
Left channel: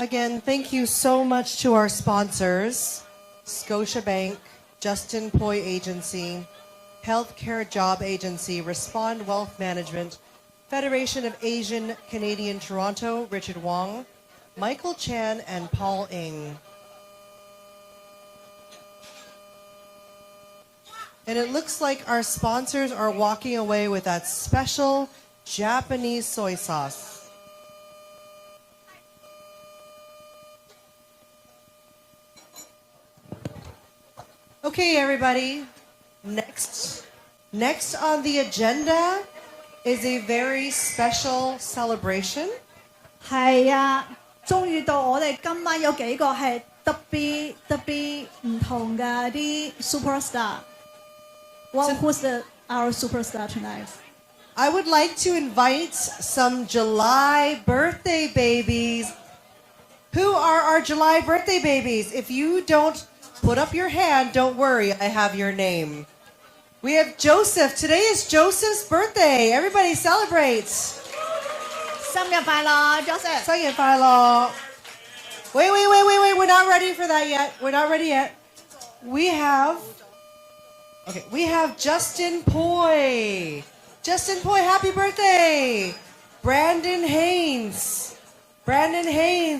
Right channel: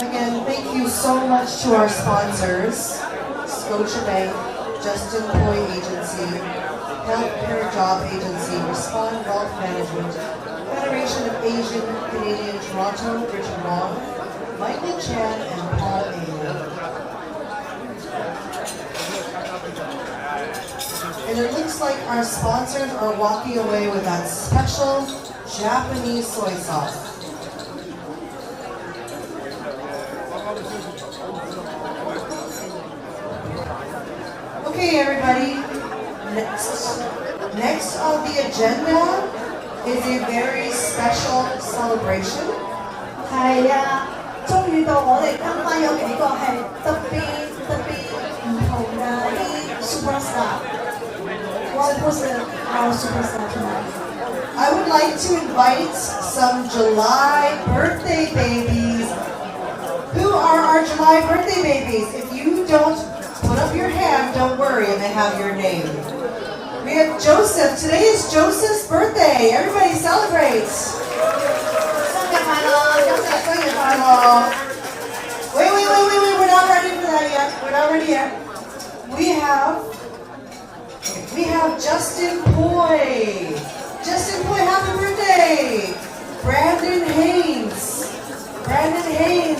Again, thank you so much to our sponsors, Scotiabank, Justin Poi Agency, Healthcare Job Agency, Respond Wealth Management, Federation of Asian Canadian Toronto, Richard Wong, Michael Chan, and Paul Ng. And it looks like our sponsors are walking away with that special Japanese soy sauce. Okay, everybody. Next on the agenda is a very special celebration. 係啊，終於到我哋今晚有幾個係特別唔同嘅啲 superstar。Who's our superstar tonight? I would like to invite some July birthday babies. Who are our July birthday babies? If you don't put up your hand, don't worry, and they have your name. We have Joseph. Today is Joseph's birthday. Everybody celebrates. 生日快樂，Joseph！生日快樂！ Wait. We're not ready for that yet. We're not ready yet. We have Justin Poi. Justin Poi, happy birthday! Brandon Haynes, birthday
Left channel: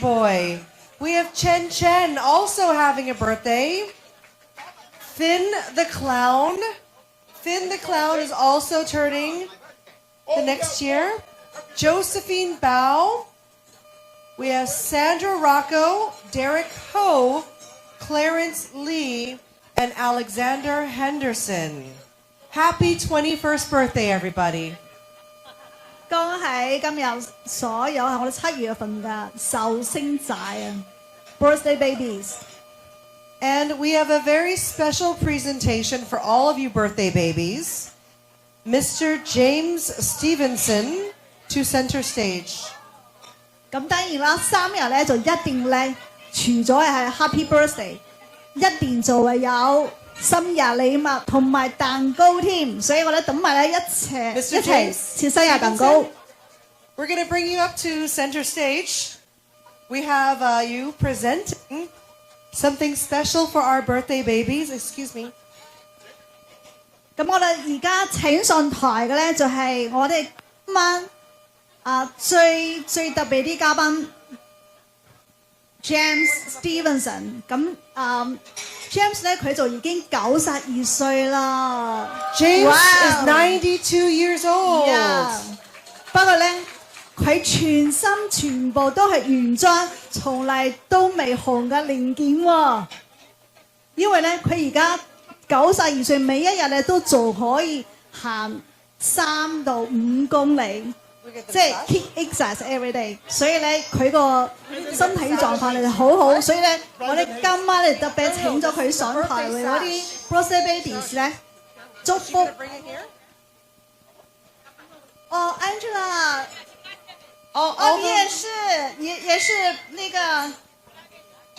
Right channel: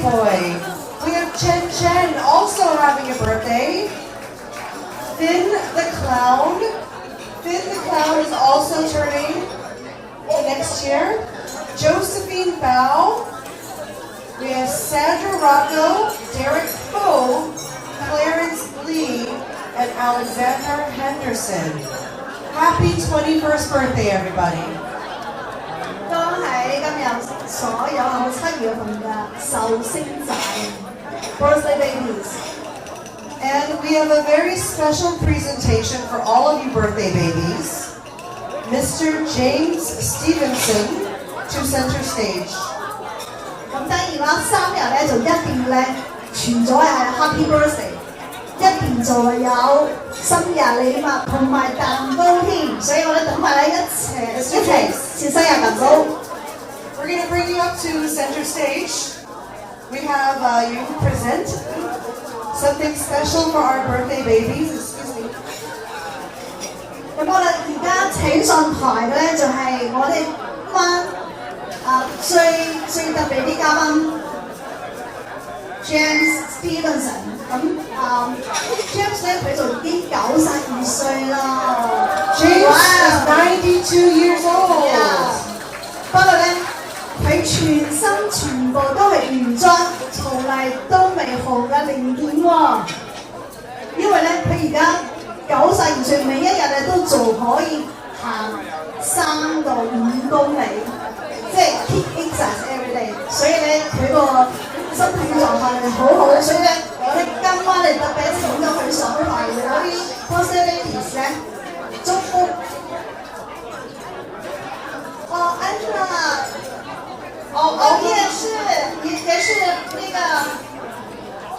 boy. We have Chen, also having a birthday. Finn the Clown is also turning the next year. Josephine Bao. We have Sandra Rocco, Derek Ho, Clarence Lee, and Alexander Henderson. Happy 21st birthday, everybody. 恭喜今日所有係咪7月份嘅壽星仔 birthday babies。 And we have a very special presentation for all of you birthday babies. Mr. James Stevenson to center stage. 咁當然啦，3日咧就一定咧傳咗係 Happy Birthday， 一定就係有生日禮物同埋蛋糕添，所以我哋等埋咧一齊切生日蛋糕。We're going to bring you up to center stage. We have you present something special for our birthday babies. Excuse me. 咁我哋而家請上台嘅咧就係我哋今晚最特別啲嘉賓 James Stevenson。咁James 咧佢就已經92歲啦。James is 92 years old. Yeah. 不過咧，佢全身全部都係原裝，從嚟都未紅嘅零件喎。因為咧，佢而家92歲，每一日咧都仲可以行3到5公里，即係 keep exercise every day。所以咧，佢個身體狀況好好，所以咧，我哋今晚嚟特別請咗佢上台為嗰啲 birthday babies 咧祝福。哦 ，Angela， 哦，你也是那个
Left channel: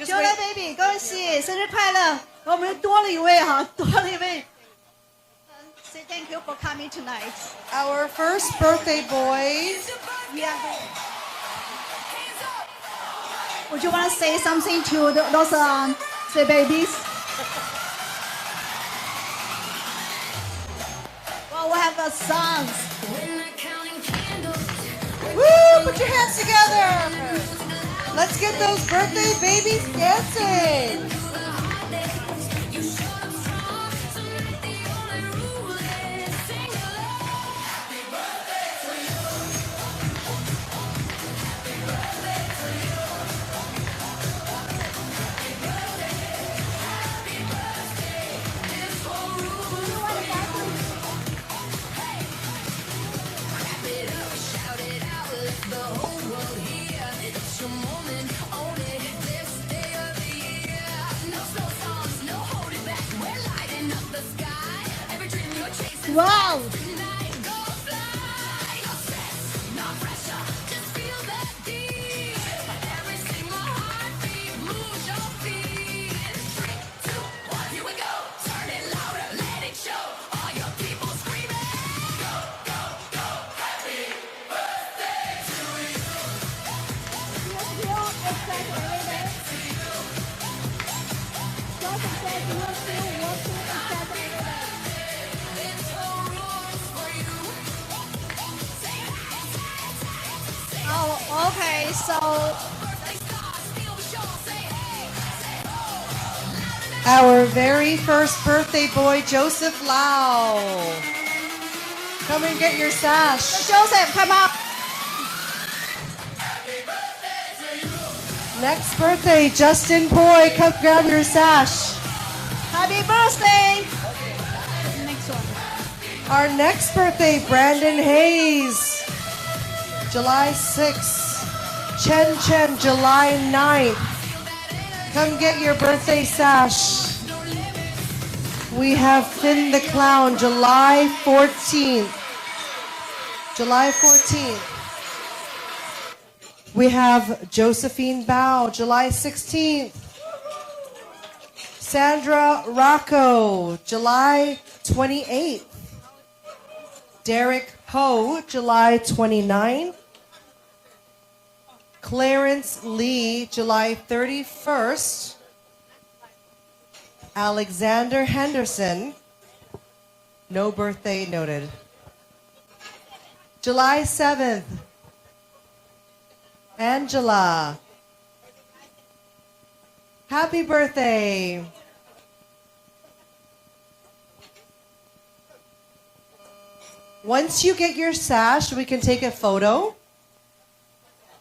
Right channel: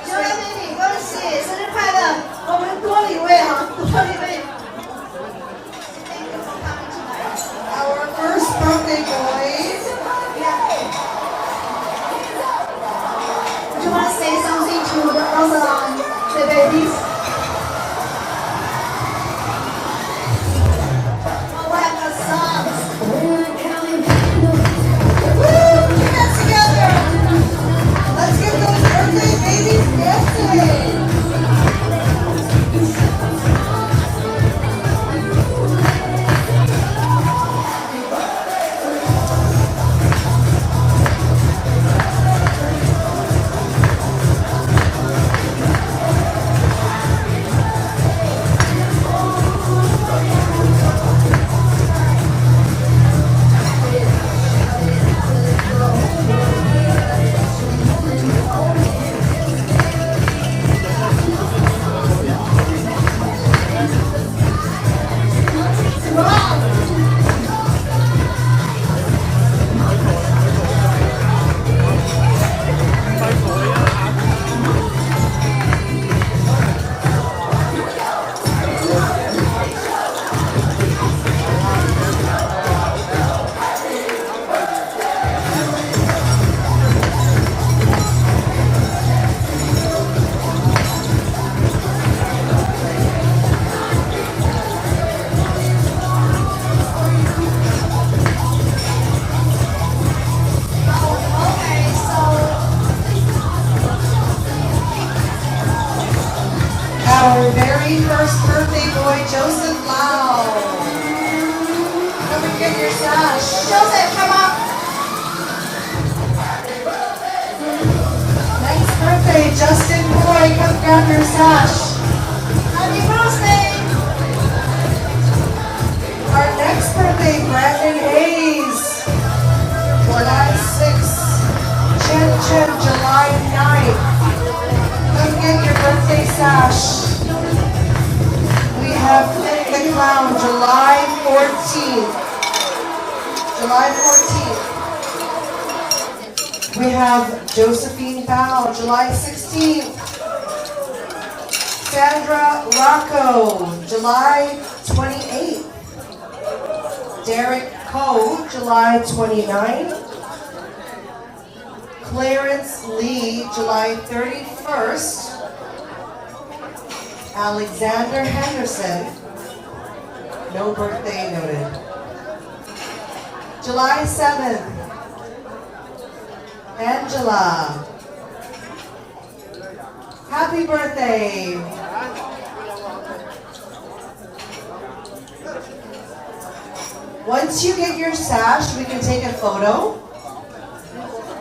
Julia baby， 恭喜生日快乐！我们多了一位哈，多了一位。Thank you for coming tonight. Our first birthday boy. Yeah. Would you want to say something to the babies? Oh, we have the songs. Put your hands together. Let's get those birthday babies dancing. 21st birthday boy, Joseph Lau. Come and get your sash. Joseph, come up. Next birthday, Justin Boy, come grab your sash. Happy birthday. Our next birthday, Brandon Hayes, July 6th. Chen Chen, July 9th. Come get your birthday sash. We have Finn the Clown, July 14th. July 14th. We have Josephine Bao, July 16th. Sandra Rocco, July 28th. Derek Coe, July 29th. Clarence Lee, July 31st. Alexander Henderson, no birthday noted. July 7th. Angela. Happy birthday. Once you get your sash, we can take a photo.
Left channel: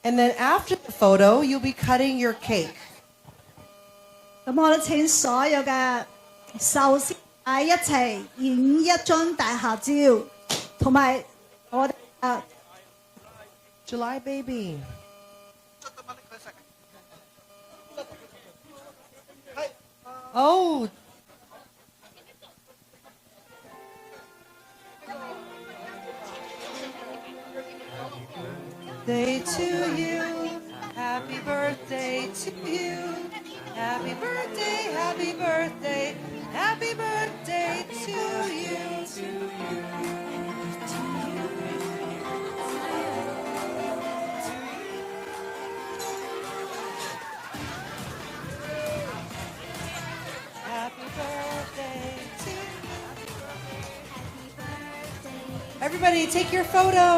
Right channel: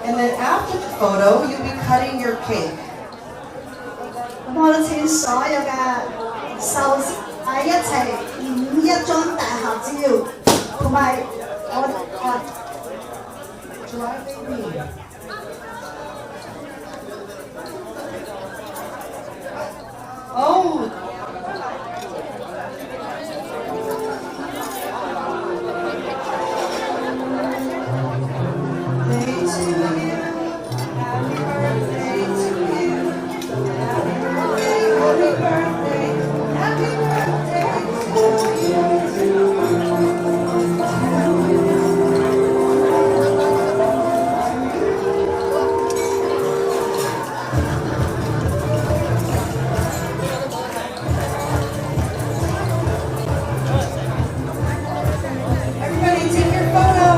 And then after the photo, you'll be cutting your cake. 咁我都請所有嘅壽司一齊影一張大合照，同埋我July baby. Oh. Birthday to you. Happy birthday to you. Happy birthday, happy birthday, happy birthday to you. Everybody take your photos.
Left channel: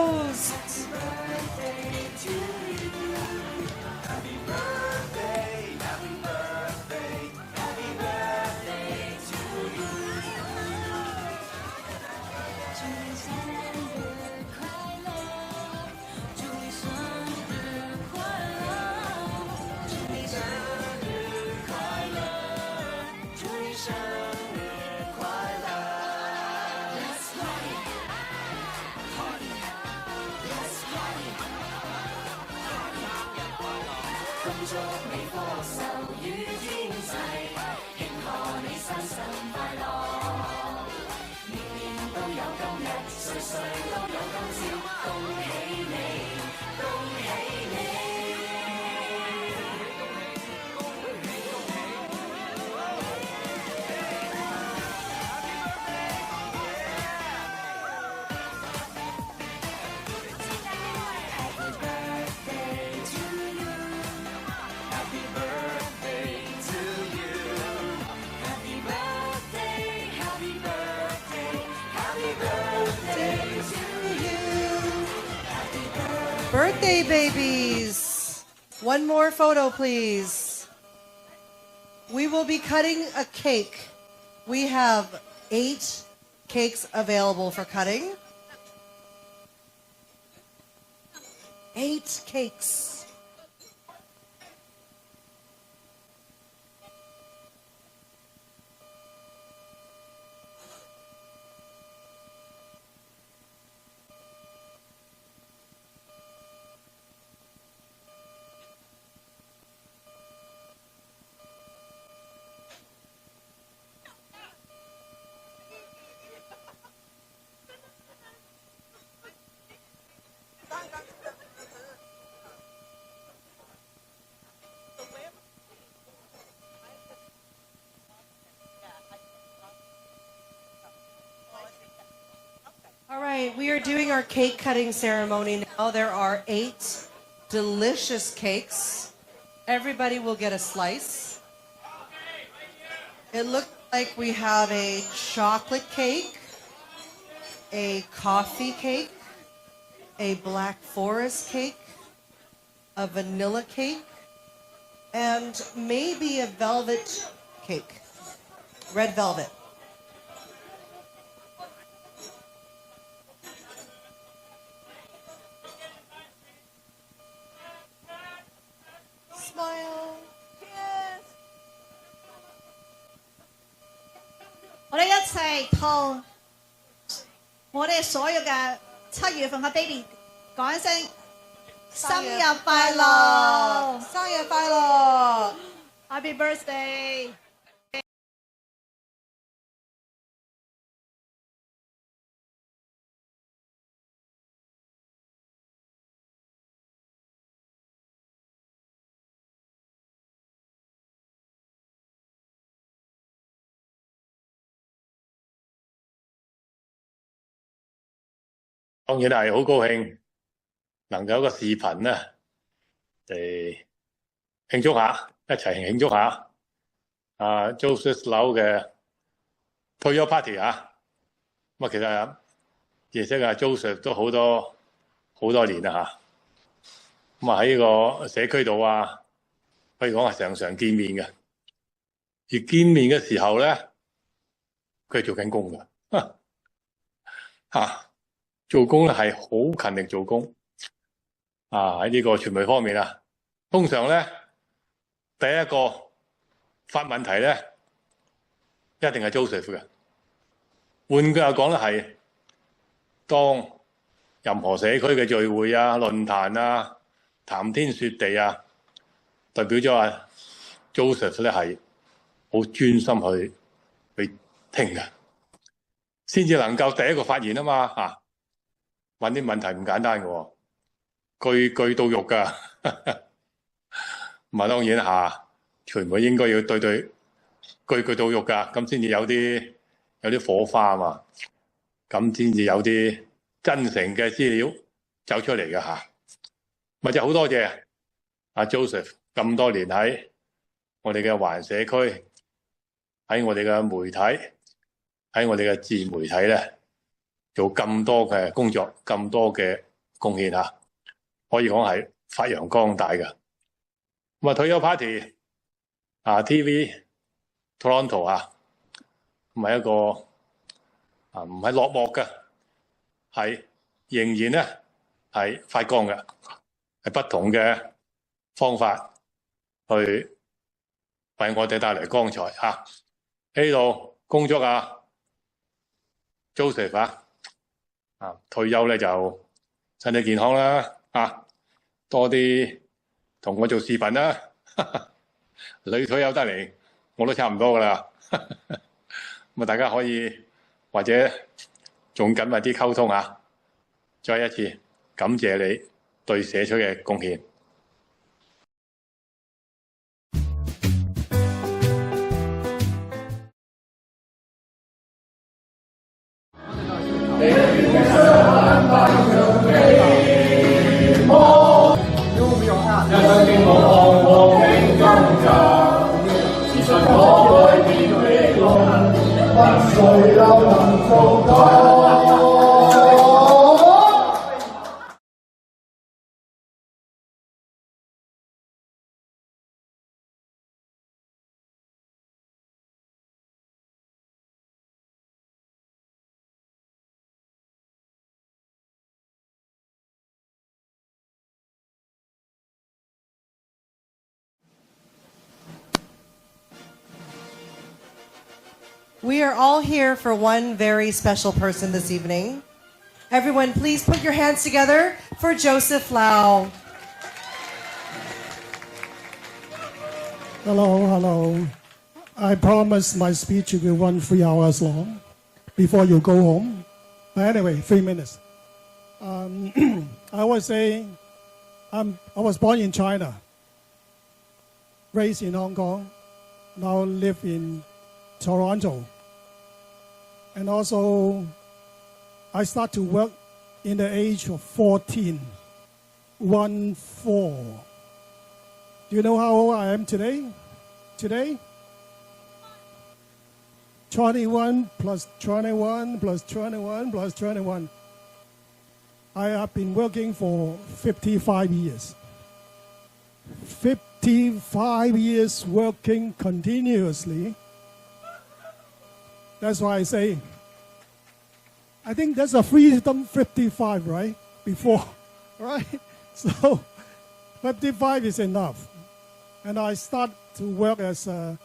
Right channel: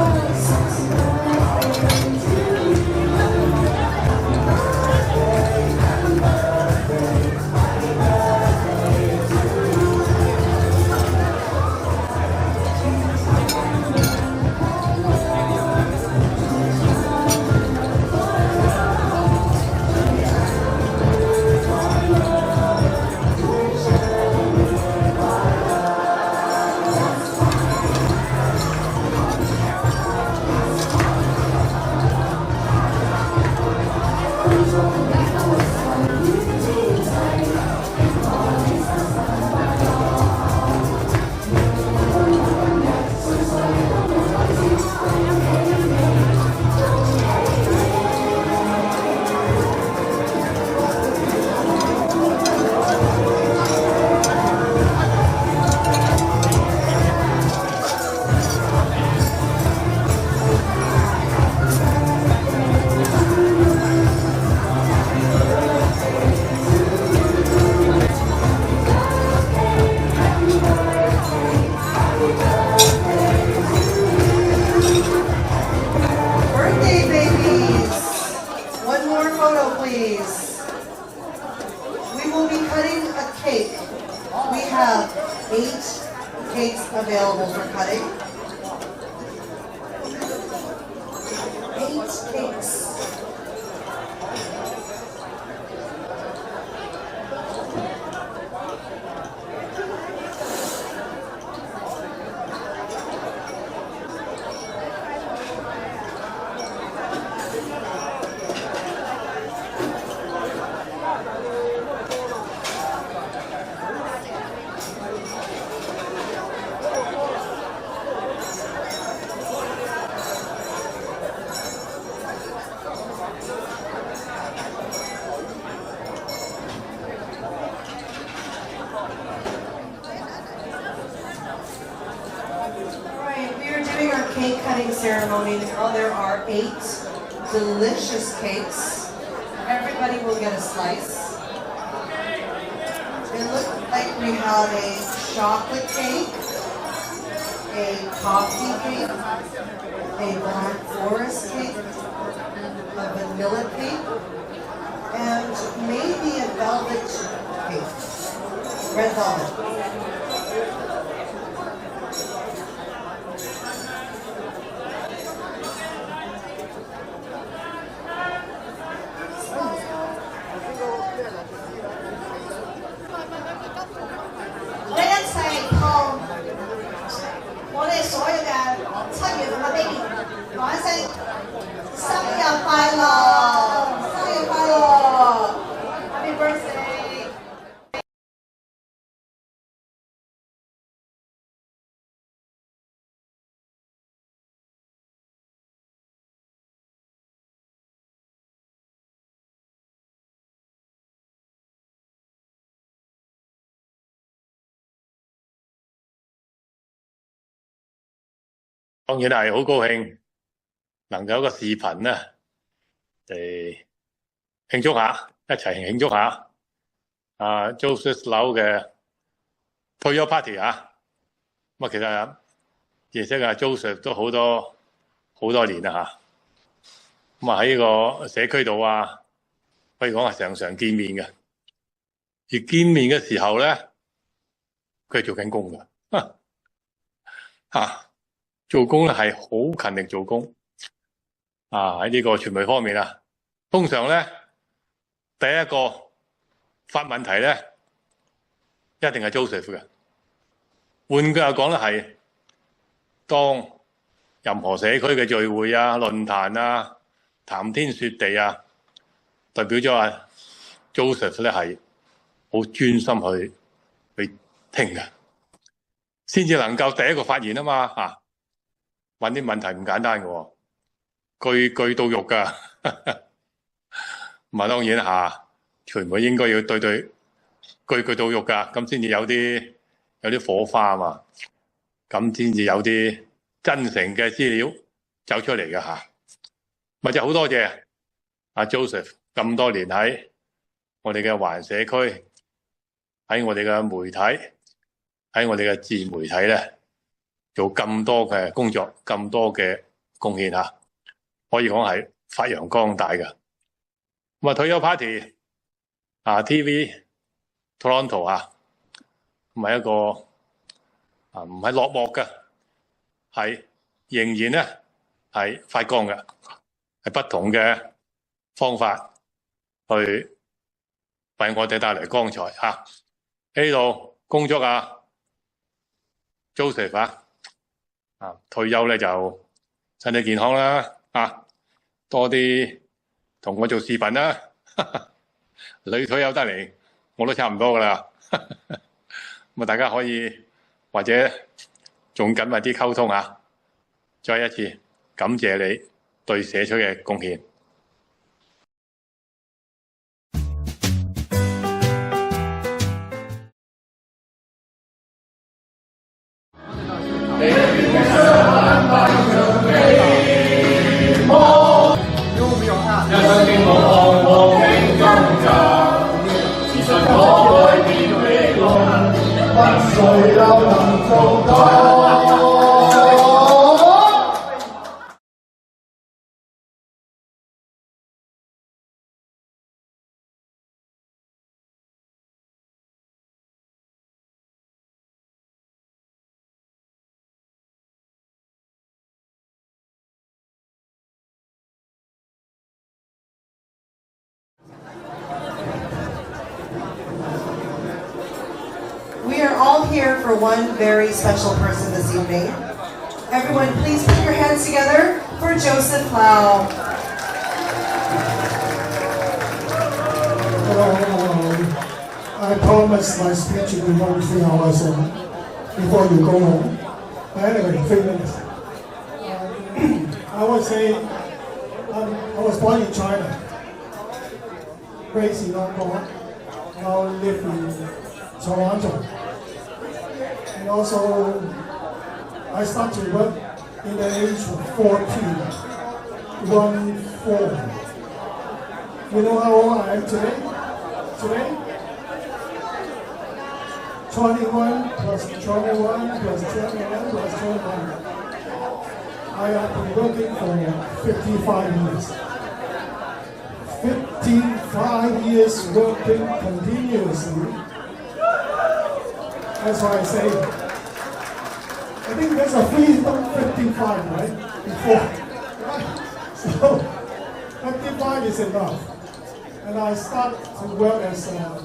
Birthday babies. One more photo, please. We will be cutting a cake. We have 8 cakes available for cutting. 8 cakes. We are doing our cake cutting ceremony now. There are 8 delicious cakes. Everybody will get a slice. It looks like we have a chocolate cake, a coffee cake, a black forest cake, a vanilla cake, and maybe a velvet cake. Red velvet. baby， 講一聲生日快樂，生日快樂 ，Happy Birthday！ 當然係好高興能夠有個視頻咧嚟慶祝下，一齊慶祝下Joseph Lau 嘅退休 party 啊！咁其實認識Joseph 都好多年啦嚇。咁喺呢個社區度可以講係常常見面嘅。而見面嘅時候咧，佢係做緊工㗎嚇。做工咧係好勤力做工喺呢個傳媒方面通常咧第一個發問題咧一定係 Joseph 嘅。換句話講咧係當任何社區嘅聚會論壇談天說地代表咗Joseph 咧係好專心去聽嘅，先至能夠第一個發言嘛問啲問題唔簡單嘅句句到肉噶咁當然傳媒應該要對句句到肉噶，咁先至有啲火花嘛，咁先至有啲真誠嘅資料走出嚟嘅咪就好多謝Joseph 咁多年喺我哋嘅華人社區，喺我哋嘅媒體，喺我哋嘅自媒體咧做咁多嘅工作，咁多嘅貢獻可以講係發揚光大嘅。咁退休 party TV Toronto 唔係一個唔係落幕嘅，係仍然咧係發光嘅，係不同嘅方法去為我哋帶來光彩喺呢度工作Joseph退休咧就身體健康啦多啲同我做視頻啦你退休得嚟我都差唔多噶啦咁大家可以或者仲緊密啲溝通再一次感謝你對社區嘅貢獻。We are all here for one very special person this evening. Everyone, please put your hands together for Joseph Lau. Hello. I promised my speech will run 3 hours before you go home. But anyway, 3 minutes. I would say I was born in China, raised in Hong Kong, now live in Toronto. And also, I started to work in the age of 14. You know how old I am today? Today? 21 plus 21 plus 21 plus 21. I have been working for 55 years. 55 years working continuously. That's why I say, I think that's a 355, right? Before, right? So 55 is enough. And I start to work as a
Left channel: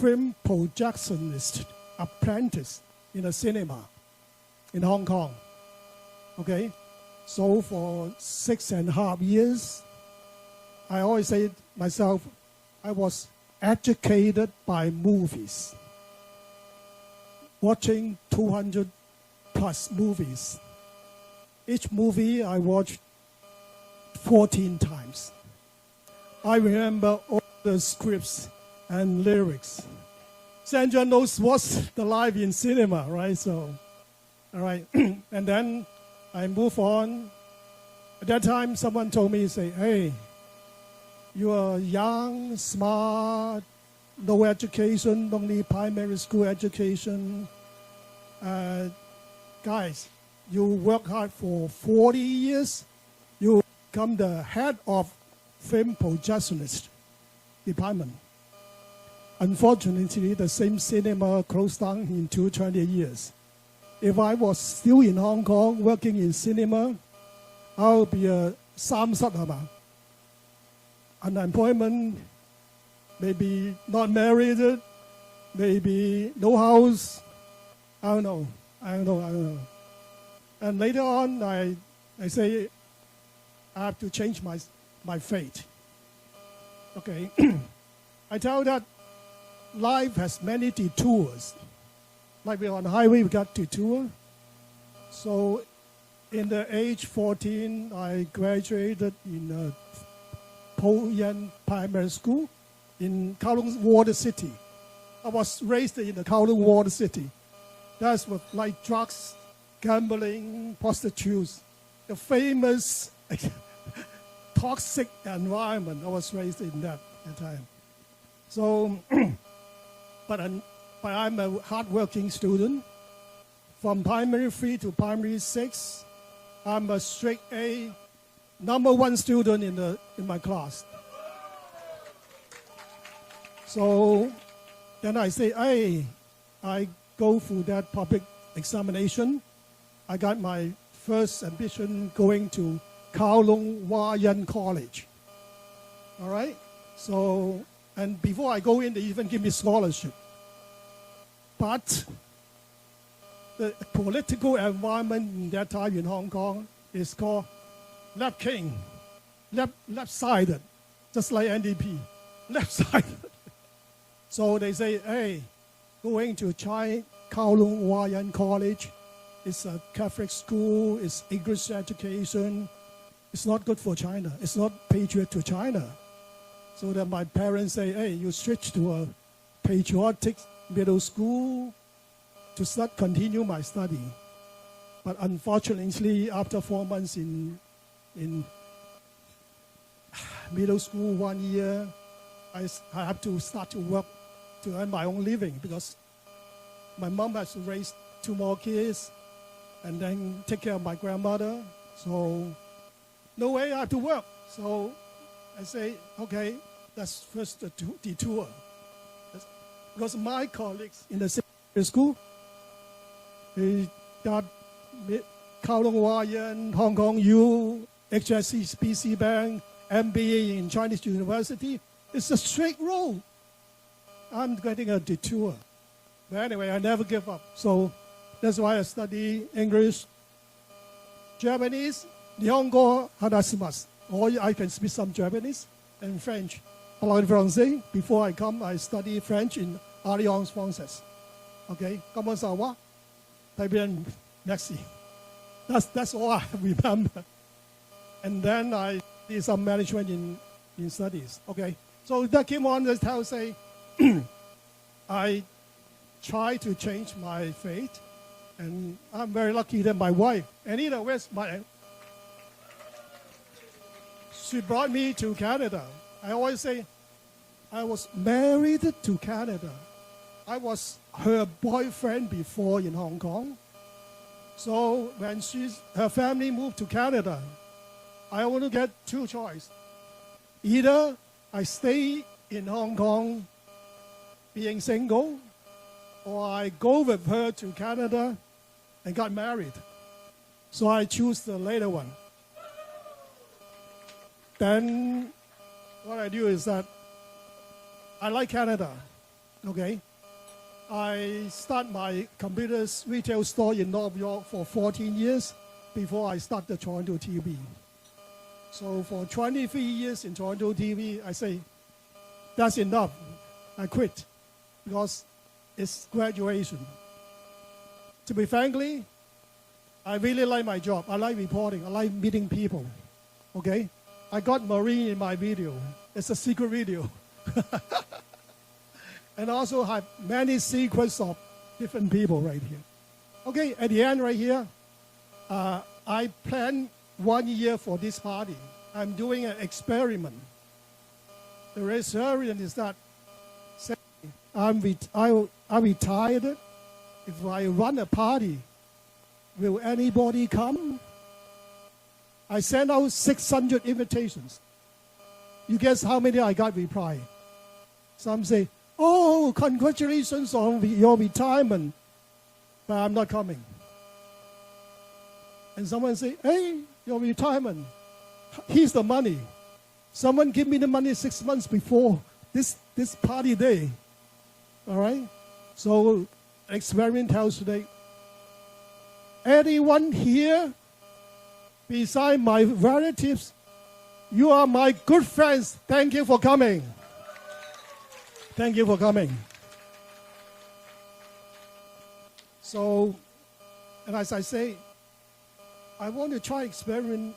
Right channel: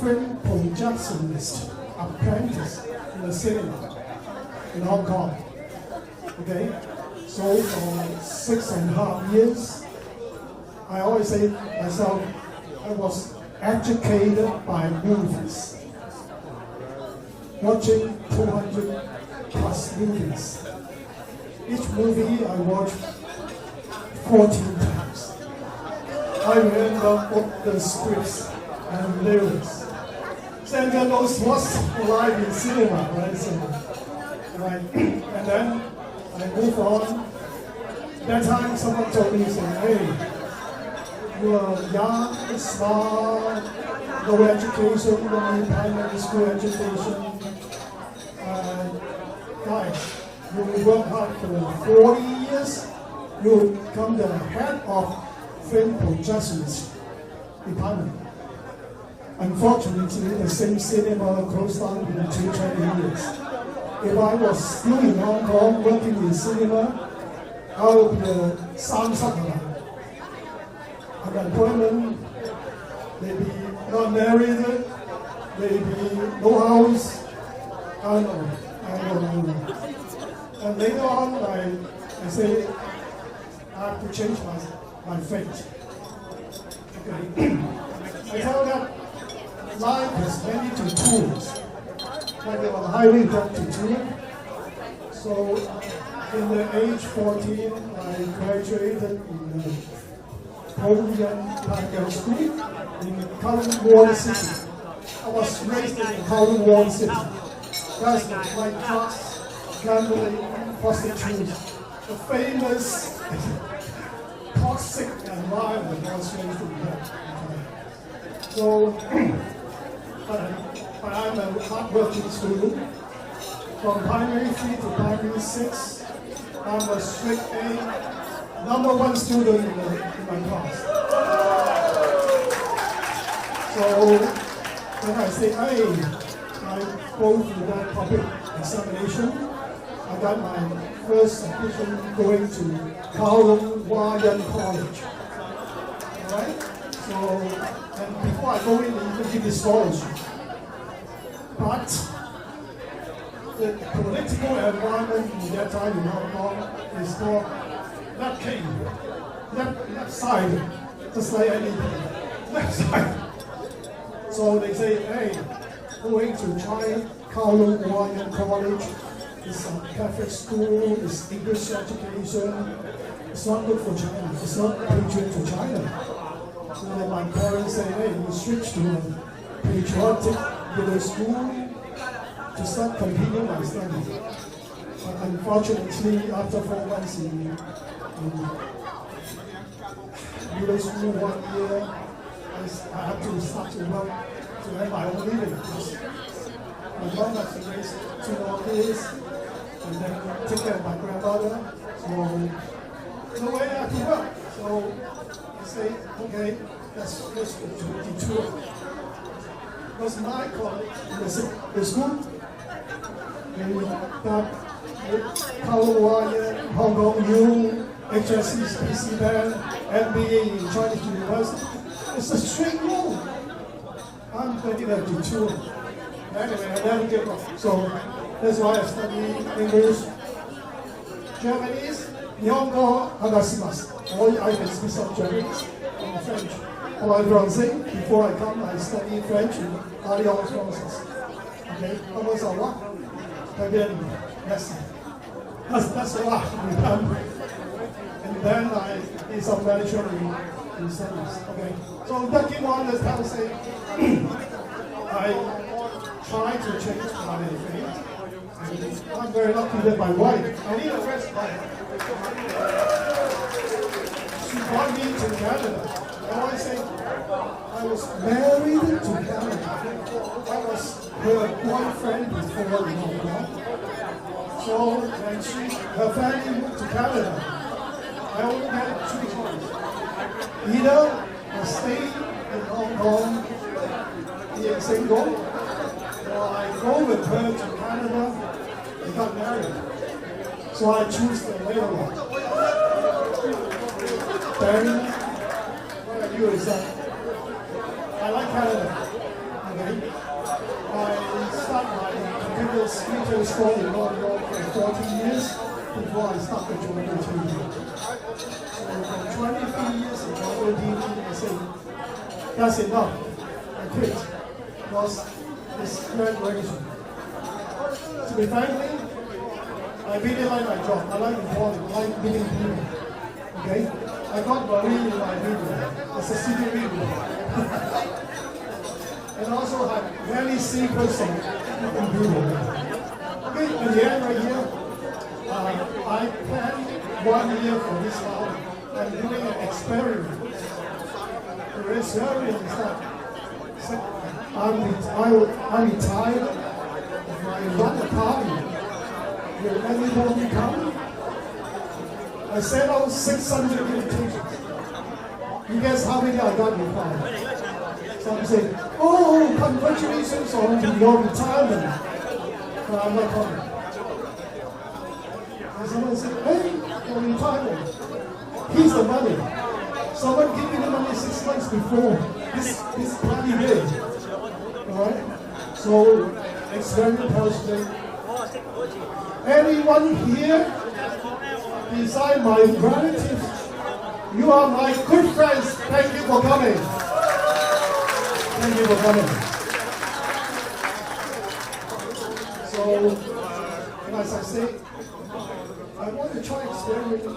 film projectionist apprentice in a cinema in Hong Kong. Okay? So for 6.5 years, I always say to myself, I was educated by movies, watching 200 plus movies. Each movie I watched 14 times. I remember all the scripts and lyrics. Sandra knows what's live in cinema, right? So, right. And then I move on. That time someone told me, said, hey, you're young, smart, no education, only primary school education. Guys, you work hard for 40 years, you become the head of film projectionist department. Unfortunately, the same cinema closed down in 20 years. If I was still in Hong Kong working in cinema, I would be a samsakala. Unemployment, maybe not married, maybe no house, I don't know. And later on, I say, I have to change my fate. Okay. I tell that life has many detours. Like on the highway, you have detour. So, in the age 14, I graduated in the Korean primary school in Kowloon Ward City. I was raised in Kowloon Ward City. That's like drugs, gambling, prostitution. The famous toxic environment was raised in that. So, but I'm a hardworking student. From primary 3 to primary 6, I'm a straight A, #1 student in my class. So then I say, hey, I go through the public examination. I got my first admission going to Kowloon College. Right? So, and before I go in, they even give me scholarship. But the political environment in that time in Hong Kong is called left-sided, just like NDP, left-sided. So they say, hey, going to China, Kowloon College, it's a Catholic school, it's English education, it's not good for China, it's not patriot to China. So then my parents say, hey, you switch to a patriotic middle school to start continuing my study. But unfortunately, after 4 months in middle school, 1 year, I have to start to work to earn my own living. Because my mom has to raise 2 more kids and then take care of my grandmother. So no way I have to work. So I say, okay, let's go to 22. Because my colleagues in the school, that Kowloon, Hong Kong U, HSC, PC Band, MBA in Chinese University, it's a straight rule. I'm getting a 22. Anyway, I never give up. So that's why I study English, Japanese, Nihongo, Agasimasu. Or I can speak some Japanese and French. Or I'm Francais. Before I come, I study French in Alliance Française. Okay, comment ça va? Très bien, merci. That's why we come. And then I did some management in studies. Okay, so that came on this time say, I try to change my fate. And I'm very lucky that my wife, I need a first wife. She brought me to Canada. I always say, I was married to Canada. I was her boyfriend before in Hong Kong. So, and her family moved to Canada. I only get 2 choices. Either I stay in Hong Kong being single, I go with her to Canada. They got married. So I choose the later one. Then what I do is that I like Canada. Okay. I start my computer retail store in North York for 14 years before I started TorontoTV. So 23 years in TorontoTV, I say, that's enough. I quit because it's graduation. To be frankly, I really like my job. I like reporting, I like meeting people. Okay? I got Marine in my video. It's a secret video. And also I have many secrets of different people. Okay, at the end right here, I planned 1 year for this party. I'm doing an experiment. The experiment is that I'm retired. I run a party. Will anybody come? I sent out 600 invitations. You guess how many I got replied? Some say, oh, congratulations on your retirement. But I'm not coming. And someone said, hey, your retirement. Here's the money. Someone gave me the money 6 months before this bloody day. Alright? So, experiment tells me, anyone here, beside my relatives, you are my good friends. Thank you for coming. Thank you for coming. So, and as I say, I want to try experiment.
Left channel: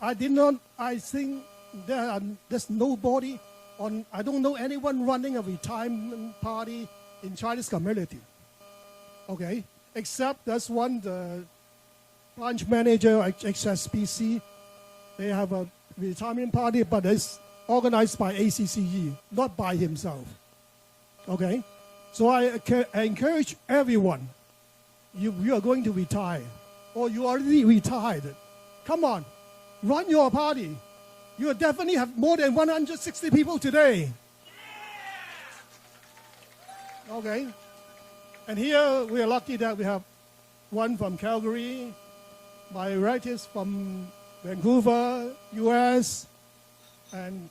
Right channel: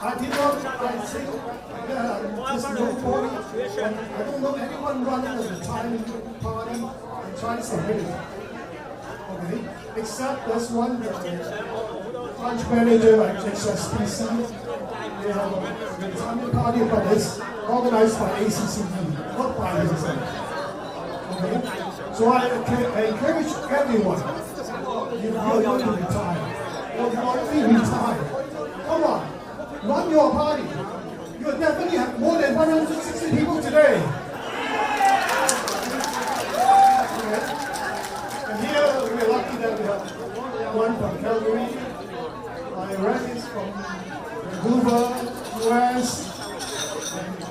I think that I'm just nobody. I don't know anyone running a retirement party in Chinese community. Okay? Except there's one branch manager at HSBC. They have a retirement party, but it's organized by ACCE, not by himself. Okay? So I encourage everyone, if you are going to retire, or you already retired, come on, run your party. You definitely have more than 160 people today. Okay? And here we're lucky that we have one from Calgary, my relatives from Vancouver, US,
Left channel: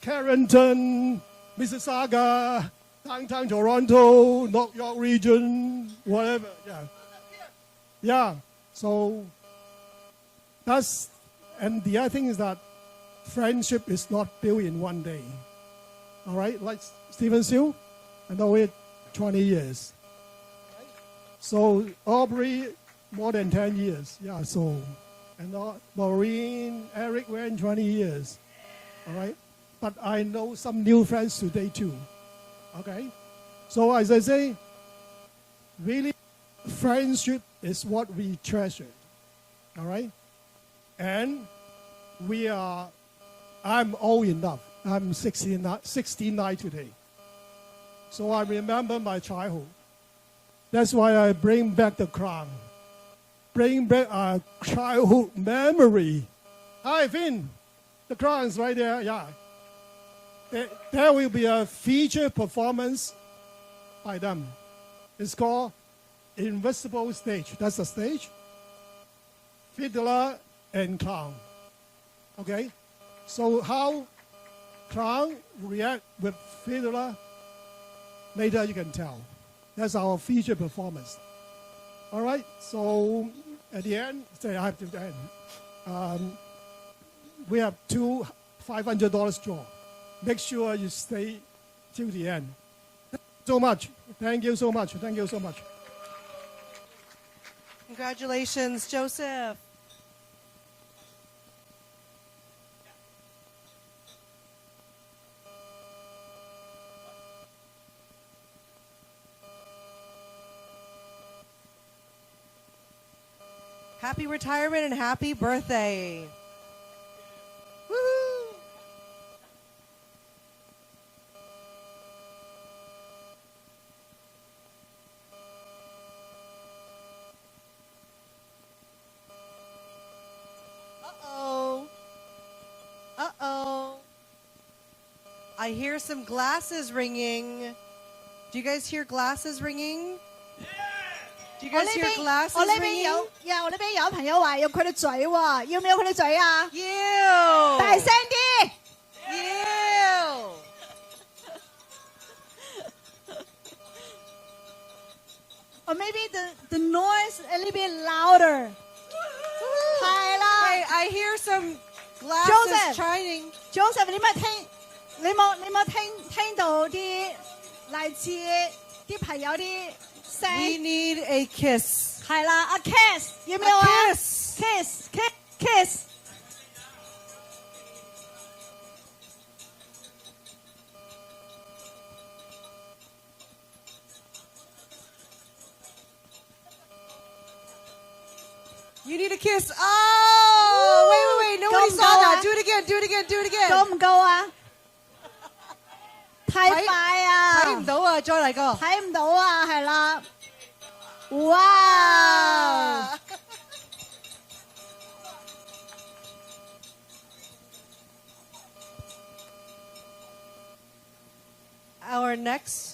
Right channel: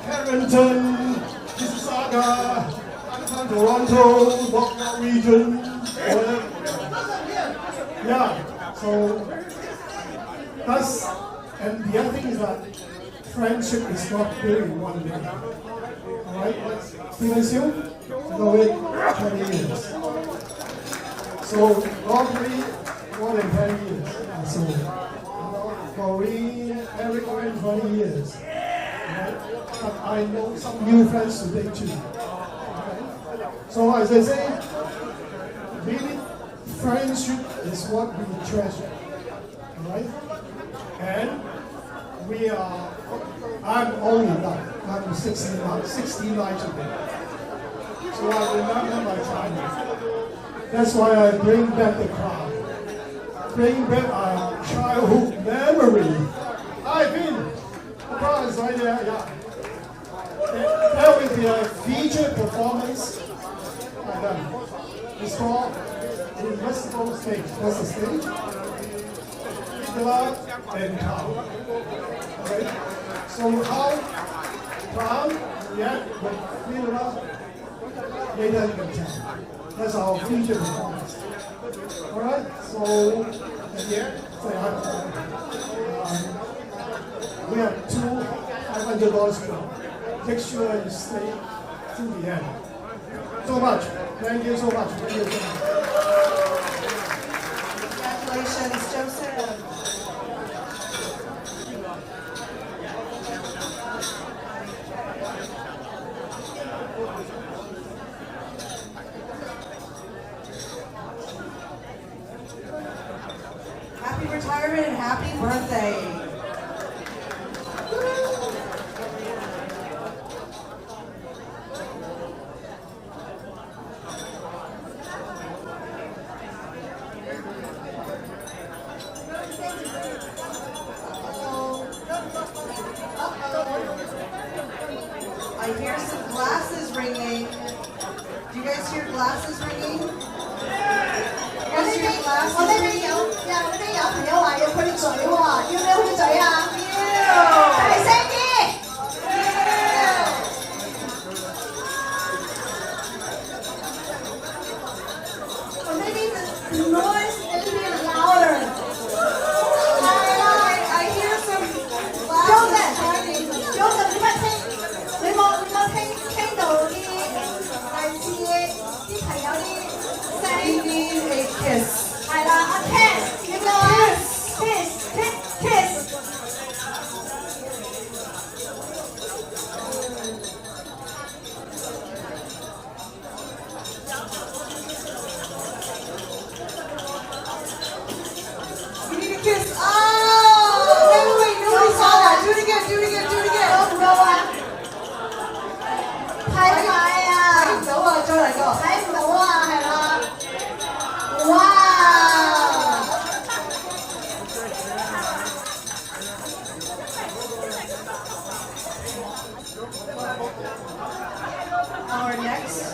Carrington, Mississauga, downtown Toronto, North region, whatever. Yeah, so that's, and the other thing is that friendship is not built in one day. Right? Stephen Siu, know it 20 years. So Aubrey, more than 10 years. And so Maureen, Eric, 20 years. Right? But I know some new friends today too. Right? So as I say, really, friendship is what we treasure. Right? And I'm old enough. I'm 69 today. So I remember my childhood. That's why I bring back the crowd. Bring back our childhood memory. Hi, Vin. The crowd is right there, yeah. There will be a feature performance by them. It's called Invisible Stage. That's the stage. Fiddler and cow. Okay? So how crowd react with fiddler, later you can tell. That's our feature performance. Alright, so at the end, we have two $500 club. Make sure you stay till the end. So much. Thank you so much. Thank you so much. Congratulations, Joseph. Happy retirement and happy birthday. I hear some glasses ringing. Do you guys hear glasses ringing? 我呢邊有朋友話要佢嘴喎，要唔要佢嘴啊？要，大聲啲。Or maybe the noise a little bit louder. 係啦 I hear some glasses shining. Joseph， 你冇聽到啲類似啲朋友啲聲 We need a kiss. 係啦，a kiss， 叫咩 kiss。You need a kiss. Oh, wait, nobody saw that. Do it again. 夠唔夠啊？太快啊！睇唔到啊，再嚟個。睇唔到啊，係啦。哇！ Our next.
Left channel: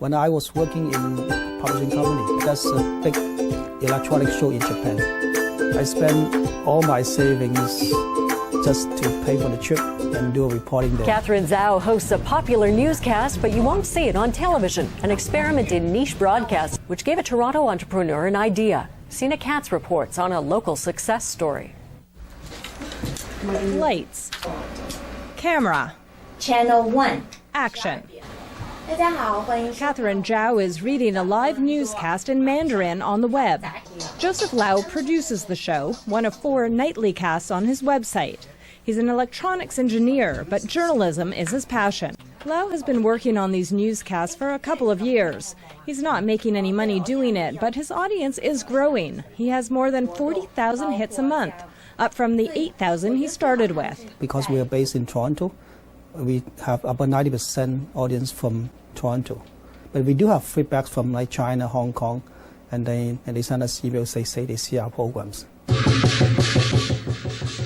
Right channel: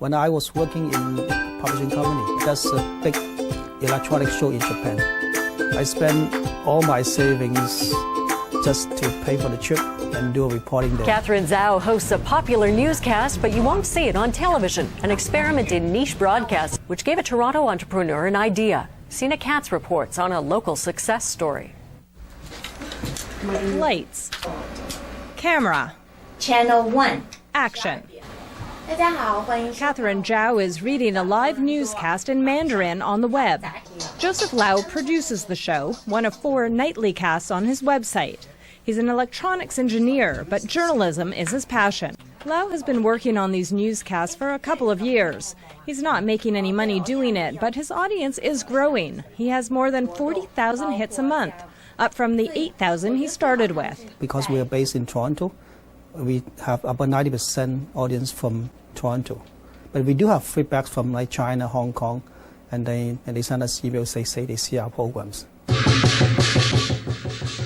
When I was working in a publishing company, that's a big electronic show in Japan. I spent all my savings just to pay for the trip and do a reporting there. Catherine Zhao hosts a popular newscast, but you won't see it on television. An experiment in niche broadcast, which gave a Toronto entrepreneur an idea. Sina Katz reports on a local success story. Lights. Camera. Channel 1. Action. 大家好，欢迎。 Catherine Zhao is reading a live newscast in Mandarin on the web. Joseph Lau produces the show, one of 4 nightly casts on his website. He's an electronics engineer, but journalism is his passion. Lau has been working on these newscasts for a couple of years. He's not making any money doing it, but his audience is growing. He has more than 40,000 hits a month, up from the 8,000 he started with. Because we are based in Toronto, we have about 90% audience from Toronto. But we do have feedbacks from like China, Hong Kong, and they send us emails, they say they see our programs.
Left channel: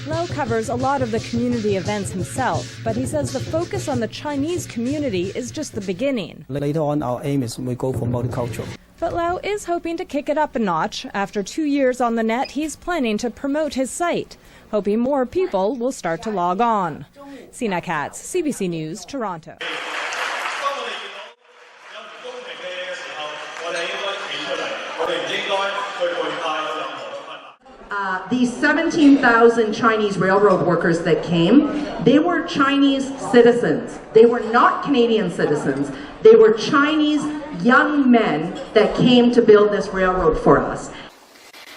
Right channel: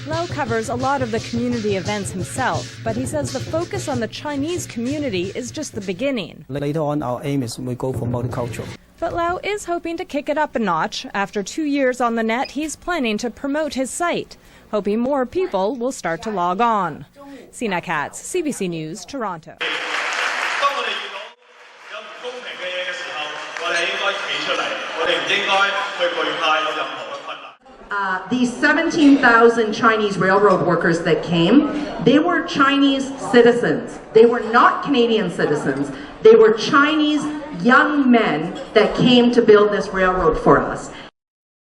Lau covers a lot of the community events himself, but he says the focus on the Chinese community is just the beginning. Later on, our aim is we go for multicultural. But Lau is hoping to kick it up a notch. After 2 years on the net, he's planning to promote his site, hoping more people will start to log on. Sina Katz, CBC News, Toronto. These 17,000 Chinese railroad workers that came, they were Chinese citizens. They were not Canadian citizens. They were Chinese young men that came to build this railroad for us.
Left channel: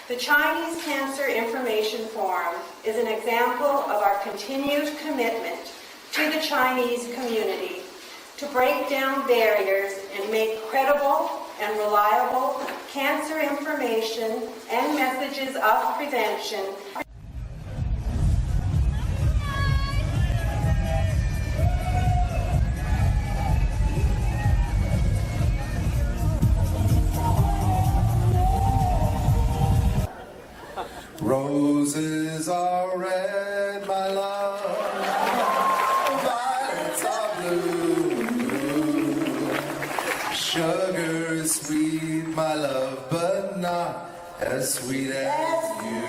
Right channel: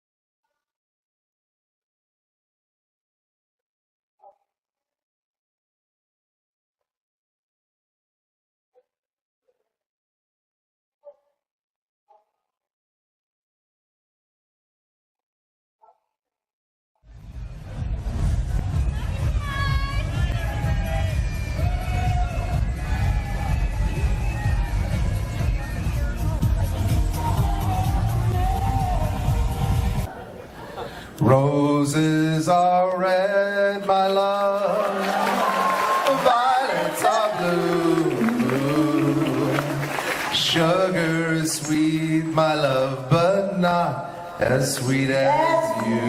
The Chinese Cancer Information Forum is an example of our continued commitment to the Chinese community to break down barriers and make credible and reliable cancer information and messages of prevention. Roses are red, my love, violets are blue, sugar is sweet, my love, but not as sweet as you.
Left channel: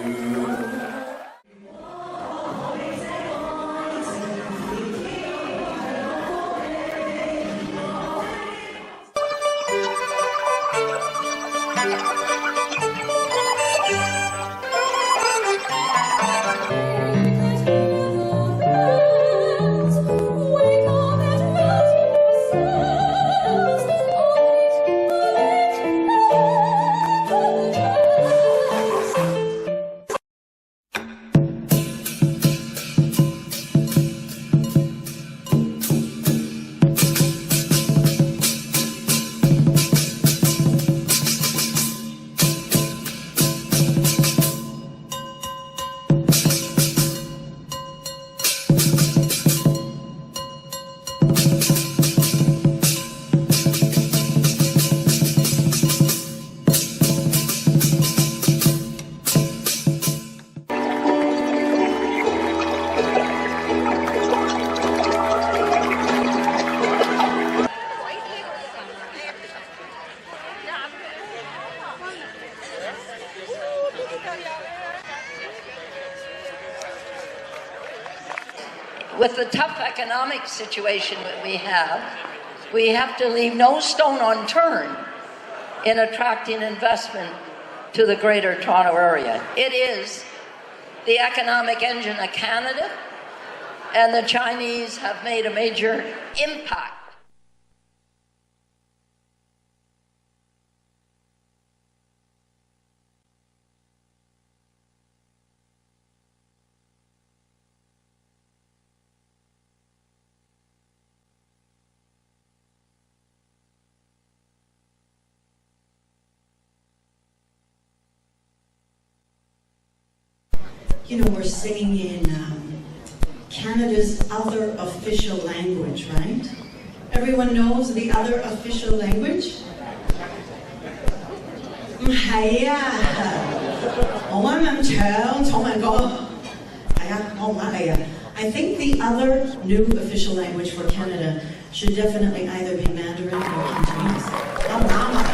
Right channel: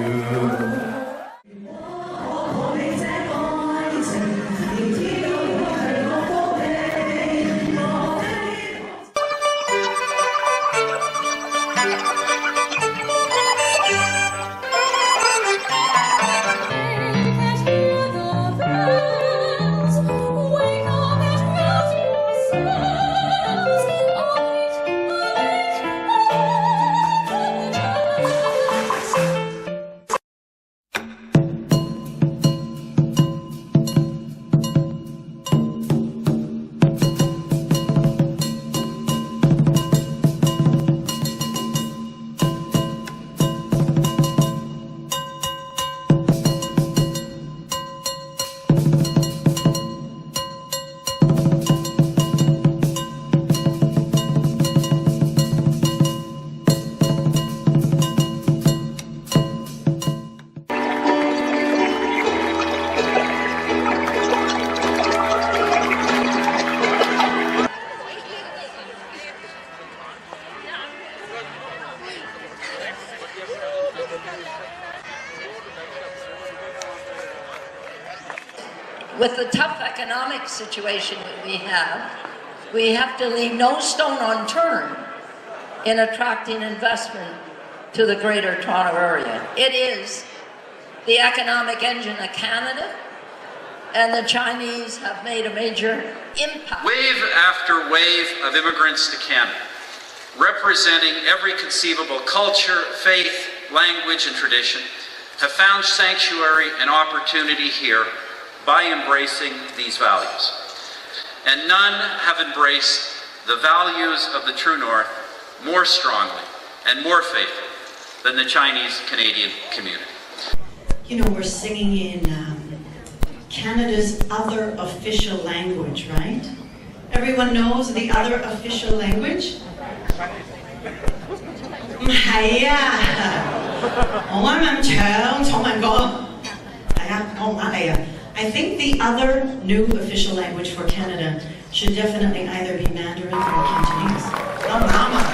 with the tough economic situation that we have to leave no stone unturned in attracting investment to the Greater Toronto Area. It is the economic engine of Canada, and the Chinese have made a major impact. Wave after wave of immigrants to Canada, representing every conceivable culture, faith, language, and tradition, have found sanctuary and opportunity here by embracing these values. And none have embraced the values of the True North more strongly and more faithfully than the Chinese-Canadian community. You know, we're singing in Canada's other official language, right? Everyone knows the other official language? 唔係啊，我啱啱唱重文歌，係啊，我唔呃你啊。I think the other new official language for Canada should definitely either be Mandarin or Cantonese. 啱唔啱啊？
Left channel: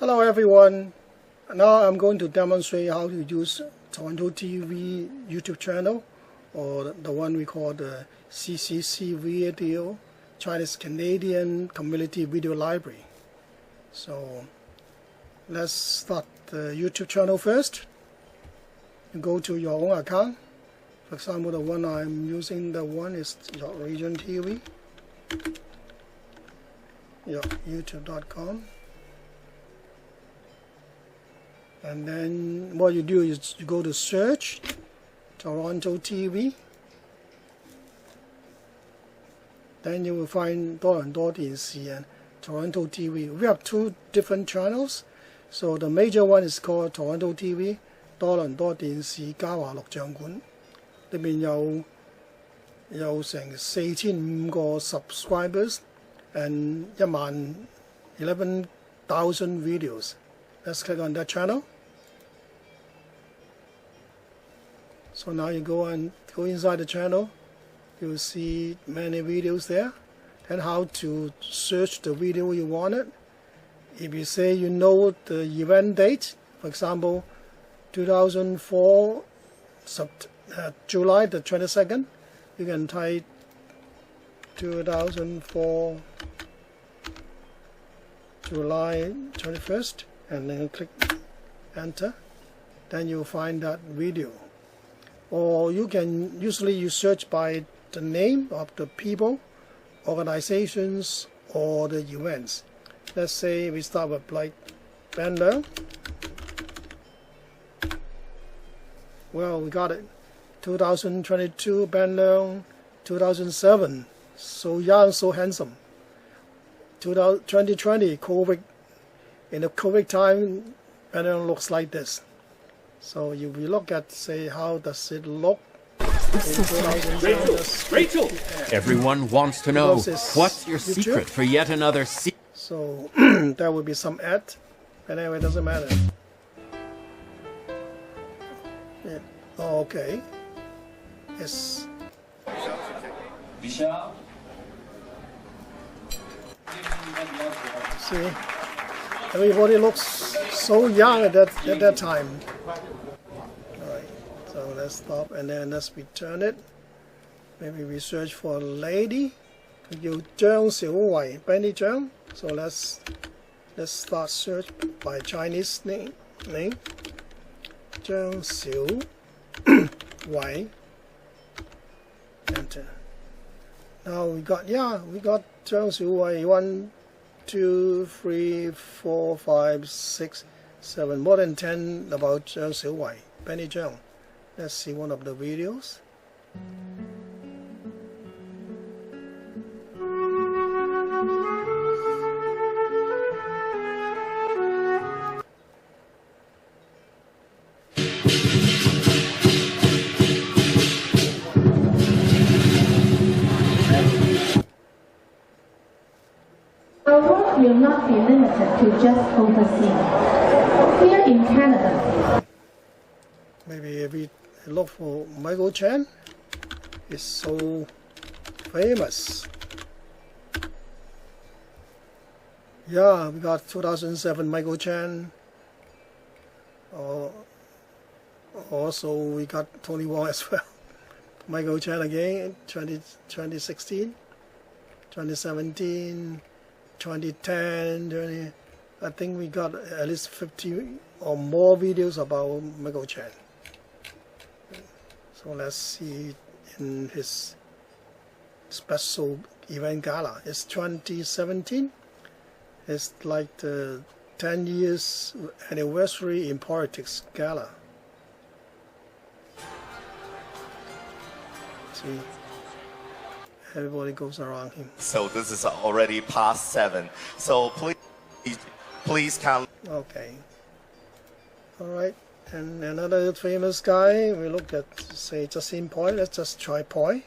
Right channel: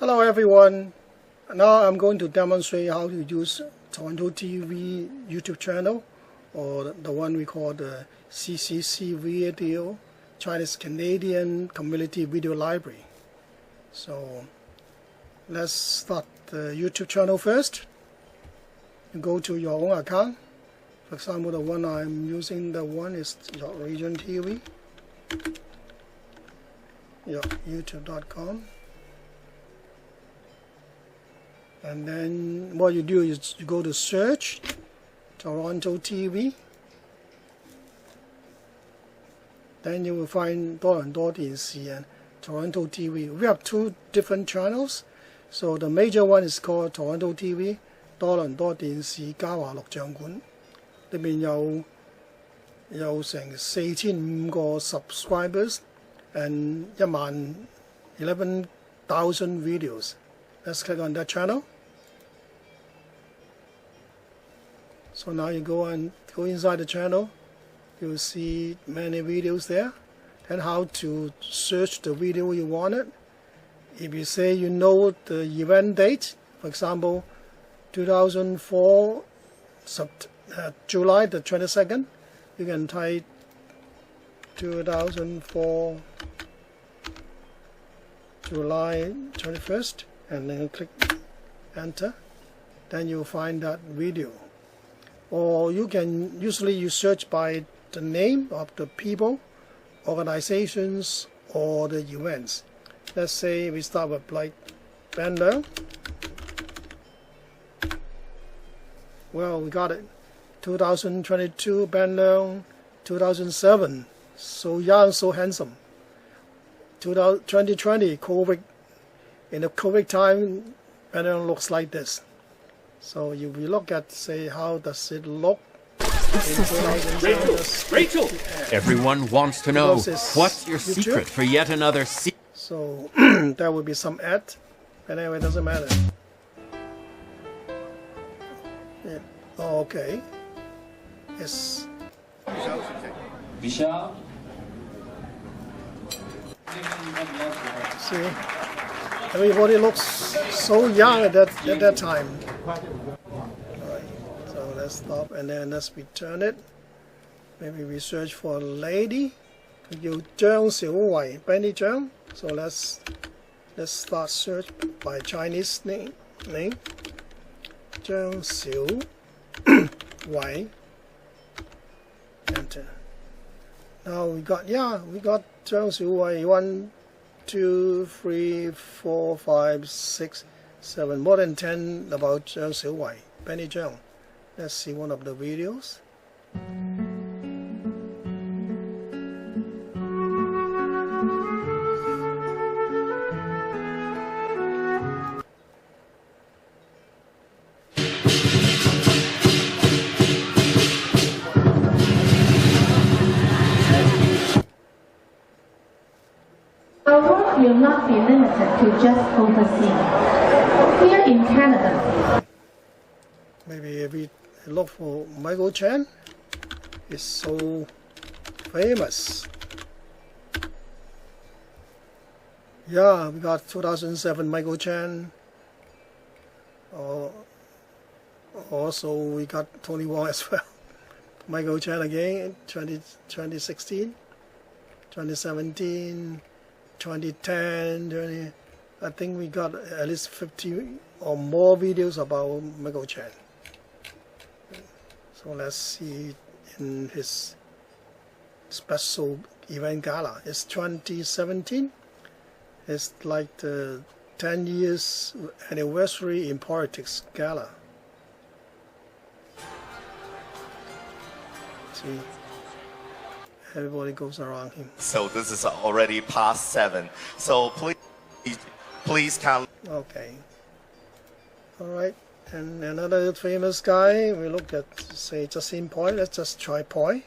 Hello everyone. Now I'm going to demonstrate how to use TorontoTV YouTube channel, or the one we call the CCC Video, Chinese Canadian Community Video Library. So let's start the YouTube channel first. You go to your own account. For example, the one I'm using, the one is your region TV, your youtube.com. And then what you do is you go to search Toronto TV. Then you will find 多倫多電視 and Toronto TV. We have two different channels. So the major one is called Toronto TV, 多倫多電視加華錄像館。裏面有成4500個 subscribers and 11,000 videos. Let's click on that channel. So now you go inside the channel. You'll see many videos there, and how to search the video you wanted. If you say you know the event date, for example, 2004 July the 22nd, you can type 2004 July 21st and then click enter. Then you'll find that video. Or you can usually search by the name of the people, organizations, or the events. Let's say we start with like Ben Leung. Well, we got it. 2022 Ben Leung, 2007 so young, so handsome. 2020 COVID. In the COVID time, Ben Leung looks like this. So if we look at, say, how does it look in 2007? Rachel! Everyone wants to know, what's your secret for yet another So there will be some ad, but anyway, it doesn't matter. Yeah. Oh, okay. Yes. Vishal. See, everybody looks so young at that time. Alright, so let's stop and then let's return it. Maybe we search for a lady. 佢叫張小慧 Benny Zhang. So let's start search by Chinese name. 張小慧. Enter. Now we got Zhang Xiuwei 1, 2, 3, 4, 5, 6, 7, more than 10 about Zhang Xiuwei, Benny Zhang. Let's see one of the videos. Our work will not be limited to just overseas. Here in Canada. Maybe if we look for Michael Chan, he's so famous. Yeah, we got 2007 Michael Chan. Also, we got Tony Wong as well. Michael Chan again, 2016, 2017. 2010, I think we got at least 50 or more videos about Michael Chan. So let's see in his special event gala. It's 2017. It's like the 10 years anniversary in politics gala. See. Everybody goes around him. So this is already past 7. So please count. Okay. All right. And another famous guy. We look at, say, Justin Poi. Let's just try Poi.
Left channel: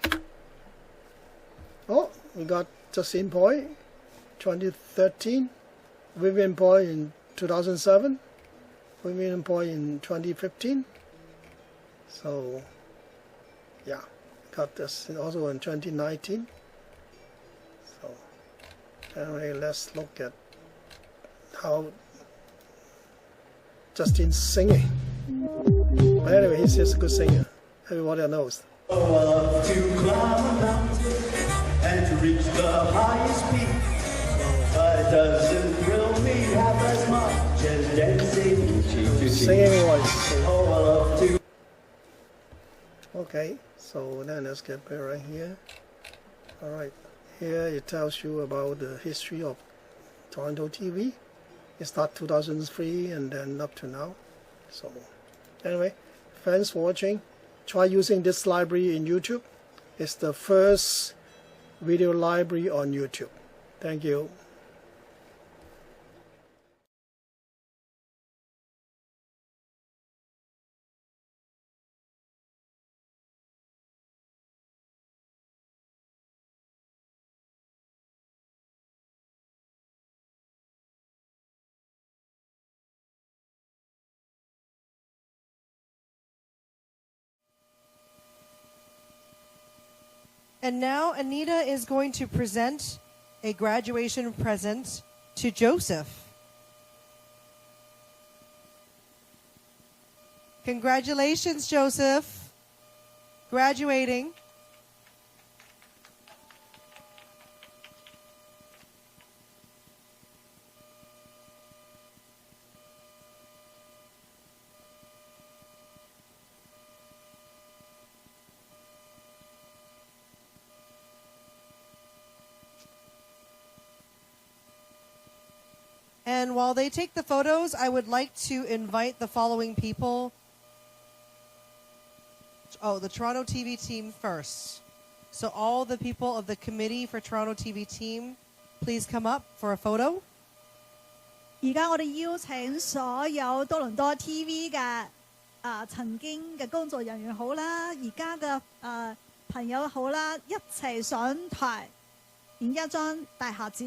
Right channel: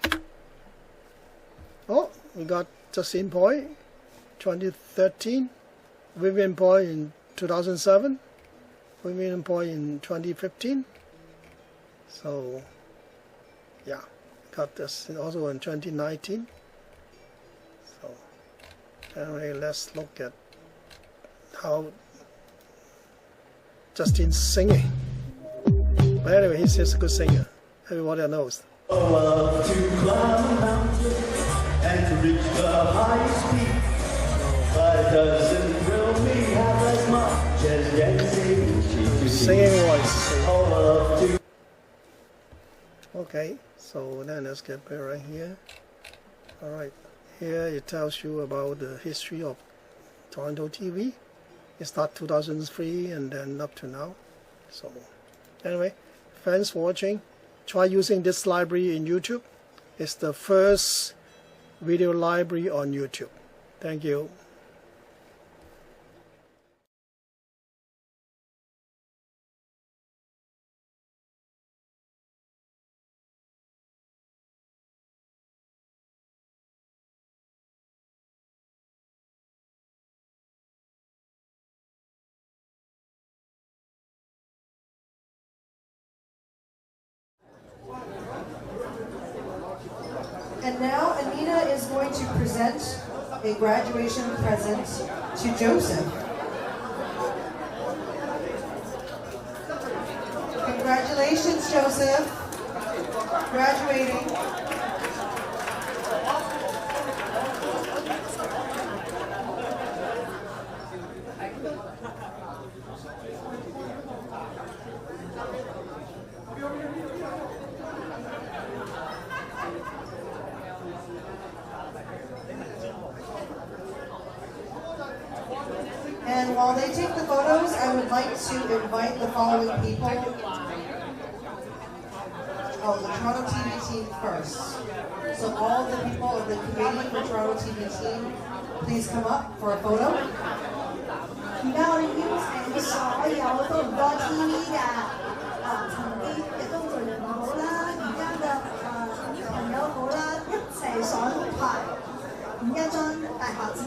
Oh, we got Justin Poi, 2013. Vivian Poi in 2007. Vivian Poi in 2015. So, yeah. Got this also in 2019. So anyway, let's look at how Justin's singing. But anyway, he's just a good singer. Everybody knows. To climb a mountain and to reach the highest peak. But doesn't thrill me half as much as dancing. Singing voice. Okay. So then let's get back right here. Alright, here it tells you about the history of TorontoTV. It started 2003 and then up to now. So anyway, thanks for watching. Try using this library in YouTube. It's the first video library on YouTube. Thank you. And now Anita is going to present a graduation present to Joseph. Congratulations, Joseph, graduating. And while they take the photos, I would like to invite the following people. Oh, the Toronto TV team first. So all the people of the committee for Toronto TV team, please come up for a photo. 而家我哋邀請所有多倫多 TV 嘅影一張大合照。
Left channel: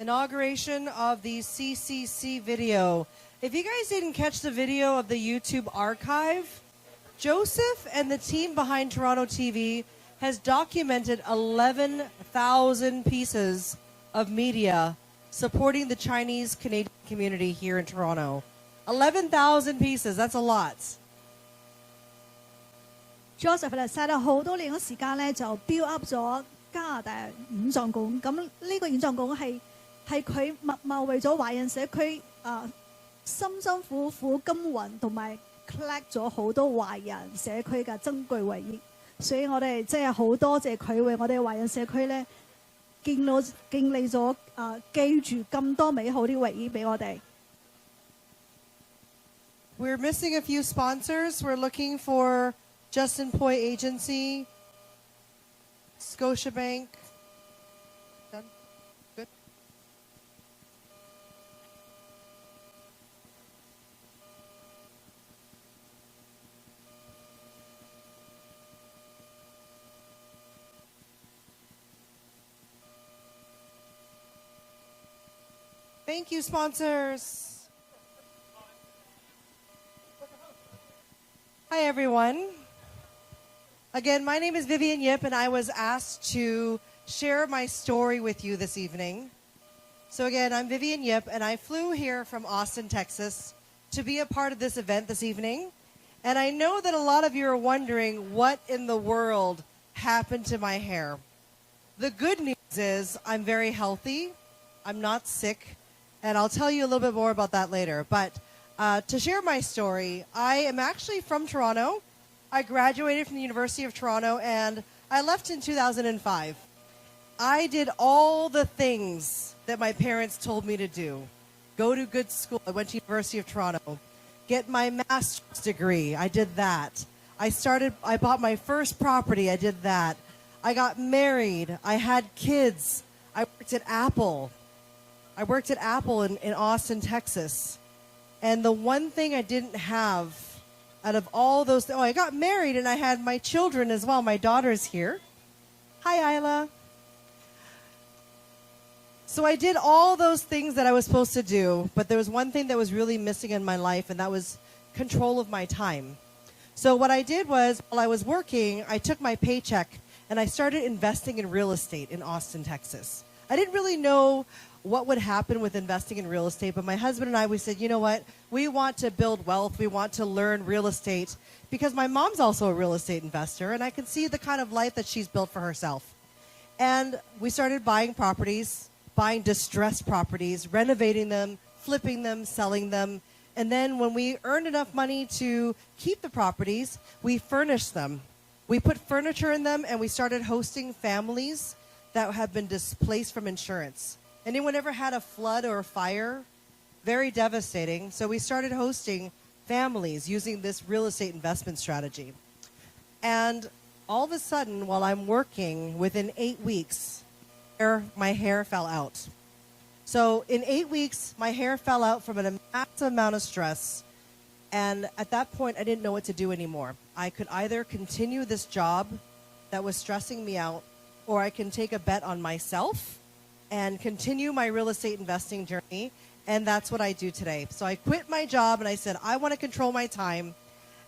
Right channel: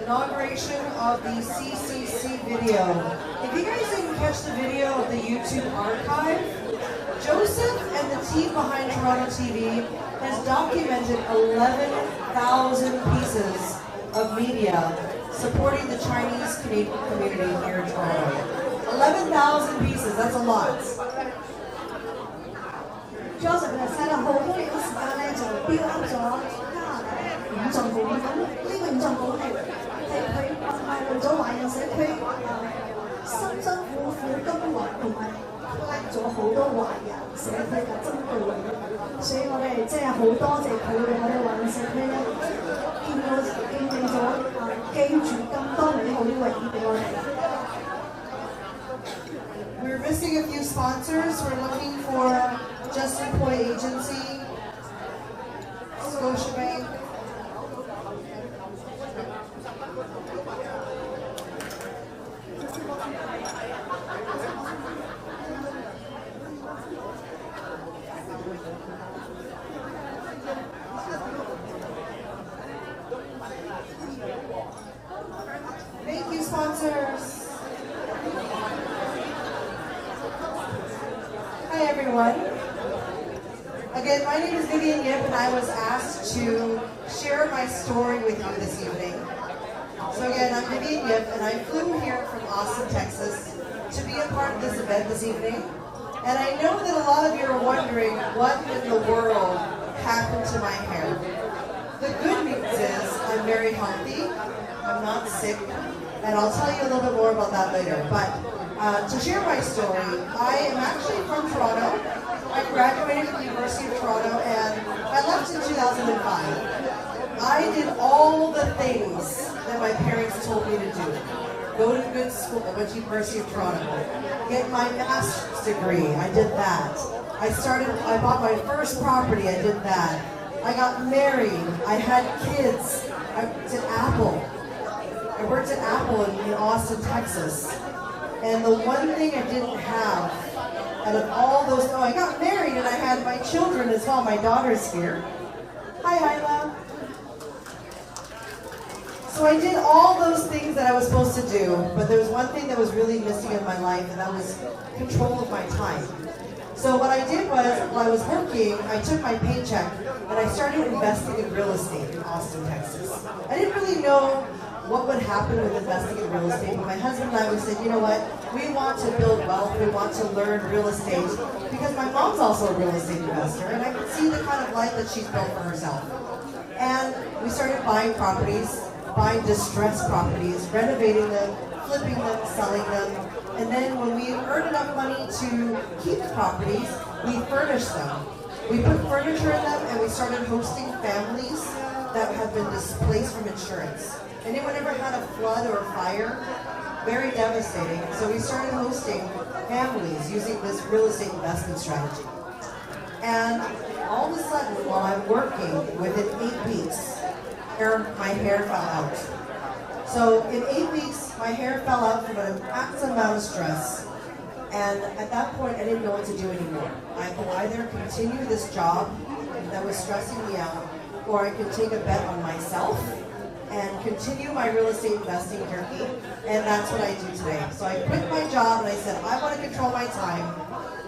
Inauguration of the CCC video. If you guys didn't catch the video of the YouTube archive, Joseph and the team behind TorontoTV has documented 11,000 pieces of media supporting the Chinese Canadian community here in Toronto. 11,000 pieces, that's a lot. Joseph 佢哋嘥咗好多年嘅時間咧，就 build up 咗加拿大五臟館。咁呢個五臟館係佢默默為咗華人社區辛辛苦苦耕耘同埋 collect 咗好多華人社區嘅珍貴回憶，所以我哋真係好多謝佢為我哋華人社區咧建立咗記住咁多美好啲回憶俾我哋。We're missing a few sponsors. We're looking for Justin Point Agency, Scotiabank. Thank you, sponsors. Hi, everyone. Again, my name is Vivian Yip, and I was asked to share my story with you this evening. So again, I'm Vivian Yip, and I flew here from Austin, Texas, to be a part of this event this evening. And I know that a lot of you are wondering what in the world happened to my hair. The good news is I'm very healthy, I'm not sick, and I'll tell you a little bit more about that later. But to share my story, I am actually from Toronto. I graduated from the University of Toronto and I left in 2005. I did all the things that my parents told me to do. Go to good school. I went to the University of Toronto. Get my master's degree. I did that. I bought my first property. I did that. I got married. I had kids. I worked at Apple. I worked at Apple in Austin, Texas. And the one thing I didn't have out of all those, I got married and I had my children as well. My daughter's here. Hi, Isla. So I did all those things that I was supposed to do, but there was one thing that was really missing in my life, and that was control of my time. So what I did was, while I was working, I took my paycheck and I started investing in real estate in Austin, Texas. I didn't really know what would happen with investing in real estate, but my husband and I, we said, you know what, we want to build wealth, we want to learn real estate, because my mom's also a real estate investor, and I could see the kind of life that she's built for herself. And we started buying properties, buying distressed properties, renovating them, flipping them, selling them, and then when we earned enough money to keep the properties, we furnished them. We put furniture in them, and we started hosting families that have been displaced from insurance. Anyone ever had a flood or a fire? Very devastating. So we started hosting families using this real estate investment strategy. And all of a sudden, while I'm working, within 8 weeks, my hair fell out. So in 8 weeks, my hair fell out from an maximum amount of stress. And at that point, I didn't know what to do anymore. I could either continue this job that was stressing me out, or I can take a bet on myself and continue my real estate investing journey, and that's what I do today. So I quit my job and I said, I want to control my time,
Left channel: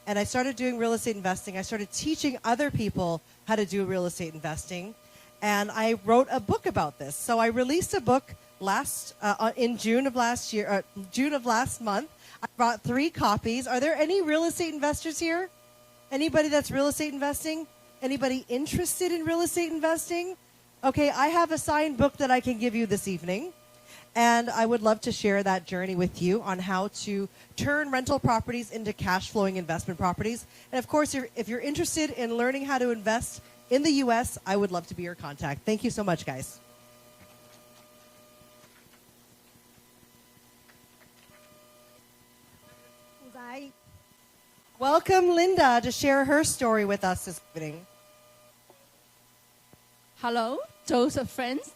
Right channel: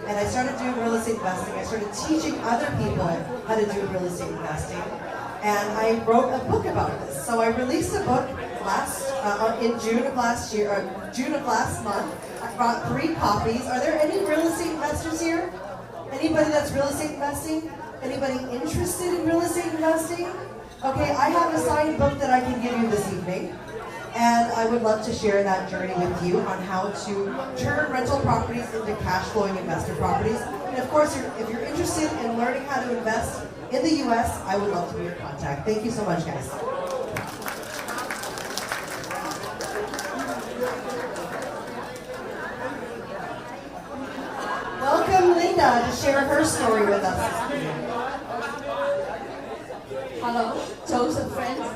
and I started doing real estate investing. I started teaching other people how to do real estate investing, and I wrote a book about this. So I released a book in June of last year, June of last month. I brought 3 copies. Are there any real estate investors here? Anybody that's real estate investing? Anybody interested in real estate investing? Okay, I have a signed book that I can give you this evening. And I would love to share that journey with you on how to turn rental properties into cash flowing investor properties. And of course, if you're interested in learning how to invest in the US, I would love to be your contact. Thank you so much, guys. Welcome Linda to share her story with us. Hello, Joseph friends。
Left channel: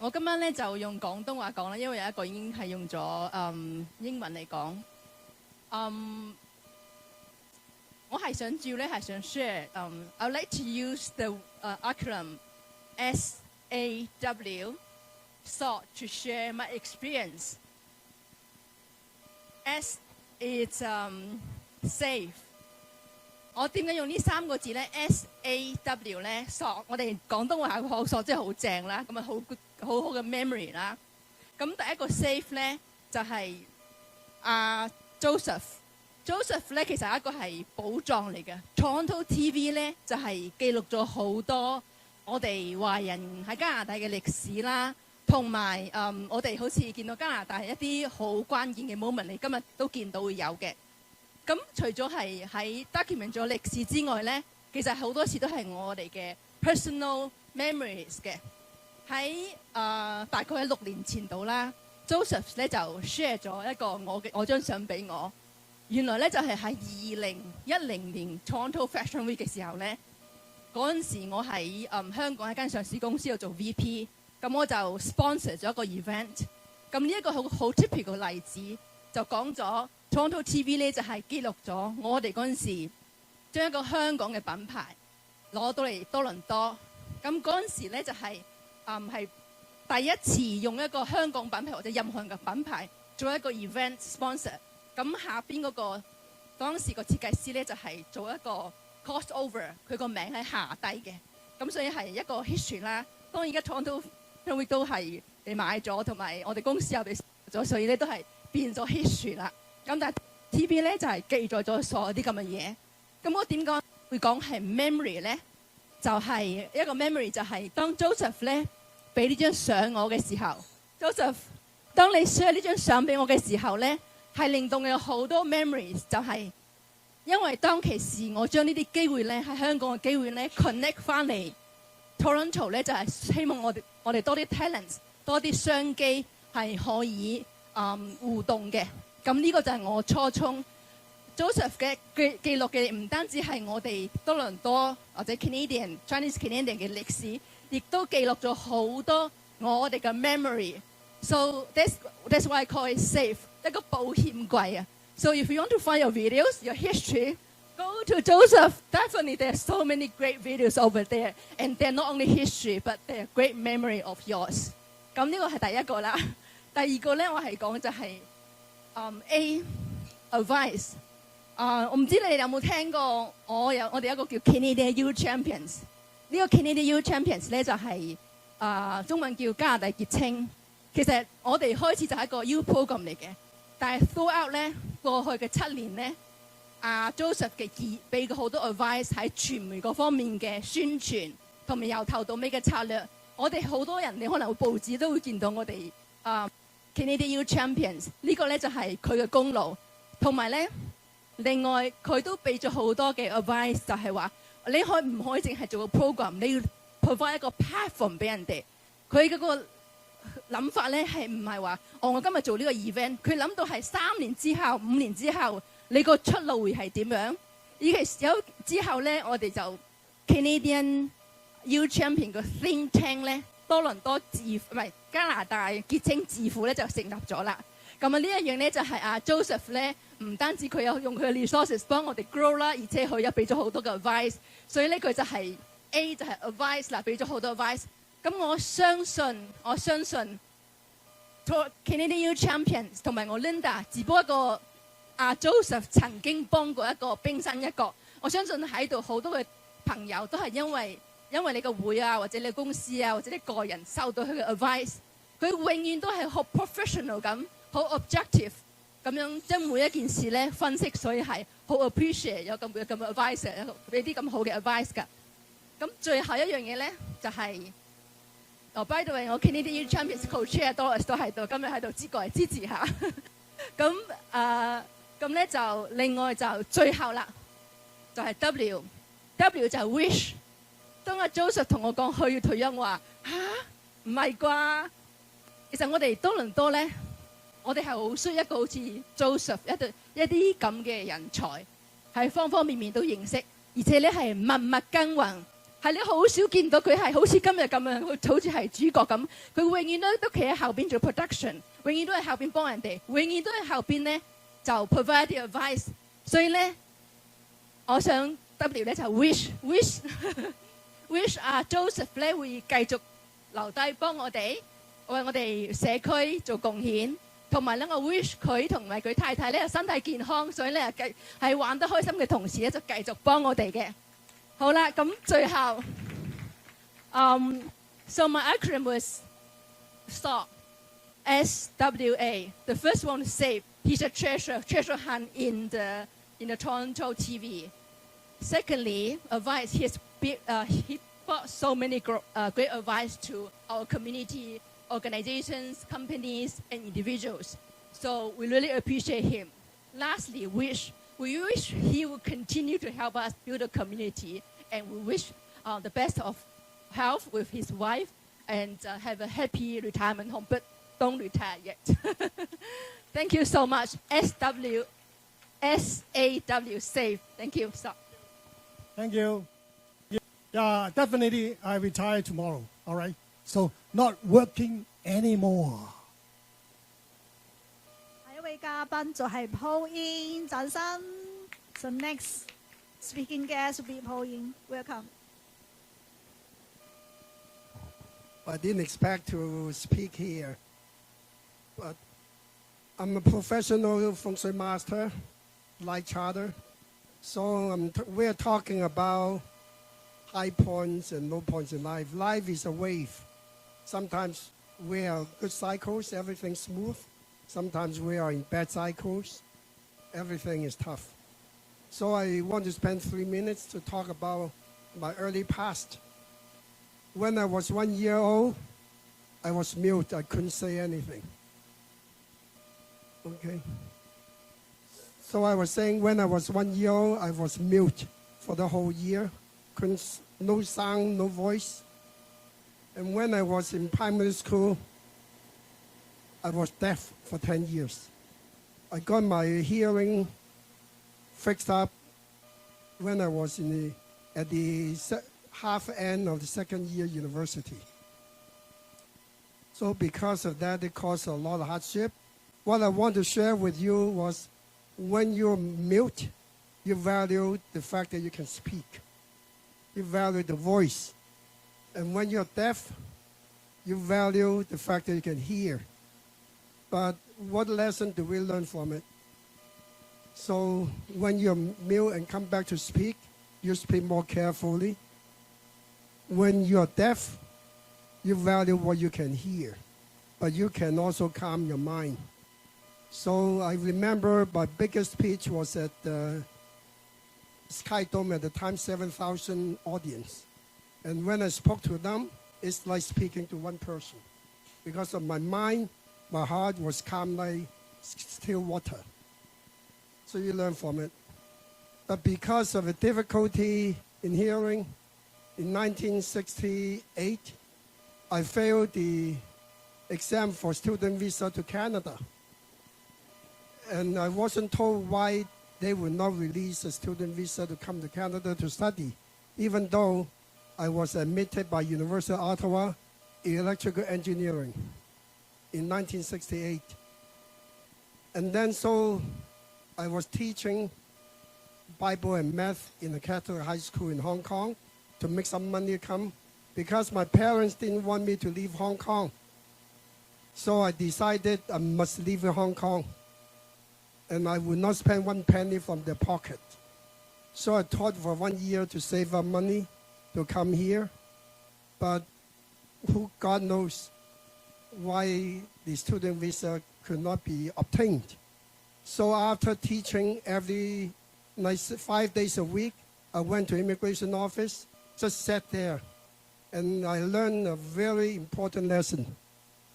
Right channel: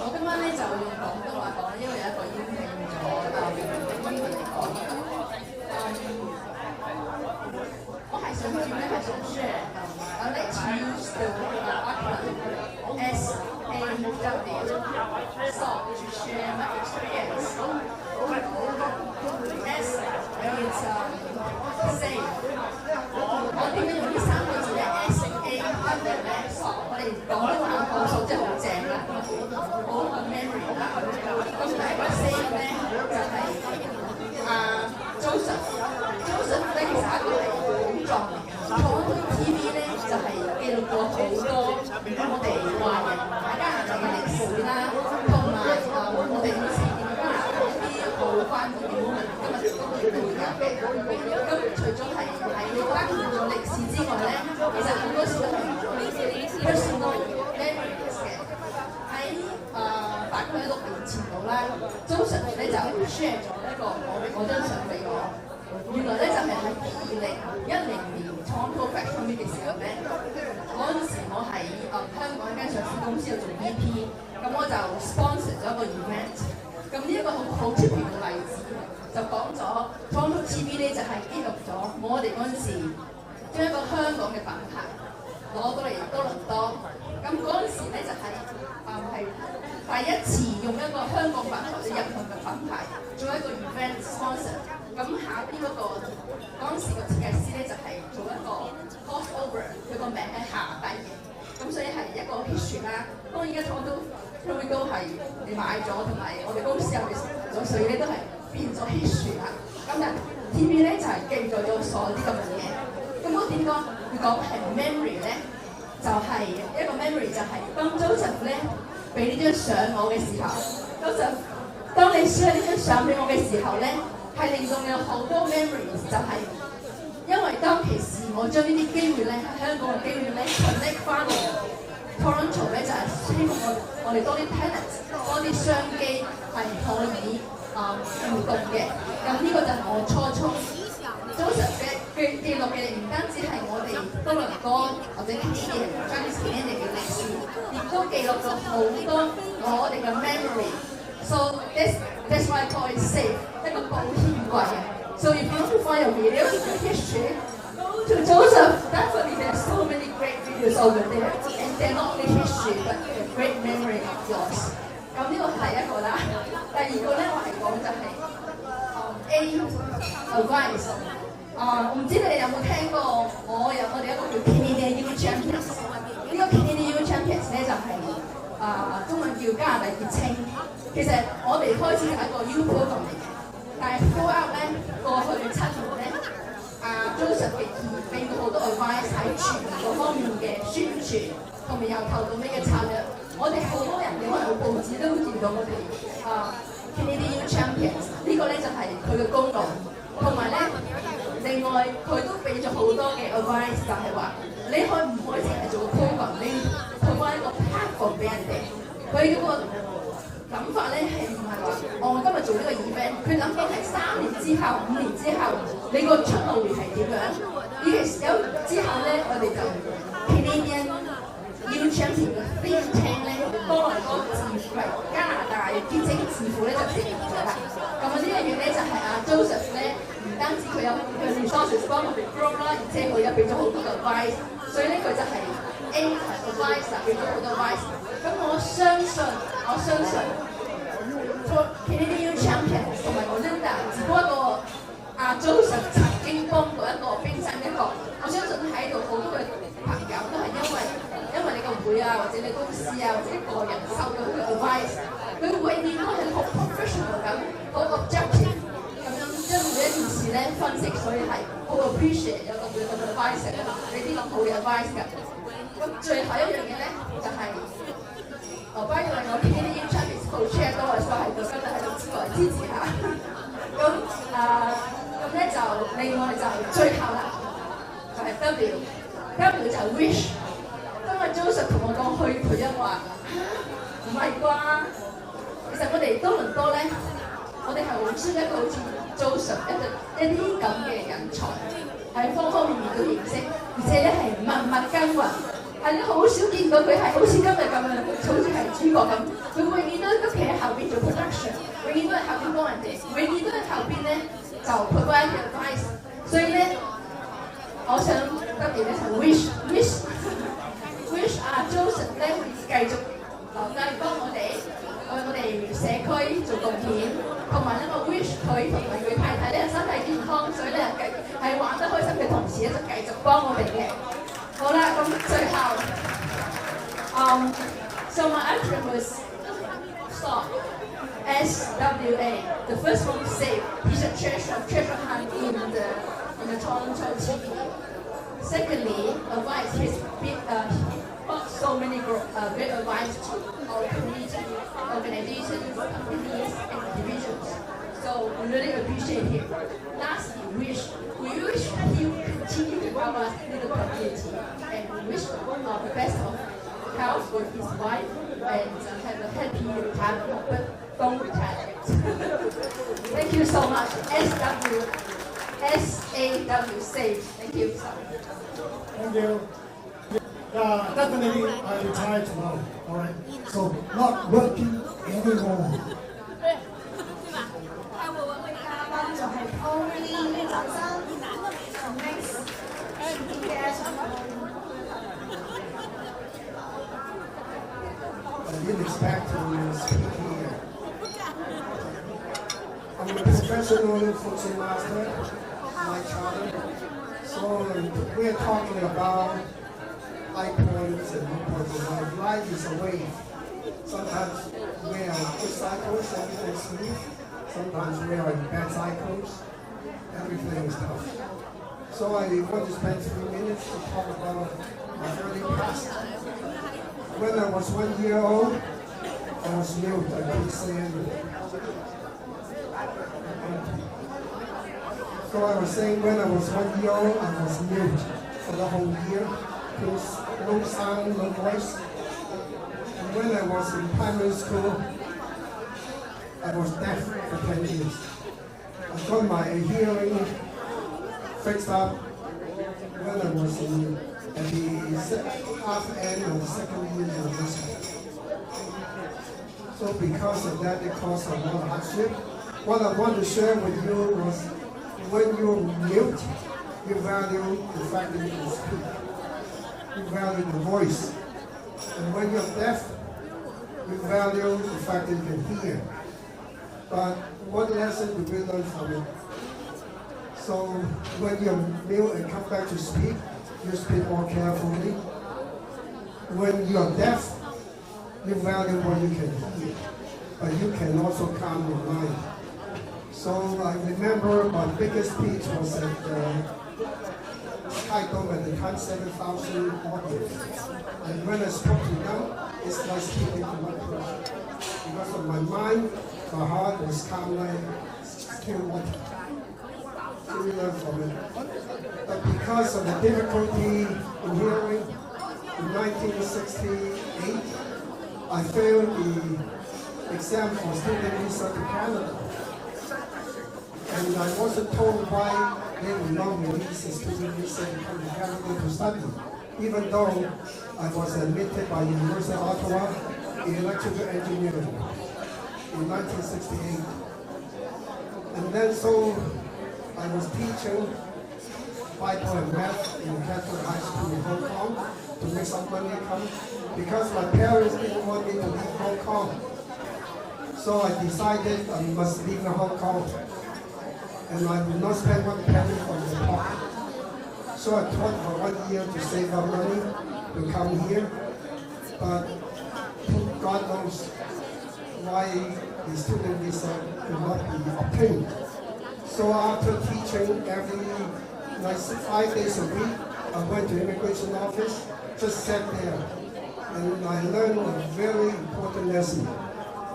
我今晚咧就用廣東話講啦，因為有一個已經係用咗英文嚟講。我係想主要咧係想 share。I like to use the acronym SAW SAW to share my experience. S is safe。我點解用呢3個字咧 ？SAW 咧，索，我哋廣東話講索即係好正啦，咁啊好個 memory 啦。咁第一個 safe 咧就係Joseph 咧，其實係一個係古狀嚟嘅。TorontoTV 咧就係記錄咗好多我哋華人喺加拿大嘅歷史啦，同埋我哋好似見到加拿大一啲好關鍵嘅 moment， 今日都見到會有嘅。咁除咗係喺 document 咗歷史之外咧，其實好多時都係 personal memories 嘅。喺大概6年前度啦 ，Joseph 咧就 share 咗一個我張相俾我。原來咧就係喺2010年 Toronto Fashion Week 嘅時候咧，嗰陣時我喺香港一間上市公司度做 VP， 咁我就 sponsor 咗一個 event。咁呢一個好 typical 嘅例子，就講咗 TorontoTV 咧就係記錄咗我哋嗰陣時將一個香港嘅品牌攞到嚟多倫多。咁嗰陣時咧就係第一次用一個香港品牌或者任何嘅品牌做一個 event sponsor。咁下邊嗰陣時個設計師咧就係做一個 crossover， 佢個名喺下低嘅，咁所以係一個 history 啦。當然而家 Toronto 都係你買咗，同埋我哋公司有你咗，所以咧都係變咗 history 啦。咁但係 TV 咧就係記載咗所有啲咁嘅嘢。咁我點講會講係 memory 咧？就係一個 memory 就係當 Joseph 咧俾呢張相我嘅時候 ，Joseph 當你 share 呢張相俾我嘅時候咧。係令到你有好多 memories， 就係因為當其時我將呢啲機會咧喺香港嘅機會咧 connect 翻嚟 Toronto 咧，就係希望我哋多啲 talent， 多啲商機係可以互動嘅。咁呢個就係我初衷。Joseph 嘅記錄嘅唔單止係我哋多倫多或者 Chinese Canadian 嘅歷史，亦都記錄咗好多我哋嘅 memory。So that's why I call it safe。一個保險櫃啊 ！So if you want to find your videos, your history, go to Joseph. Definitely, there's so many great videos over there, and they're not only history, but a great memory of yours. 咁呢個係第一個啦。第二個咧，我係講就係A advice。我唔知你哋有冇聽過，我哋一個叫 Canadian Youth Champions。呢個 Canadian Youth Champions 咧就係中文叫加拿大傑青。其實我哋開始就係一個 youth program 嚟嘅。但係 throughout 咧過去嘅7年咧，Joseph 嘅俾過好多 advice 喺傳媒方面嘅宣傳，同埋由頭到尾嘅策略。我哋好多人，你可能會報紙都會見到我哋Canadian Youth Champions 呢個咧就係佢嘅功勞。同埋咧，另外佢都俾咗好多嘅 advice， 就係話你可唔可以淨係做個 program， 你要配翻一個 platform 俾人哋。佢嗰個諗法咧係唔係話我今日做呢個 event， 佢諗到係3年之後、5年之後，你個出路會係點樣？有之後咧，我哋就 Canadian Youth Champion 嘅 think tank 咧，多倫多加拿大結晶智庫咧就成立咗啦。咁呢一樣咧就係Joseph 咧，唔單止佢有佢 resources 幫我哋 grow 啦，而且佢又俾咗好多嘅 advice， 所以咧佢就係 A 就係 advice 啦，俾咗好多 advice。咁我相信 Canadian Youth Champions 同埋我 Linda 只不過Joseph 曾經幫過一個冰山一角。我相信喺度好多嘅朋友都係因為你個會或者你公司或者你個人收到佢嘅 advice，佢永遠都係好 professional 咁，好 objective 咁樣將每一件事咧分析，所以係好 appreciate 有咁嘅 advice 啊，你啲咁好嘅 advice 㗎。咁最後一樣嘢咧就係、by the way，我 Canadian Chinese co-chair 多都喺度，今日喺度過嚟支持下。咁咧就另外就最後啦，就係 W 就係 wish。當阿 Joseph 同我講去培音話，唔係啩？其實我哋多倫多咧，我哋係好需要一個好似 Joseph 一啲咁嘅人才，係方方面面都認識，而且咧係默默耕耘。係你好少見到佢係好似今日咁樣，好似係主角咁。佢永遠都企喺後邊做 production， 永遠都喺後邊幫人哋，永遠都喺後邊咧就 provide advice。所以咧，我想特別咧就 wish 啊 Joseph 咧會繼續留低幫我哋為我哋社區做貢獻，同埋咧我 wish 佢同埋佢太太咧身體健康，所以咧係玩得開心嘅同時咧就繼續幫我哋嘅。好啦，咁最後，so my acronym was SWA, SWA. The first one is save. He's a treasure hunt in the TorontoTV. Secondly, advice. He brought so many great advice to our community, organizations, companies, and individuals. So we really appreciate him. Lastly, we wish he would continue to help us with the community, and we wish the best of health with his wife and have a happy retirement, but don't retire yet. Thank you so much. SAW, SAWE. Thank you so much. Thank you. Definitely I retire tomorrow, all right? So not working anymore. 就係 Pauline 掌聲。So next speaking guest I didn't expect to speak here. I'm a professional function master, my charter. So we are talking about high points and low points in life. Life is a wave. Sometimes we are good cycles, everything's smooth. Sometimes we are in bad cycles, everything is tough. So I want to spend 3 minutes to talk about my early past. When I was 1 year old, I was mute, I couldn't say anything. So I was saying when I was 1 year old, I was mute for the whole year, no sound, no voice. When I was in primary school, I was deaf for 10 years. I got my hearing fixed up when I was at the half end of the second year university. So because of that, it caused a lot of hardship. What I want to share with you was when you're mute, you value the fact that you can speak. You value the voice. And when you're deaf, you value the fact that you can hear. But what lesson do we learn from it? So when you're mute and come back to speak, you speak more carefully. When you're deaf, you value what you can hear, but you can also calm your mind. So I remember my biggest speech was at the Sky Dome at the time, 7,000 audience. And when I spoke to them, it's like speaking to one person. Because of my mind, my heart was calm like still water. So we learned from it. But because of the difficulty in hearing, in 1968, I failed the exam for student visa to Canada. And I wasn't told why they would not release a student visa to come to Canada to study, even though I was admitted by University of Ottawa in electrical engineering in 1968. And then so I was teaching Bible and math in Catholic high school in Hong Kong to make some money come because my parents didn't want me to leave Hong Kong. So I decided I must leave Hong Kong and I would not spend one penny from the pocket. So I taught for 1 year to save up money to come here. But God knows, why the student visa could not be obtained. So after teaching every 5 days a week, I went to immigration office, just sat there, and I learned a very important lesson.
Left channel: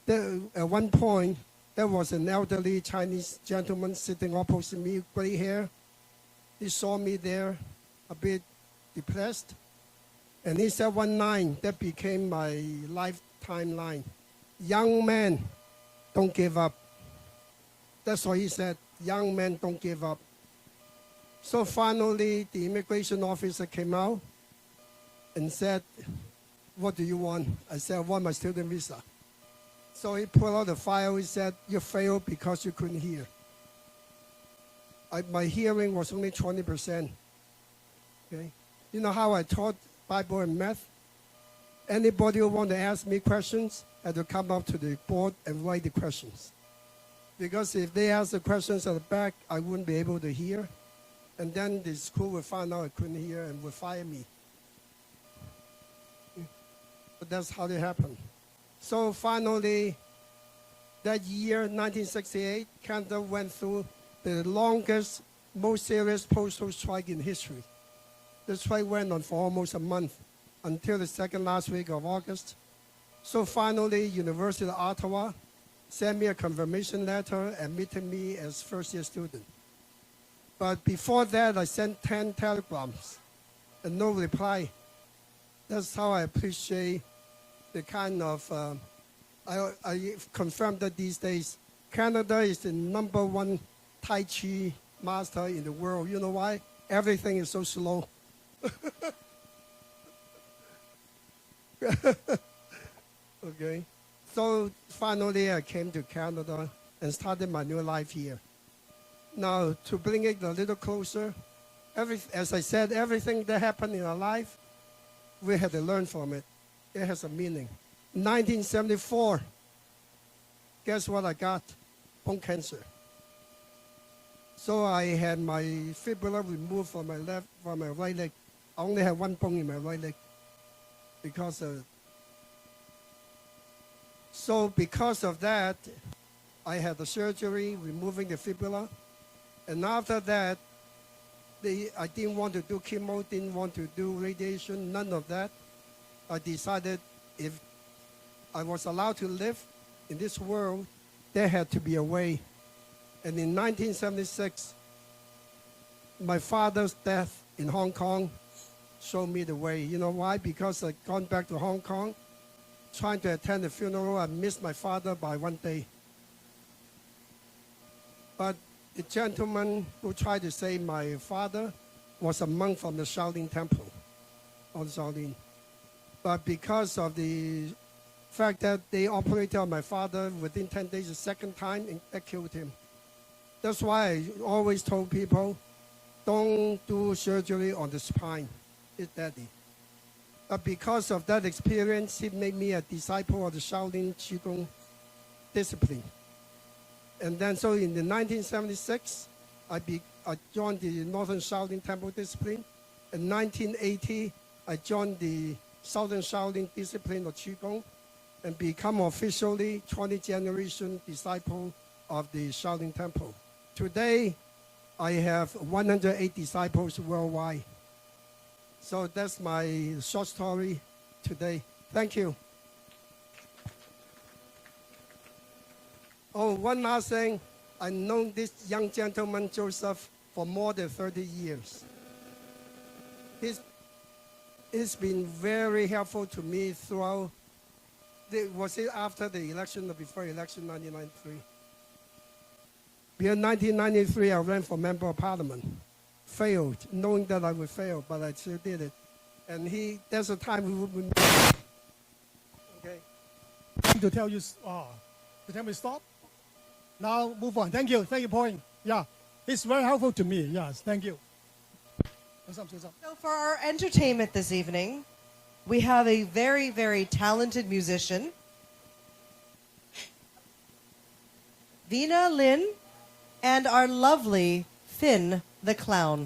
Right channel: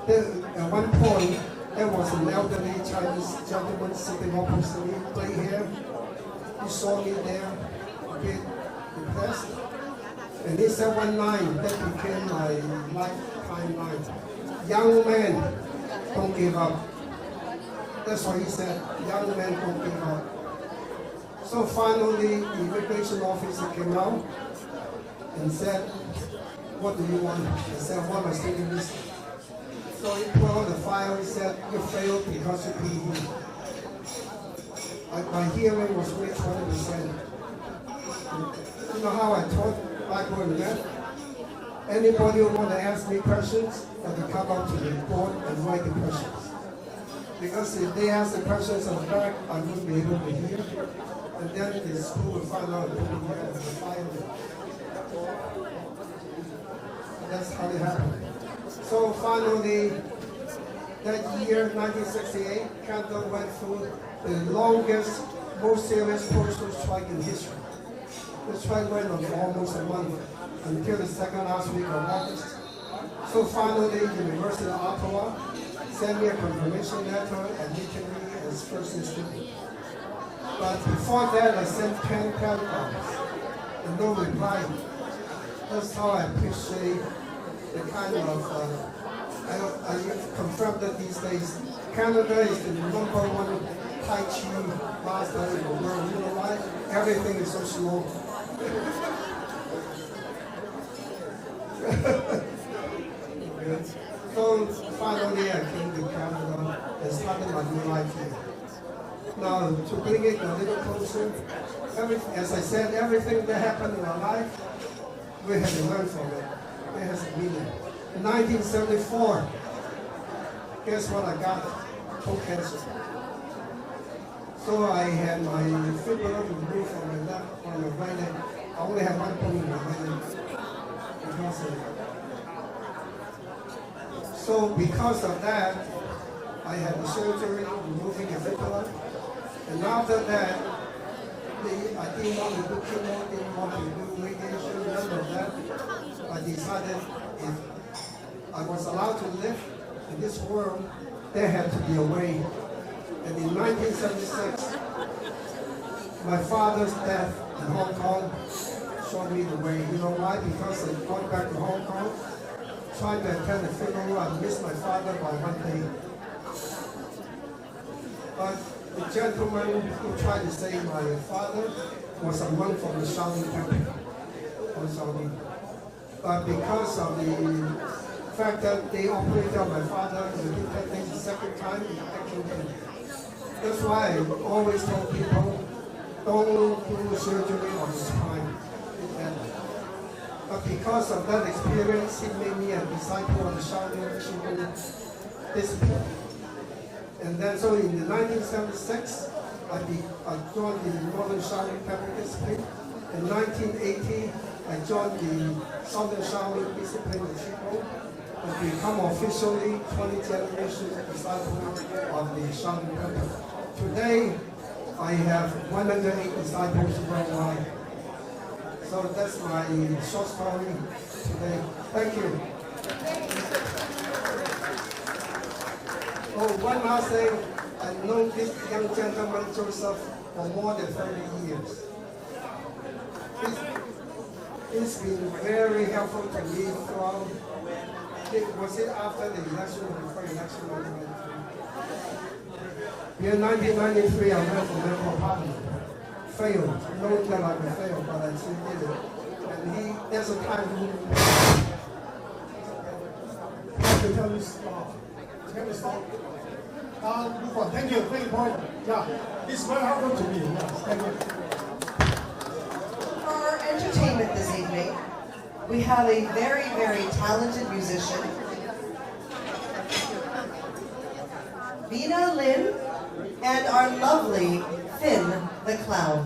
At one point, there was an elderly Chinese gentleman sitting opposite me, gray hair. He saw me there, a bit depressed, and he said one line that became my lifetime line. Young man, don't give up. That's what he said, young men don't give up. So finally, the immigration officer came out and said, what do you want? I said, I want my student visa. So he pulled out the file, he said, you failed because you couldn't hear. My hearing was only 20%. You know how I taught Bible and math? Anybody who want to ask me questions had to come up to the board and write the questions. Because if they ask the questions at the back, I wouldn't be able to hear. And then the school will find out I couldn't hear and fire me. That's how it happened. So finally, that year, 1968, Canada went through the longest, most serious postal strike in history. The strike went on for almost a month, until the second last week of August. So finally, University of Ottawa sent me a confirmation letter admitting me as first-year student. But before that, I sent 10 telegrams and no reply. That's how I appreciate the kind of, I confirmed that these days, Canada is the #1 Tai Chi master in the world. You know why? Everything is so slow. Okay. So finally I came to Canada and started my new life here. Now to bring it a little closer, as I said, everything that happened in our life, we had to learn from it. It has a meaning. 1974, guess what I got? Bone cancer. So I had my fibula removed from my left, from my right leg. I only have one bone in my right leg because of it. So because of that, I had the surgery removing the fibula. And after that, I didn't want to do chemo, didn't want to do radiation, none of that. I decided if I was allowed to live in this world, there had to be a way. And in 1976, my father's death in Hong Kong showed me the way. You know why? Because I'd gone back to Hong Kong, trying to attend the funeral. I missed my father by one day. But the gentleman who tried to save my father was a monk from the Shaolin Temple. But because of the fact that they operated on my father within 10 days, the second time, they killed him. That's why I always told people, don't do surgery on the spine. But because of that experience, it made me a disciple of the Shaolin discipline. And then so in the 1976, I joined the Northern Shaolin Temple discipline. In 1980, I joined the Southern Shaolin discipline of Qigong and become officially 20 generation disciple of the Shaolin Temple. Today, I have 108 disciples worldwide. So that's my short story today. Thank you. Oh, one last thing. I've known this young gentleman, Joseph, for more than 30 years. He's been very helpful to me throughout. Was it after the election or before election 1993? In 1993, I ran for member of parliament. Failed, knowing that I would fail, but I still did it. And there's a time to tell you stop. Can we stop? Now move on. Thank you. Very important. Yeah, it's very helpful to me. Yes, thank you. For our entertainment this evening, we have a very, very talented musician, Vina Lin, and our lovely Finn the Clown.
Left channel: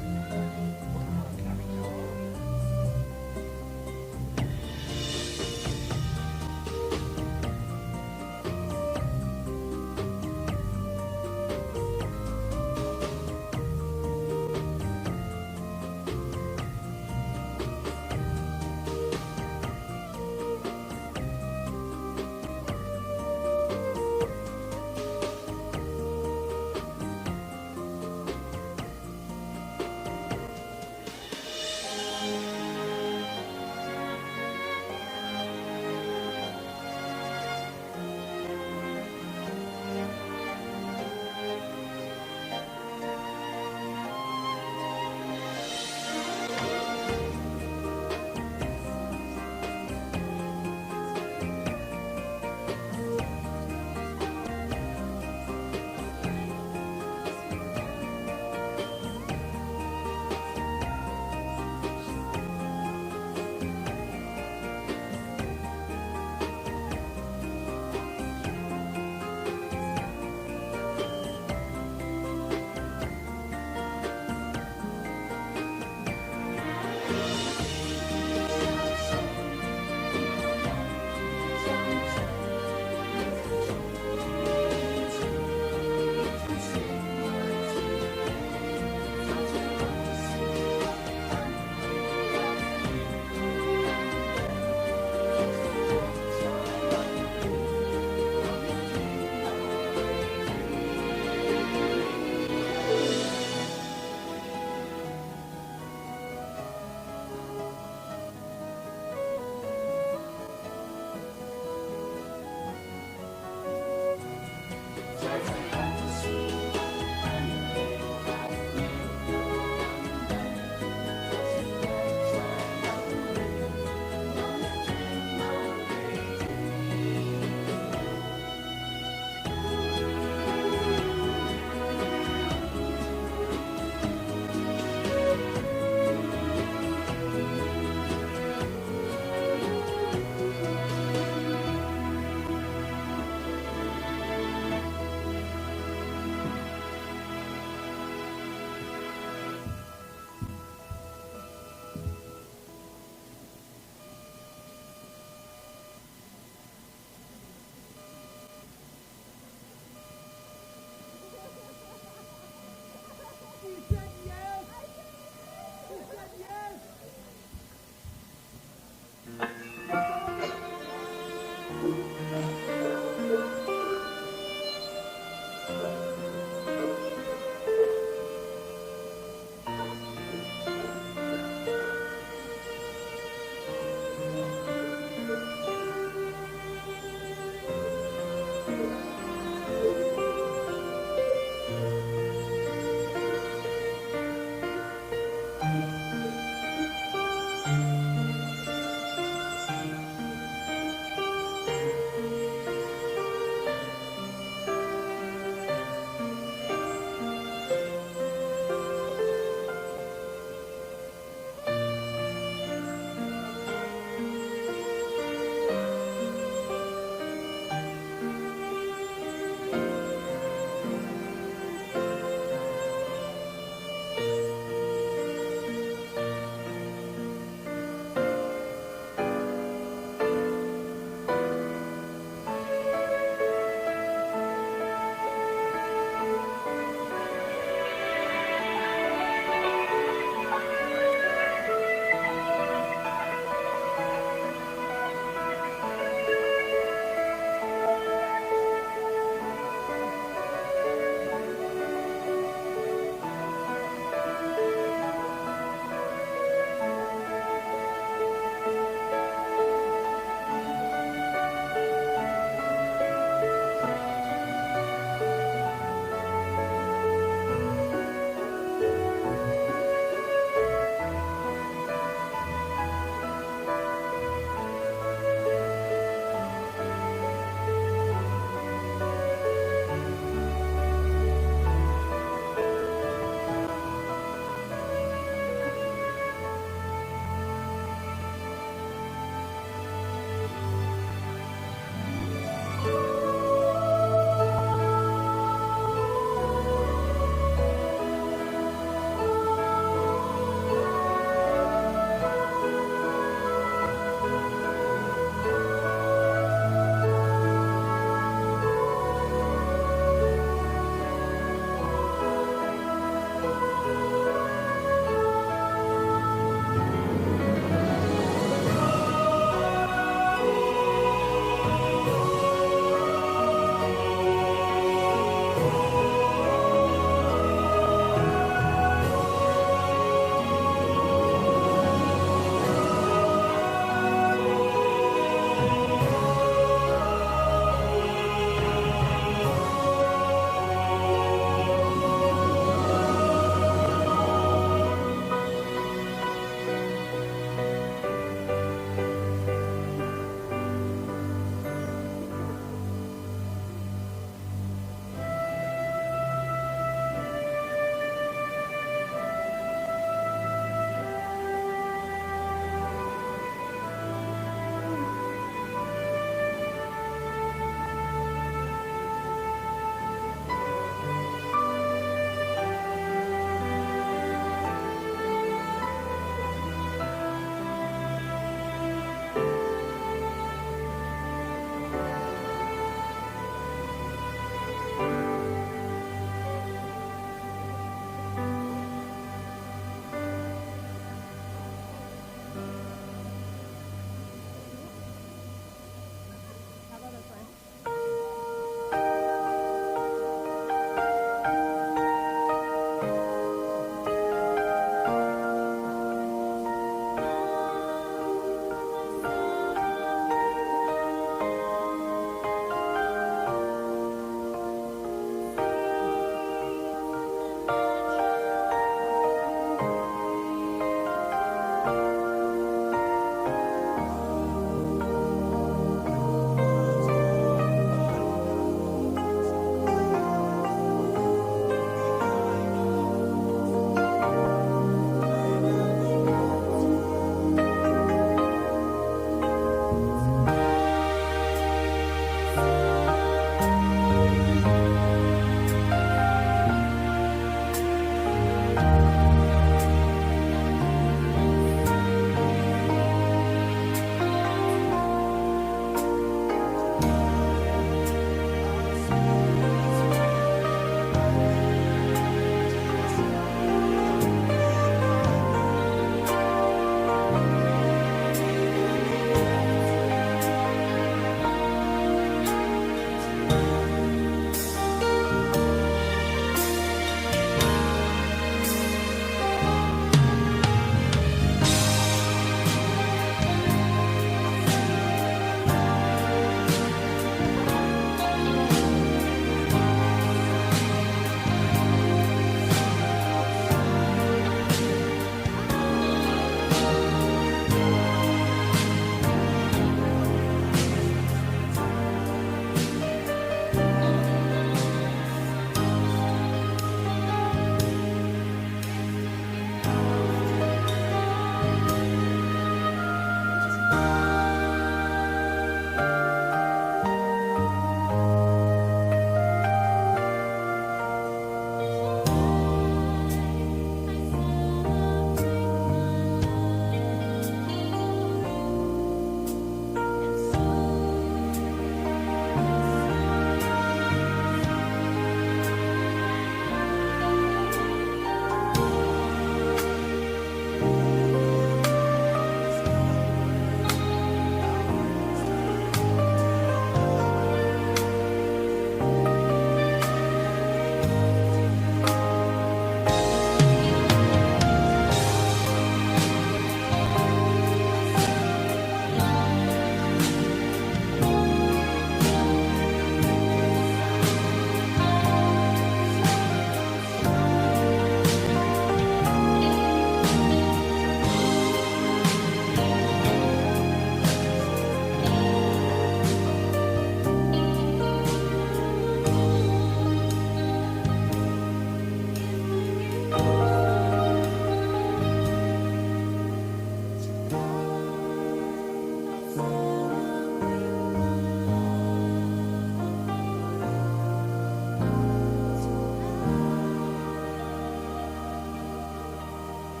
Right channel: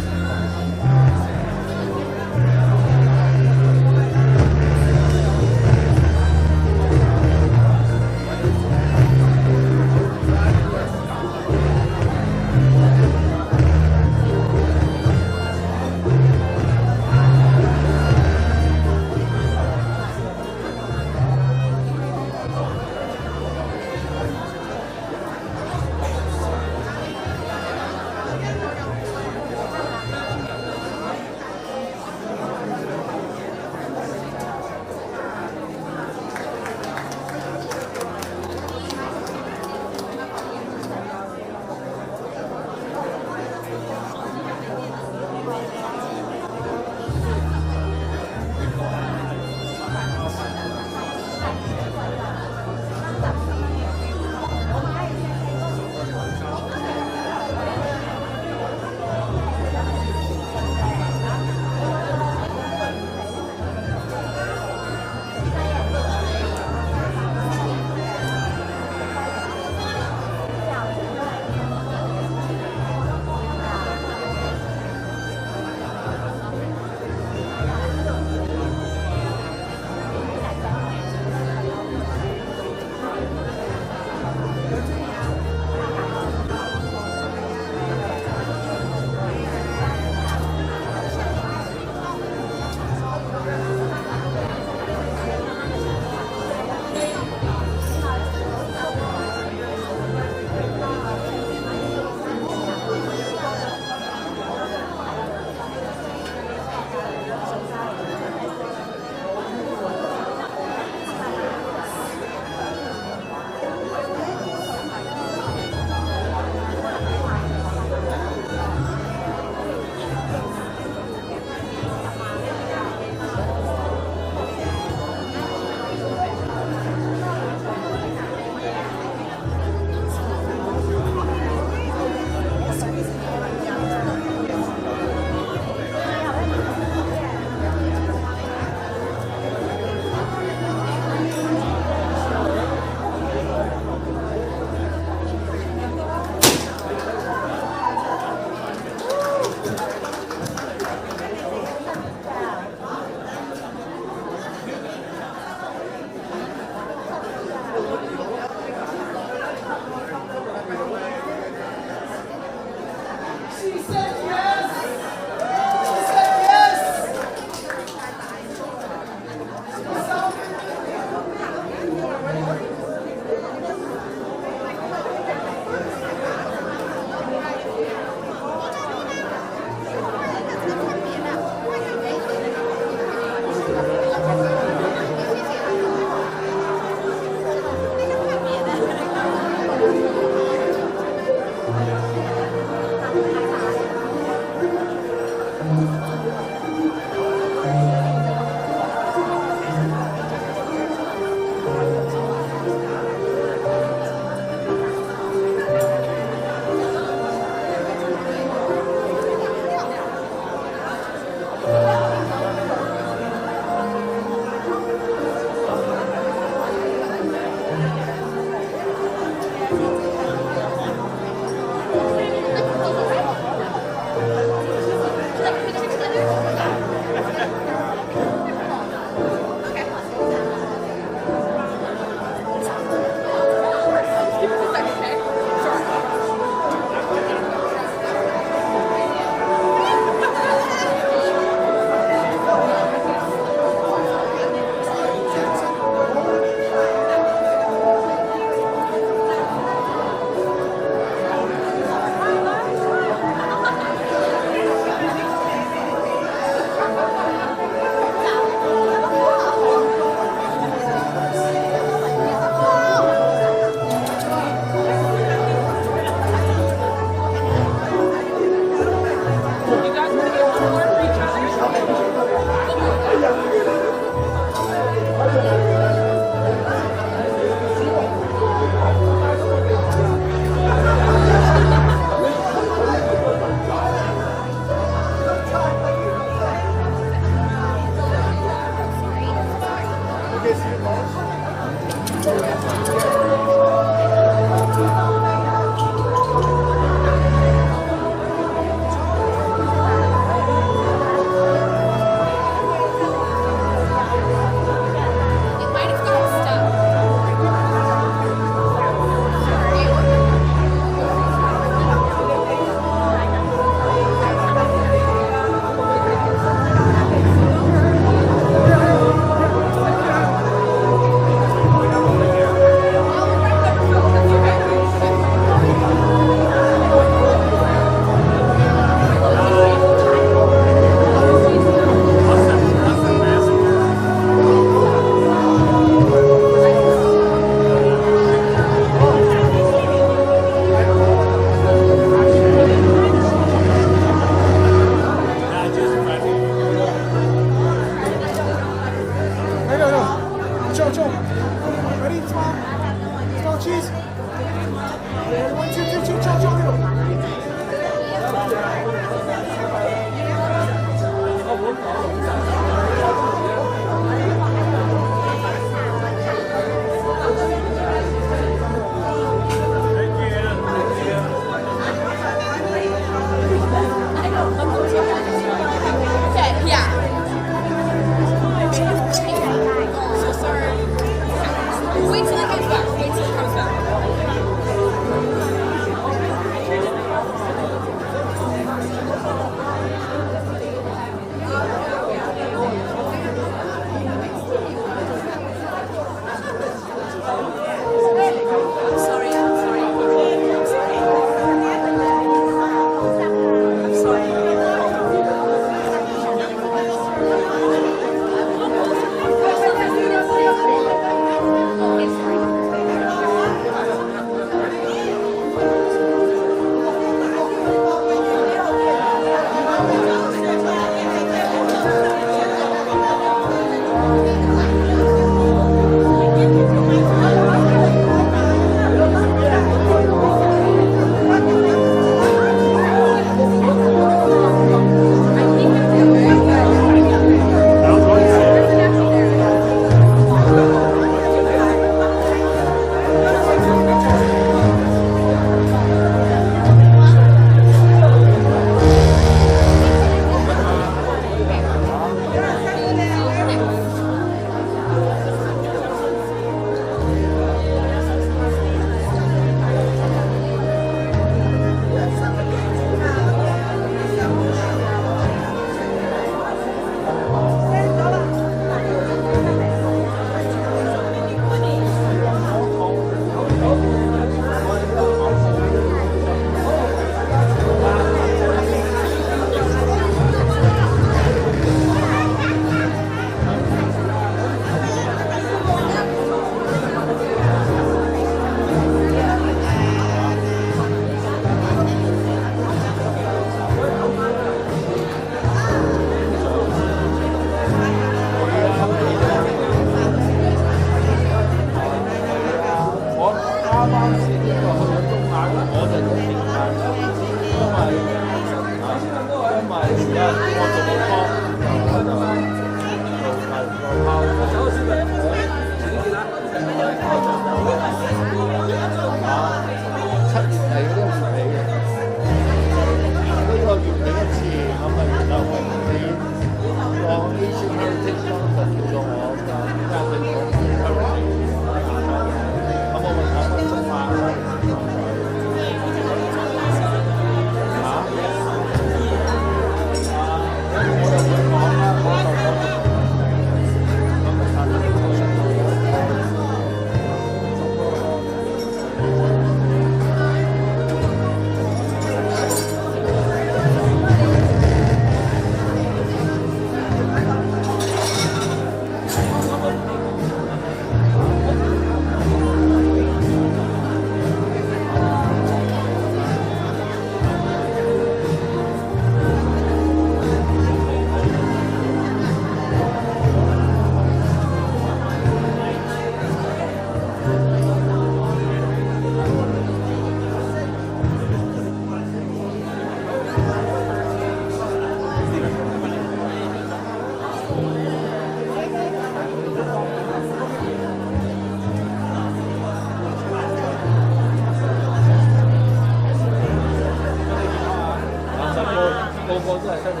個都係得你。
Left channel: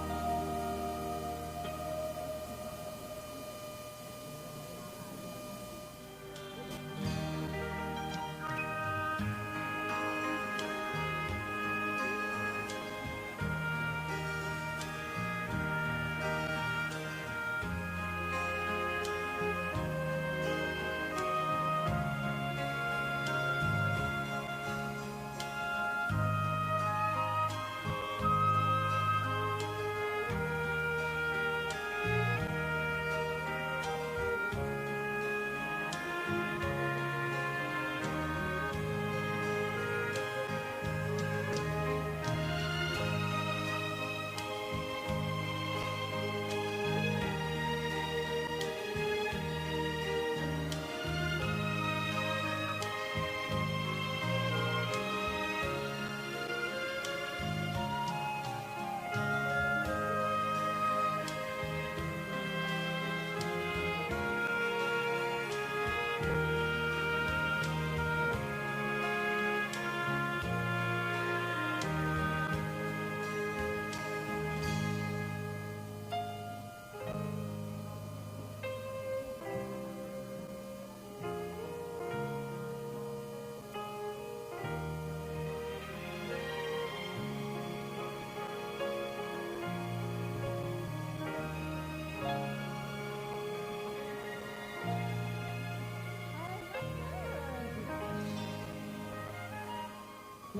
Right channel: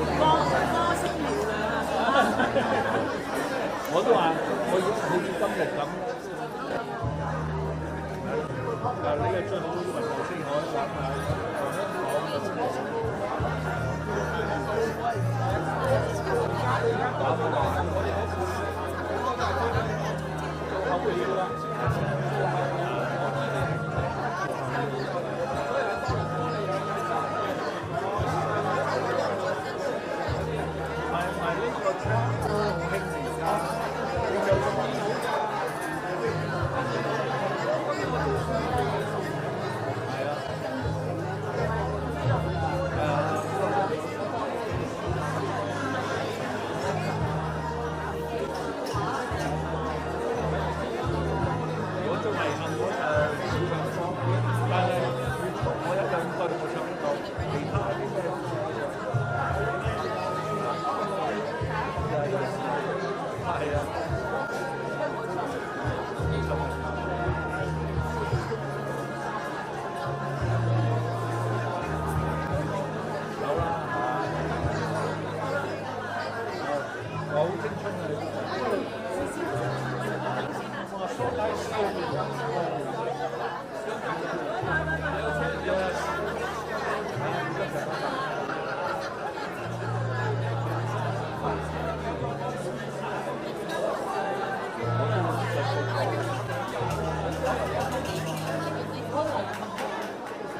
我都話我要好似今日咁。呢個最好先可以玩下。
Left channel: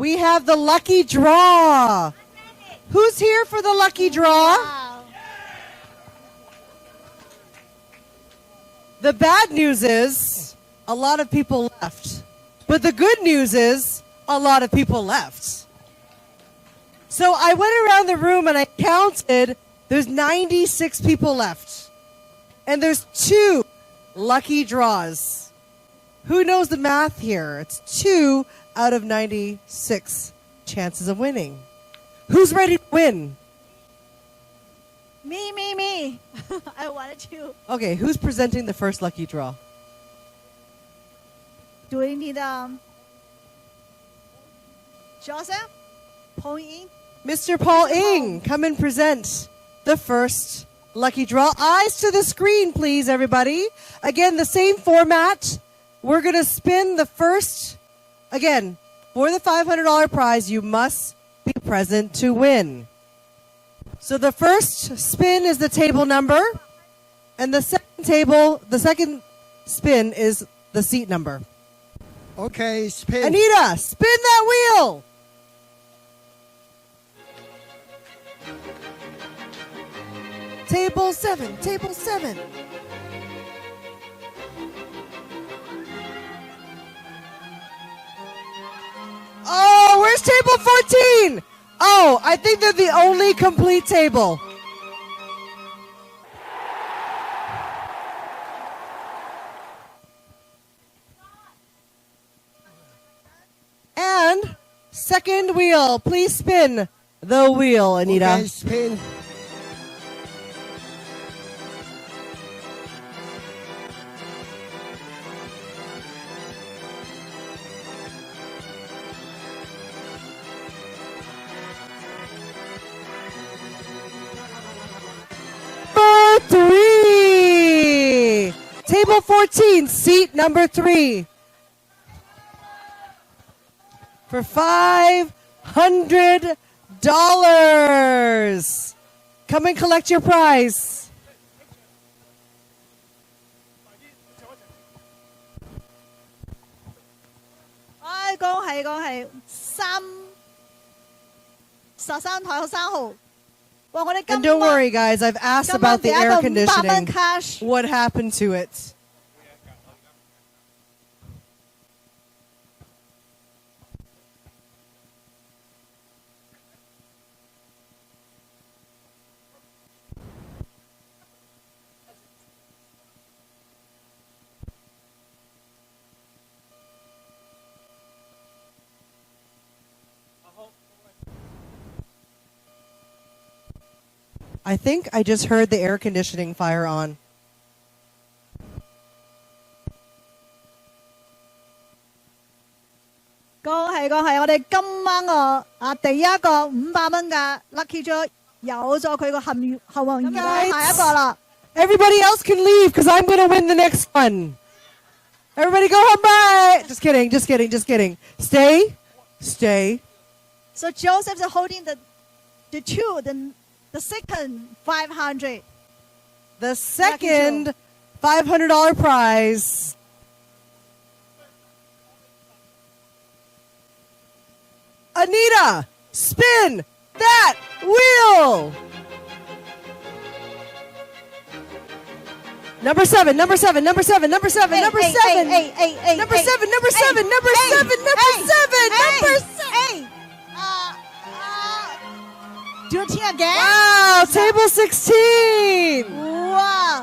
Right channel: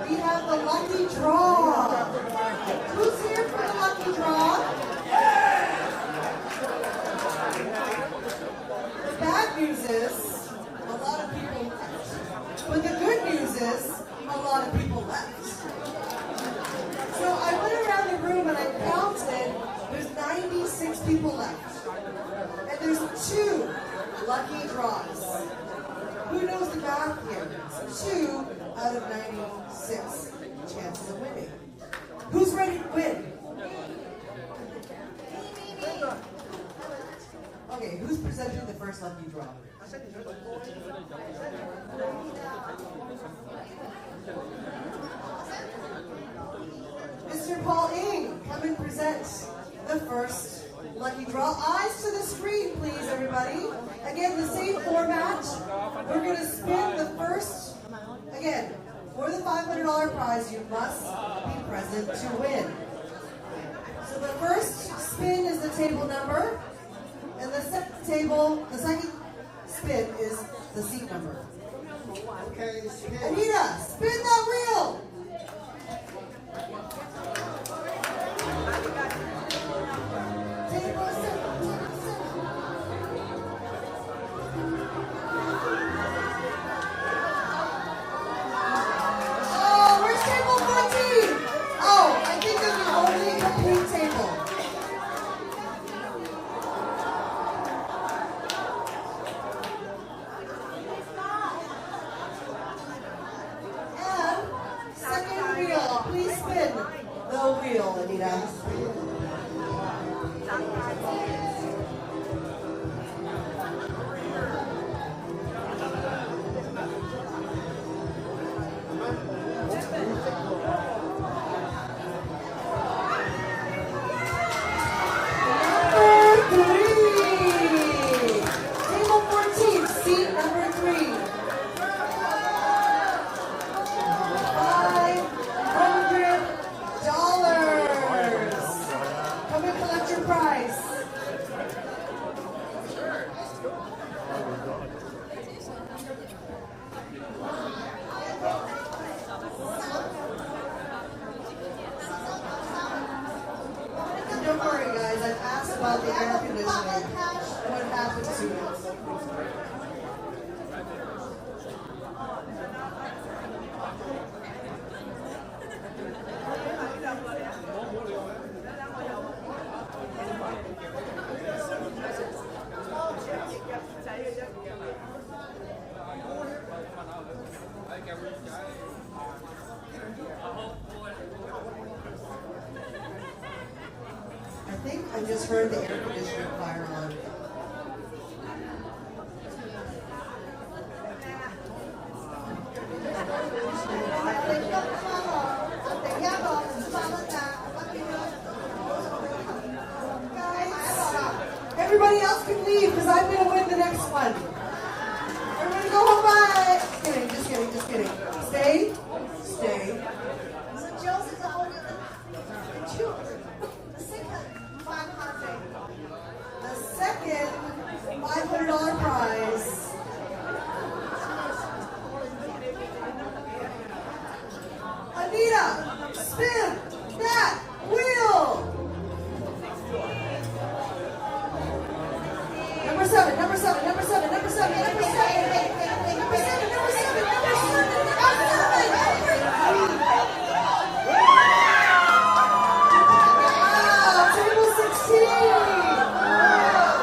We have the lucky draw. Who's here for the lucky draw? The bad news is a lot of people left. But the good news is a lot of people left. So I went around the room and I counted, there's 96 people left. And there's 2 lucky draws. Who knows the math here? It's 2 out of 96 chances of winning. Who's ready to win? Me. I wanted to. Okay, who's presenting the first lucky draw? Do we need Joseph? Paul Ying? Mr. Paul Ing, come and present the first lucky draw. Eyes to the screen, please, everybody. Again, the same format. We're going to spin the first. Again, for the $500 prize, you must be present to win. So the first spin is the table number, and the second spin is the seat number. Okay, spin. Anita, spin that wheel. Table 7, table 7. Oh, where's table 14? Oh, I think they're the only complete table. And second wheel, please spin the wheel, Anita. Okay, spin. Table 14, seat number 3. For $500. Come and collect your prize. And don't worry, guys, I've asked about the air conditioning. What happened to it? I think I just heard the air conditioning fire on. Lucky draw 有咗佢個幸運嘅下一個啦。Everybody else can leave because I'm going to win the next one. Everybody go home, bye. Just kidding, just kidding, just kidding. Stay, stay. So Joseph is holding the second 500. The second $500 prize. Anita, spin that wheel. Number seven, number seven, number seven, number seven, number seven, number seven, number seven, number seven, number seven, number seven. Duty again. Wow, table 16. Wow.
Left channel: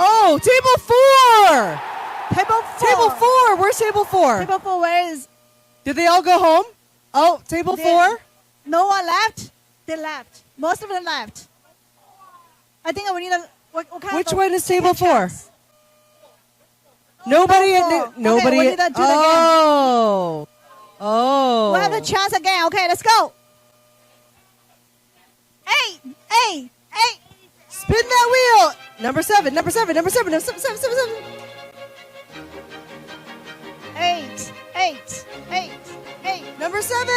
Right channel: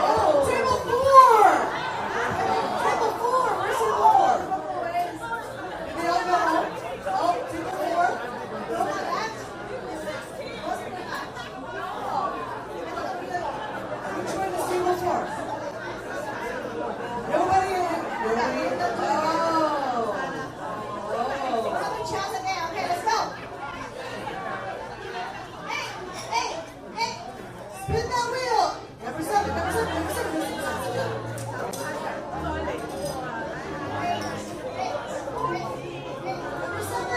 Oh, table 4. Table 4. Where's table 4? Table 4, where is? Did they all go home? Oh, table 4. No one left. They left. Most of them left. I think we need a. Which one is table 4? Nobody in the, nobody. Okay, we need to do it oh. Oh. We'll have a chance again. Okay, let's go. Hey. Spin that wheel. Number 7, number 7, number 7, number 7, 7, 7, 7. 8. Number 7. No.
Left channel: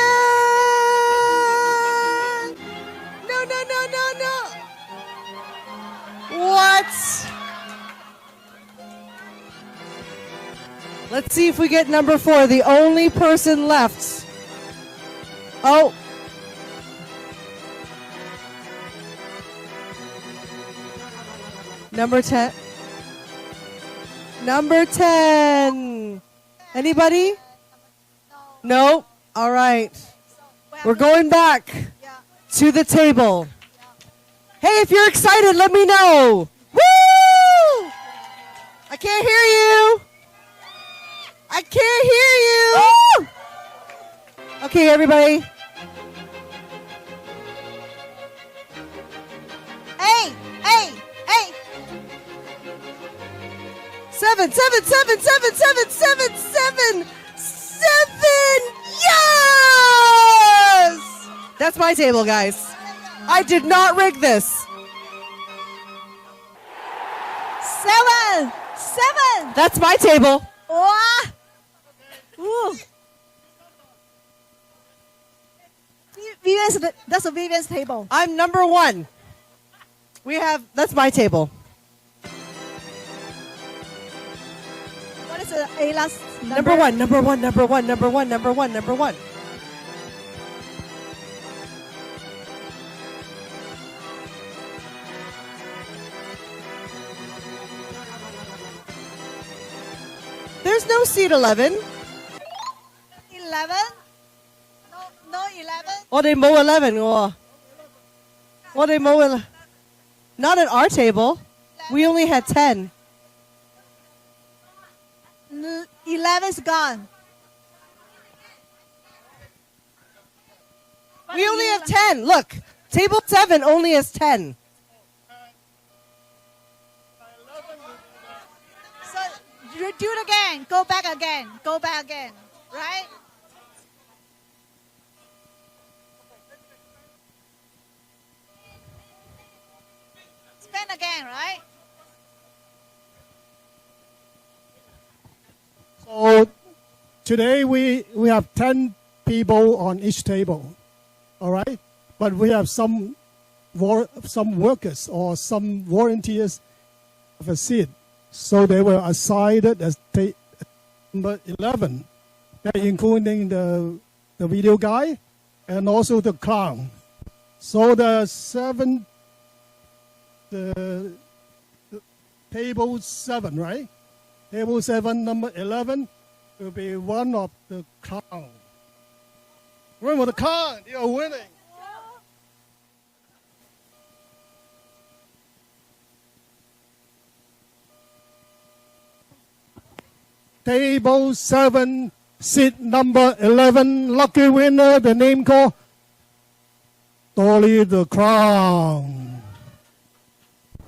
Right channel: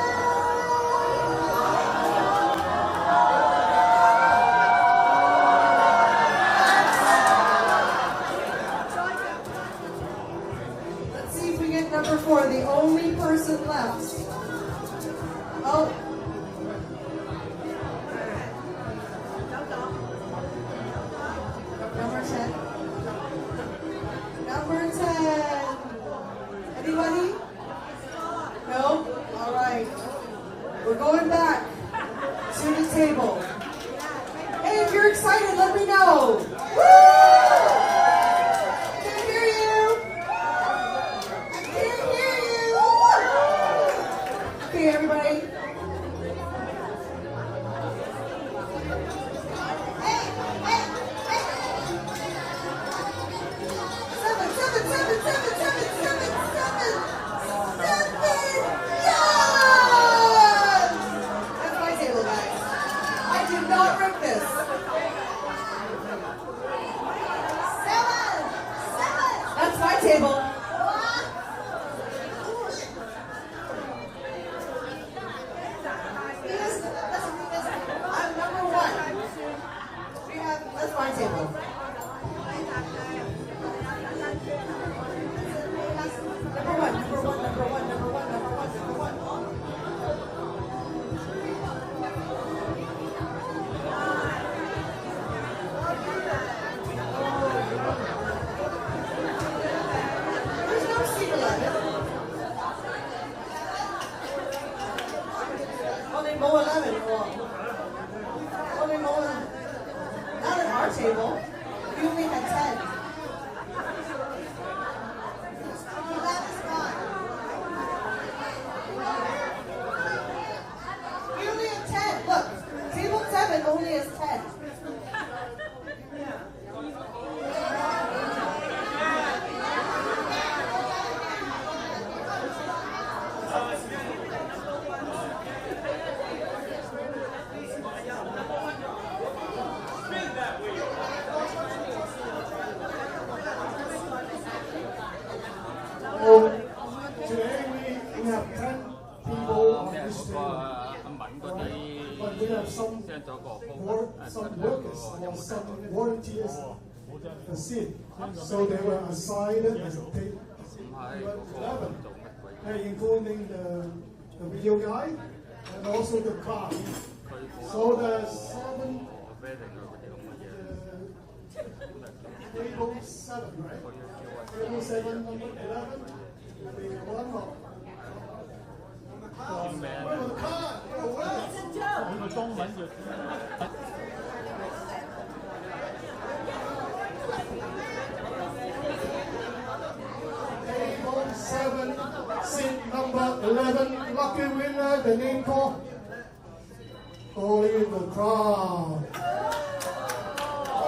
What? Let's see if we get number 4, the only person left. Oh. Number 10. Number 10. Anybody? No? All right. We're going back to the table. Hey, if you're excited, let me know. Woo! I can't hear you. I can't hear you. Okay, everybody. Hey. 7. Yes! That's my table, guys. I did not rig this. 7. That's my table. Wow. Ooh. That's a Vivian's table. I'm number 1. That's my table. What is Ayla's Number 1. There's no seat 11. 11? No 11? Oh, they mow 11. Oh, they mow 11. Not at our table. We only had 10. 11's gone. We only have 10. Look, table 7 only has 10. You do it again. Go back again. Right? Spin again, right? So today we have 10 people on each table, all right? But we have some workers or some volunteers of a seat. So they were assigned as number 11, including the video guy and also the clown. So the table 7, right? Table 7, number 11, will be one of the clown. Where was the clown? You're with it. Table 7, seat number 11, lucky winner, the name called Dolly the Clown.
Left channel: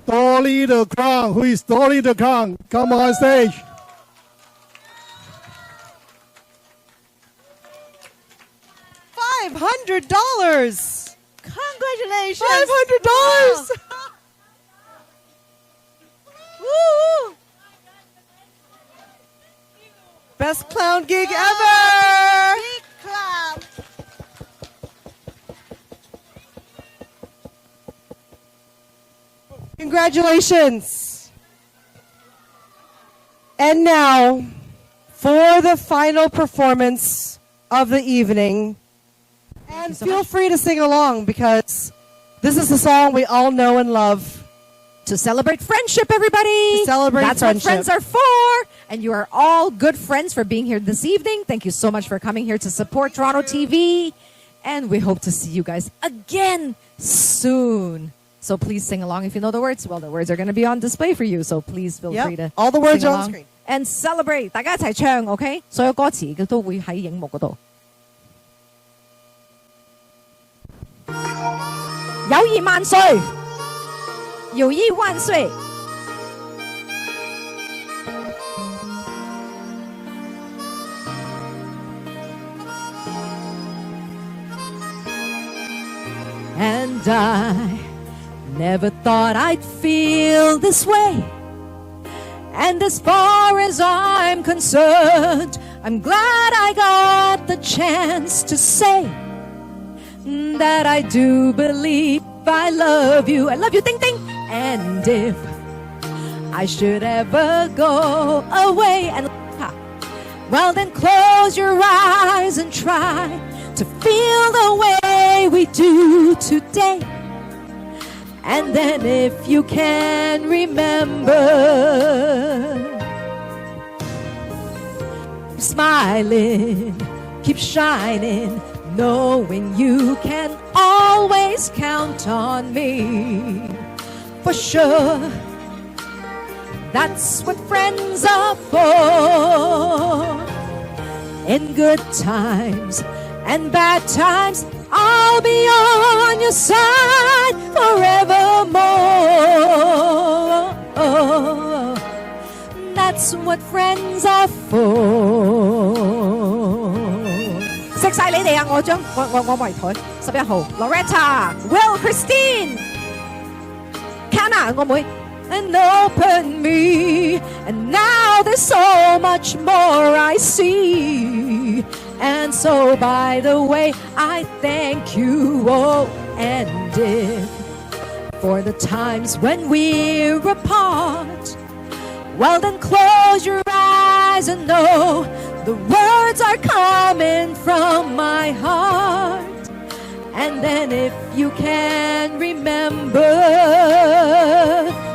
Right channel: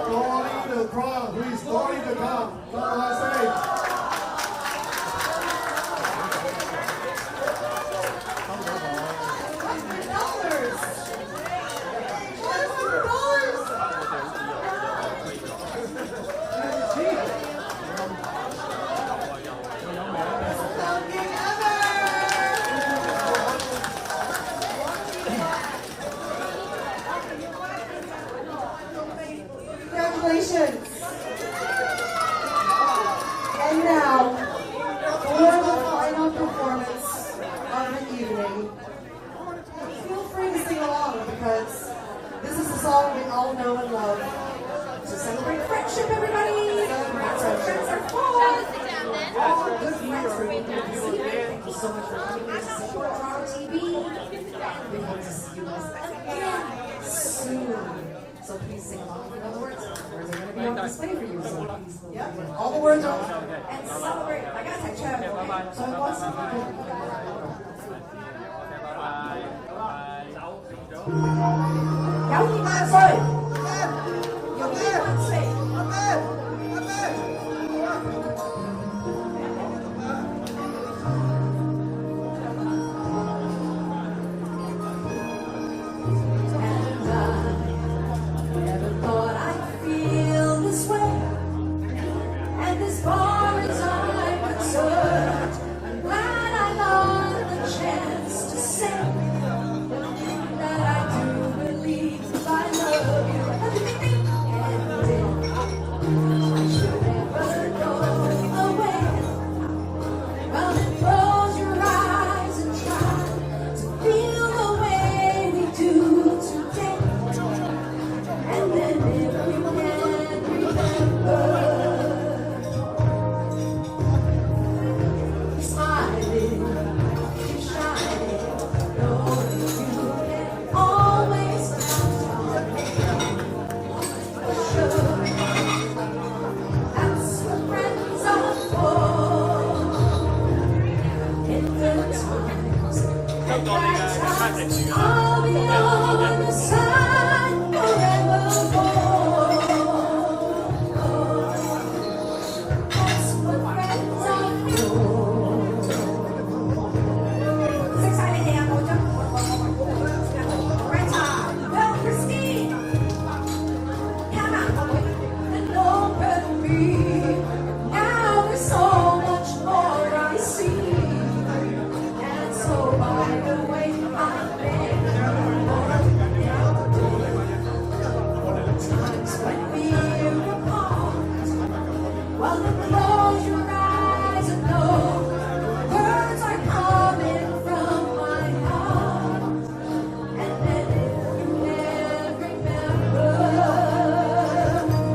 Dolly the Clown. Who is Dolly the Clown? Come on stage. $500. Congratulations. $500. Best clown gig ever. Congratulations. And now, for the final performance of the evening, and feel free to sing along because this is the song we all know and love. To celebrate friendship, everybody. To celebrate That's friendship. what friends are for. And you are all good friends for being here this evening. Thank you so much for coming here to support Toronto TV. And we hope to see you guys again soon. So please sing along if you know the words. Well, the words are going to be on display for you. So please feel free to all the words sing on along screen. and celebrate. 大家一齊唱 ，OK？ 所有歌詞都會喺熒幕嗰度。友誼萬歲！友誼萬歲！ And I never thought I'd feel this way. And as far as I'm concerned, I'm glad I got the chance to say that I do believe I love you. I love you, ding ding. And if I should ever go away and well, then close your eyes and try to feel the way we do today. And then if you can remember, smiling, keep shining, knowing you can always count on me. For sure, that's what friends are for. In good times and bad times, I'll be on your side forevermore. That's what friends are for. 識晒你哋啊！我圍佢11號 Loretta、Will、Christine、Canna 我妹。And open me, and now there's so much more I see. And so, by the way, I thank you, oh, and if for the times when we're apart, well, then close your eyes and know the words are coming from my heart. And then if you can remember,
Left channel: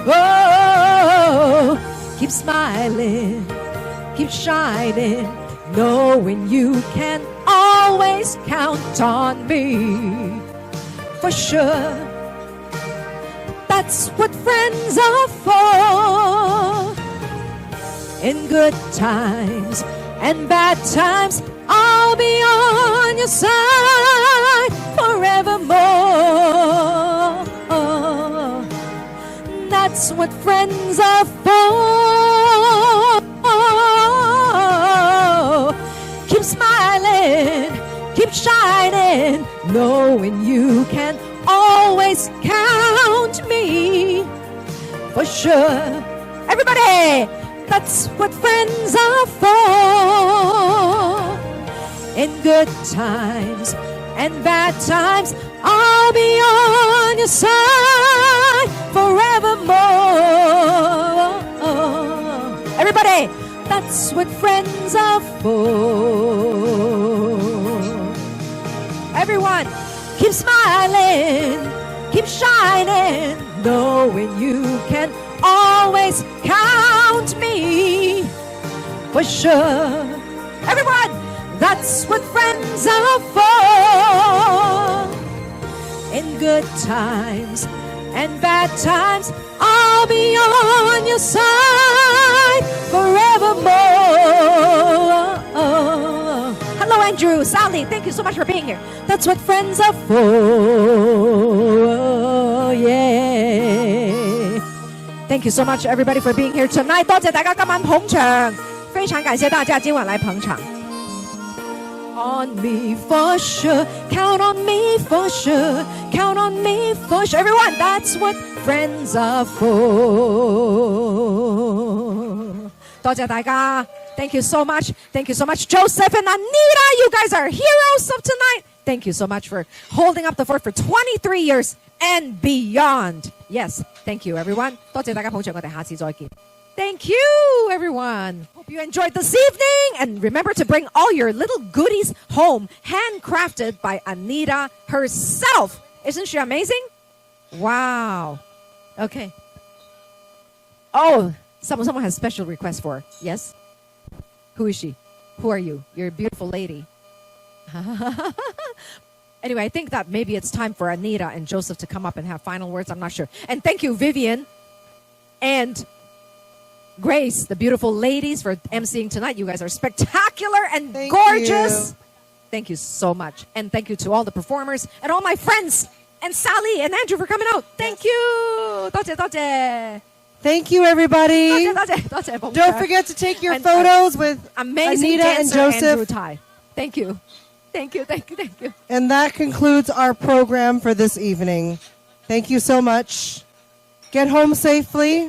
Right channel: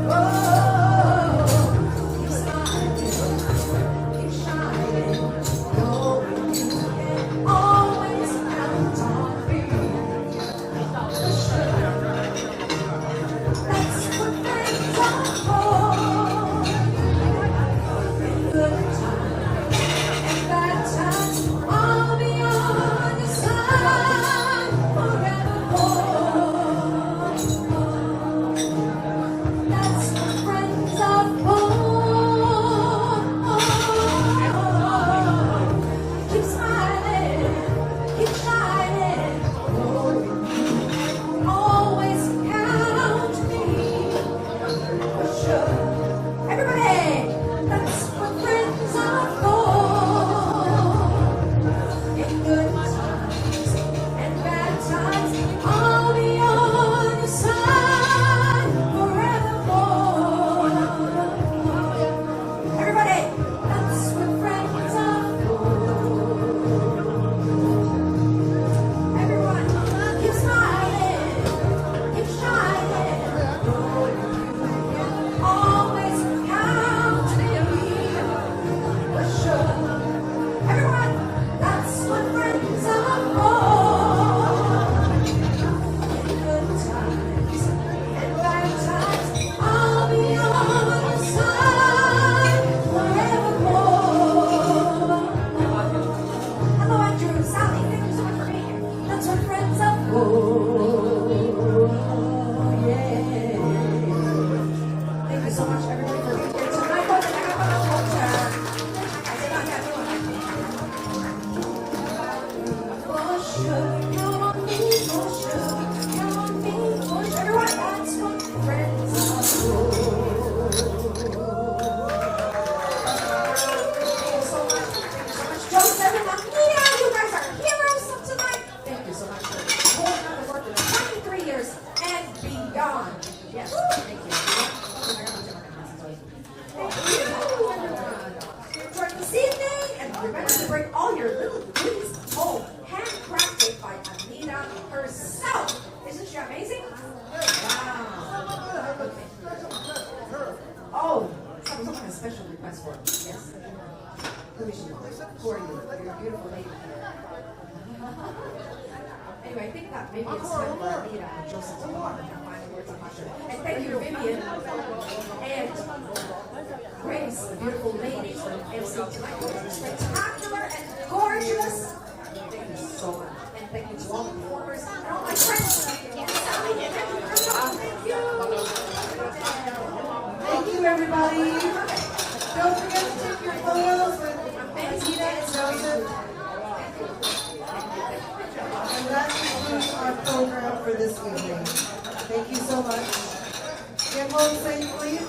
oh, keep smiling, keep shining, knowing you can always count on me. For sure, that's what friends are for. In good times and bad times, I'll be on your side forevermore. That's what friends are for. Keep smiling, keep shining, knowing you can always count me. For sure, everybody, that's what friends are for. In good times and bad times, I'll be on your side forevermore. Everybody, that's what friends are for. Everyone, keep smiling, keep shining, knowing you can always count me. For sure, everyone, that's what friends are for. In good times and bad times, I'll be on your side forevermore. Hello, Andrew, Sally, thank you so much for being here. That's what friends are for. Yeah. Thank you so much, everybody, for being here tonight. 多謝大家今晚捧場，非常感謝大家今晚來捧場。on me for sure. Count on me for sure. Count on me for sure. Everyone, that's what friends are for. 多謝大家. Thank you so much. Thank you so much, Joseph and Anita. You guys are heroes of tonight. Thank you so much for holding up the fort for 23 years and beyond. Yes, thank you, everyone. 多謝大家，好像我哋下次再見. Thank you, everyone. If you enjoyed this evening, and remember to bring all your little goodies home, handcrafted by Anita herself. Isn't she amazing? Wow. Okay. Oh, someone has special request for her. Yes? Who is she? Who are you? You're a beautiful lady. Anyway, I think that maybe it's time for Anita and Joseph to come up and have final words. I'm not sure. And thank you, Vivian and Grace, the beautiful ladies, for emceeing tonight. You guys are spectacular and gorgeous. Thank you so much. And thank you to all the performers and all my friends and Sally and Andrew for coming out. Thank you. 多謝多謝. Thank you, everybody. 多謝. Don't forget to take your photos with amazing Anita and Joseph. Thank you. Thank you. And that concludes our program for this evening. Thank you so much. Get home safely.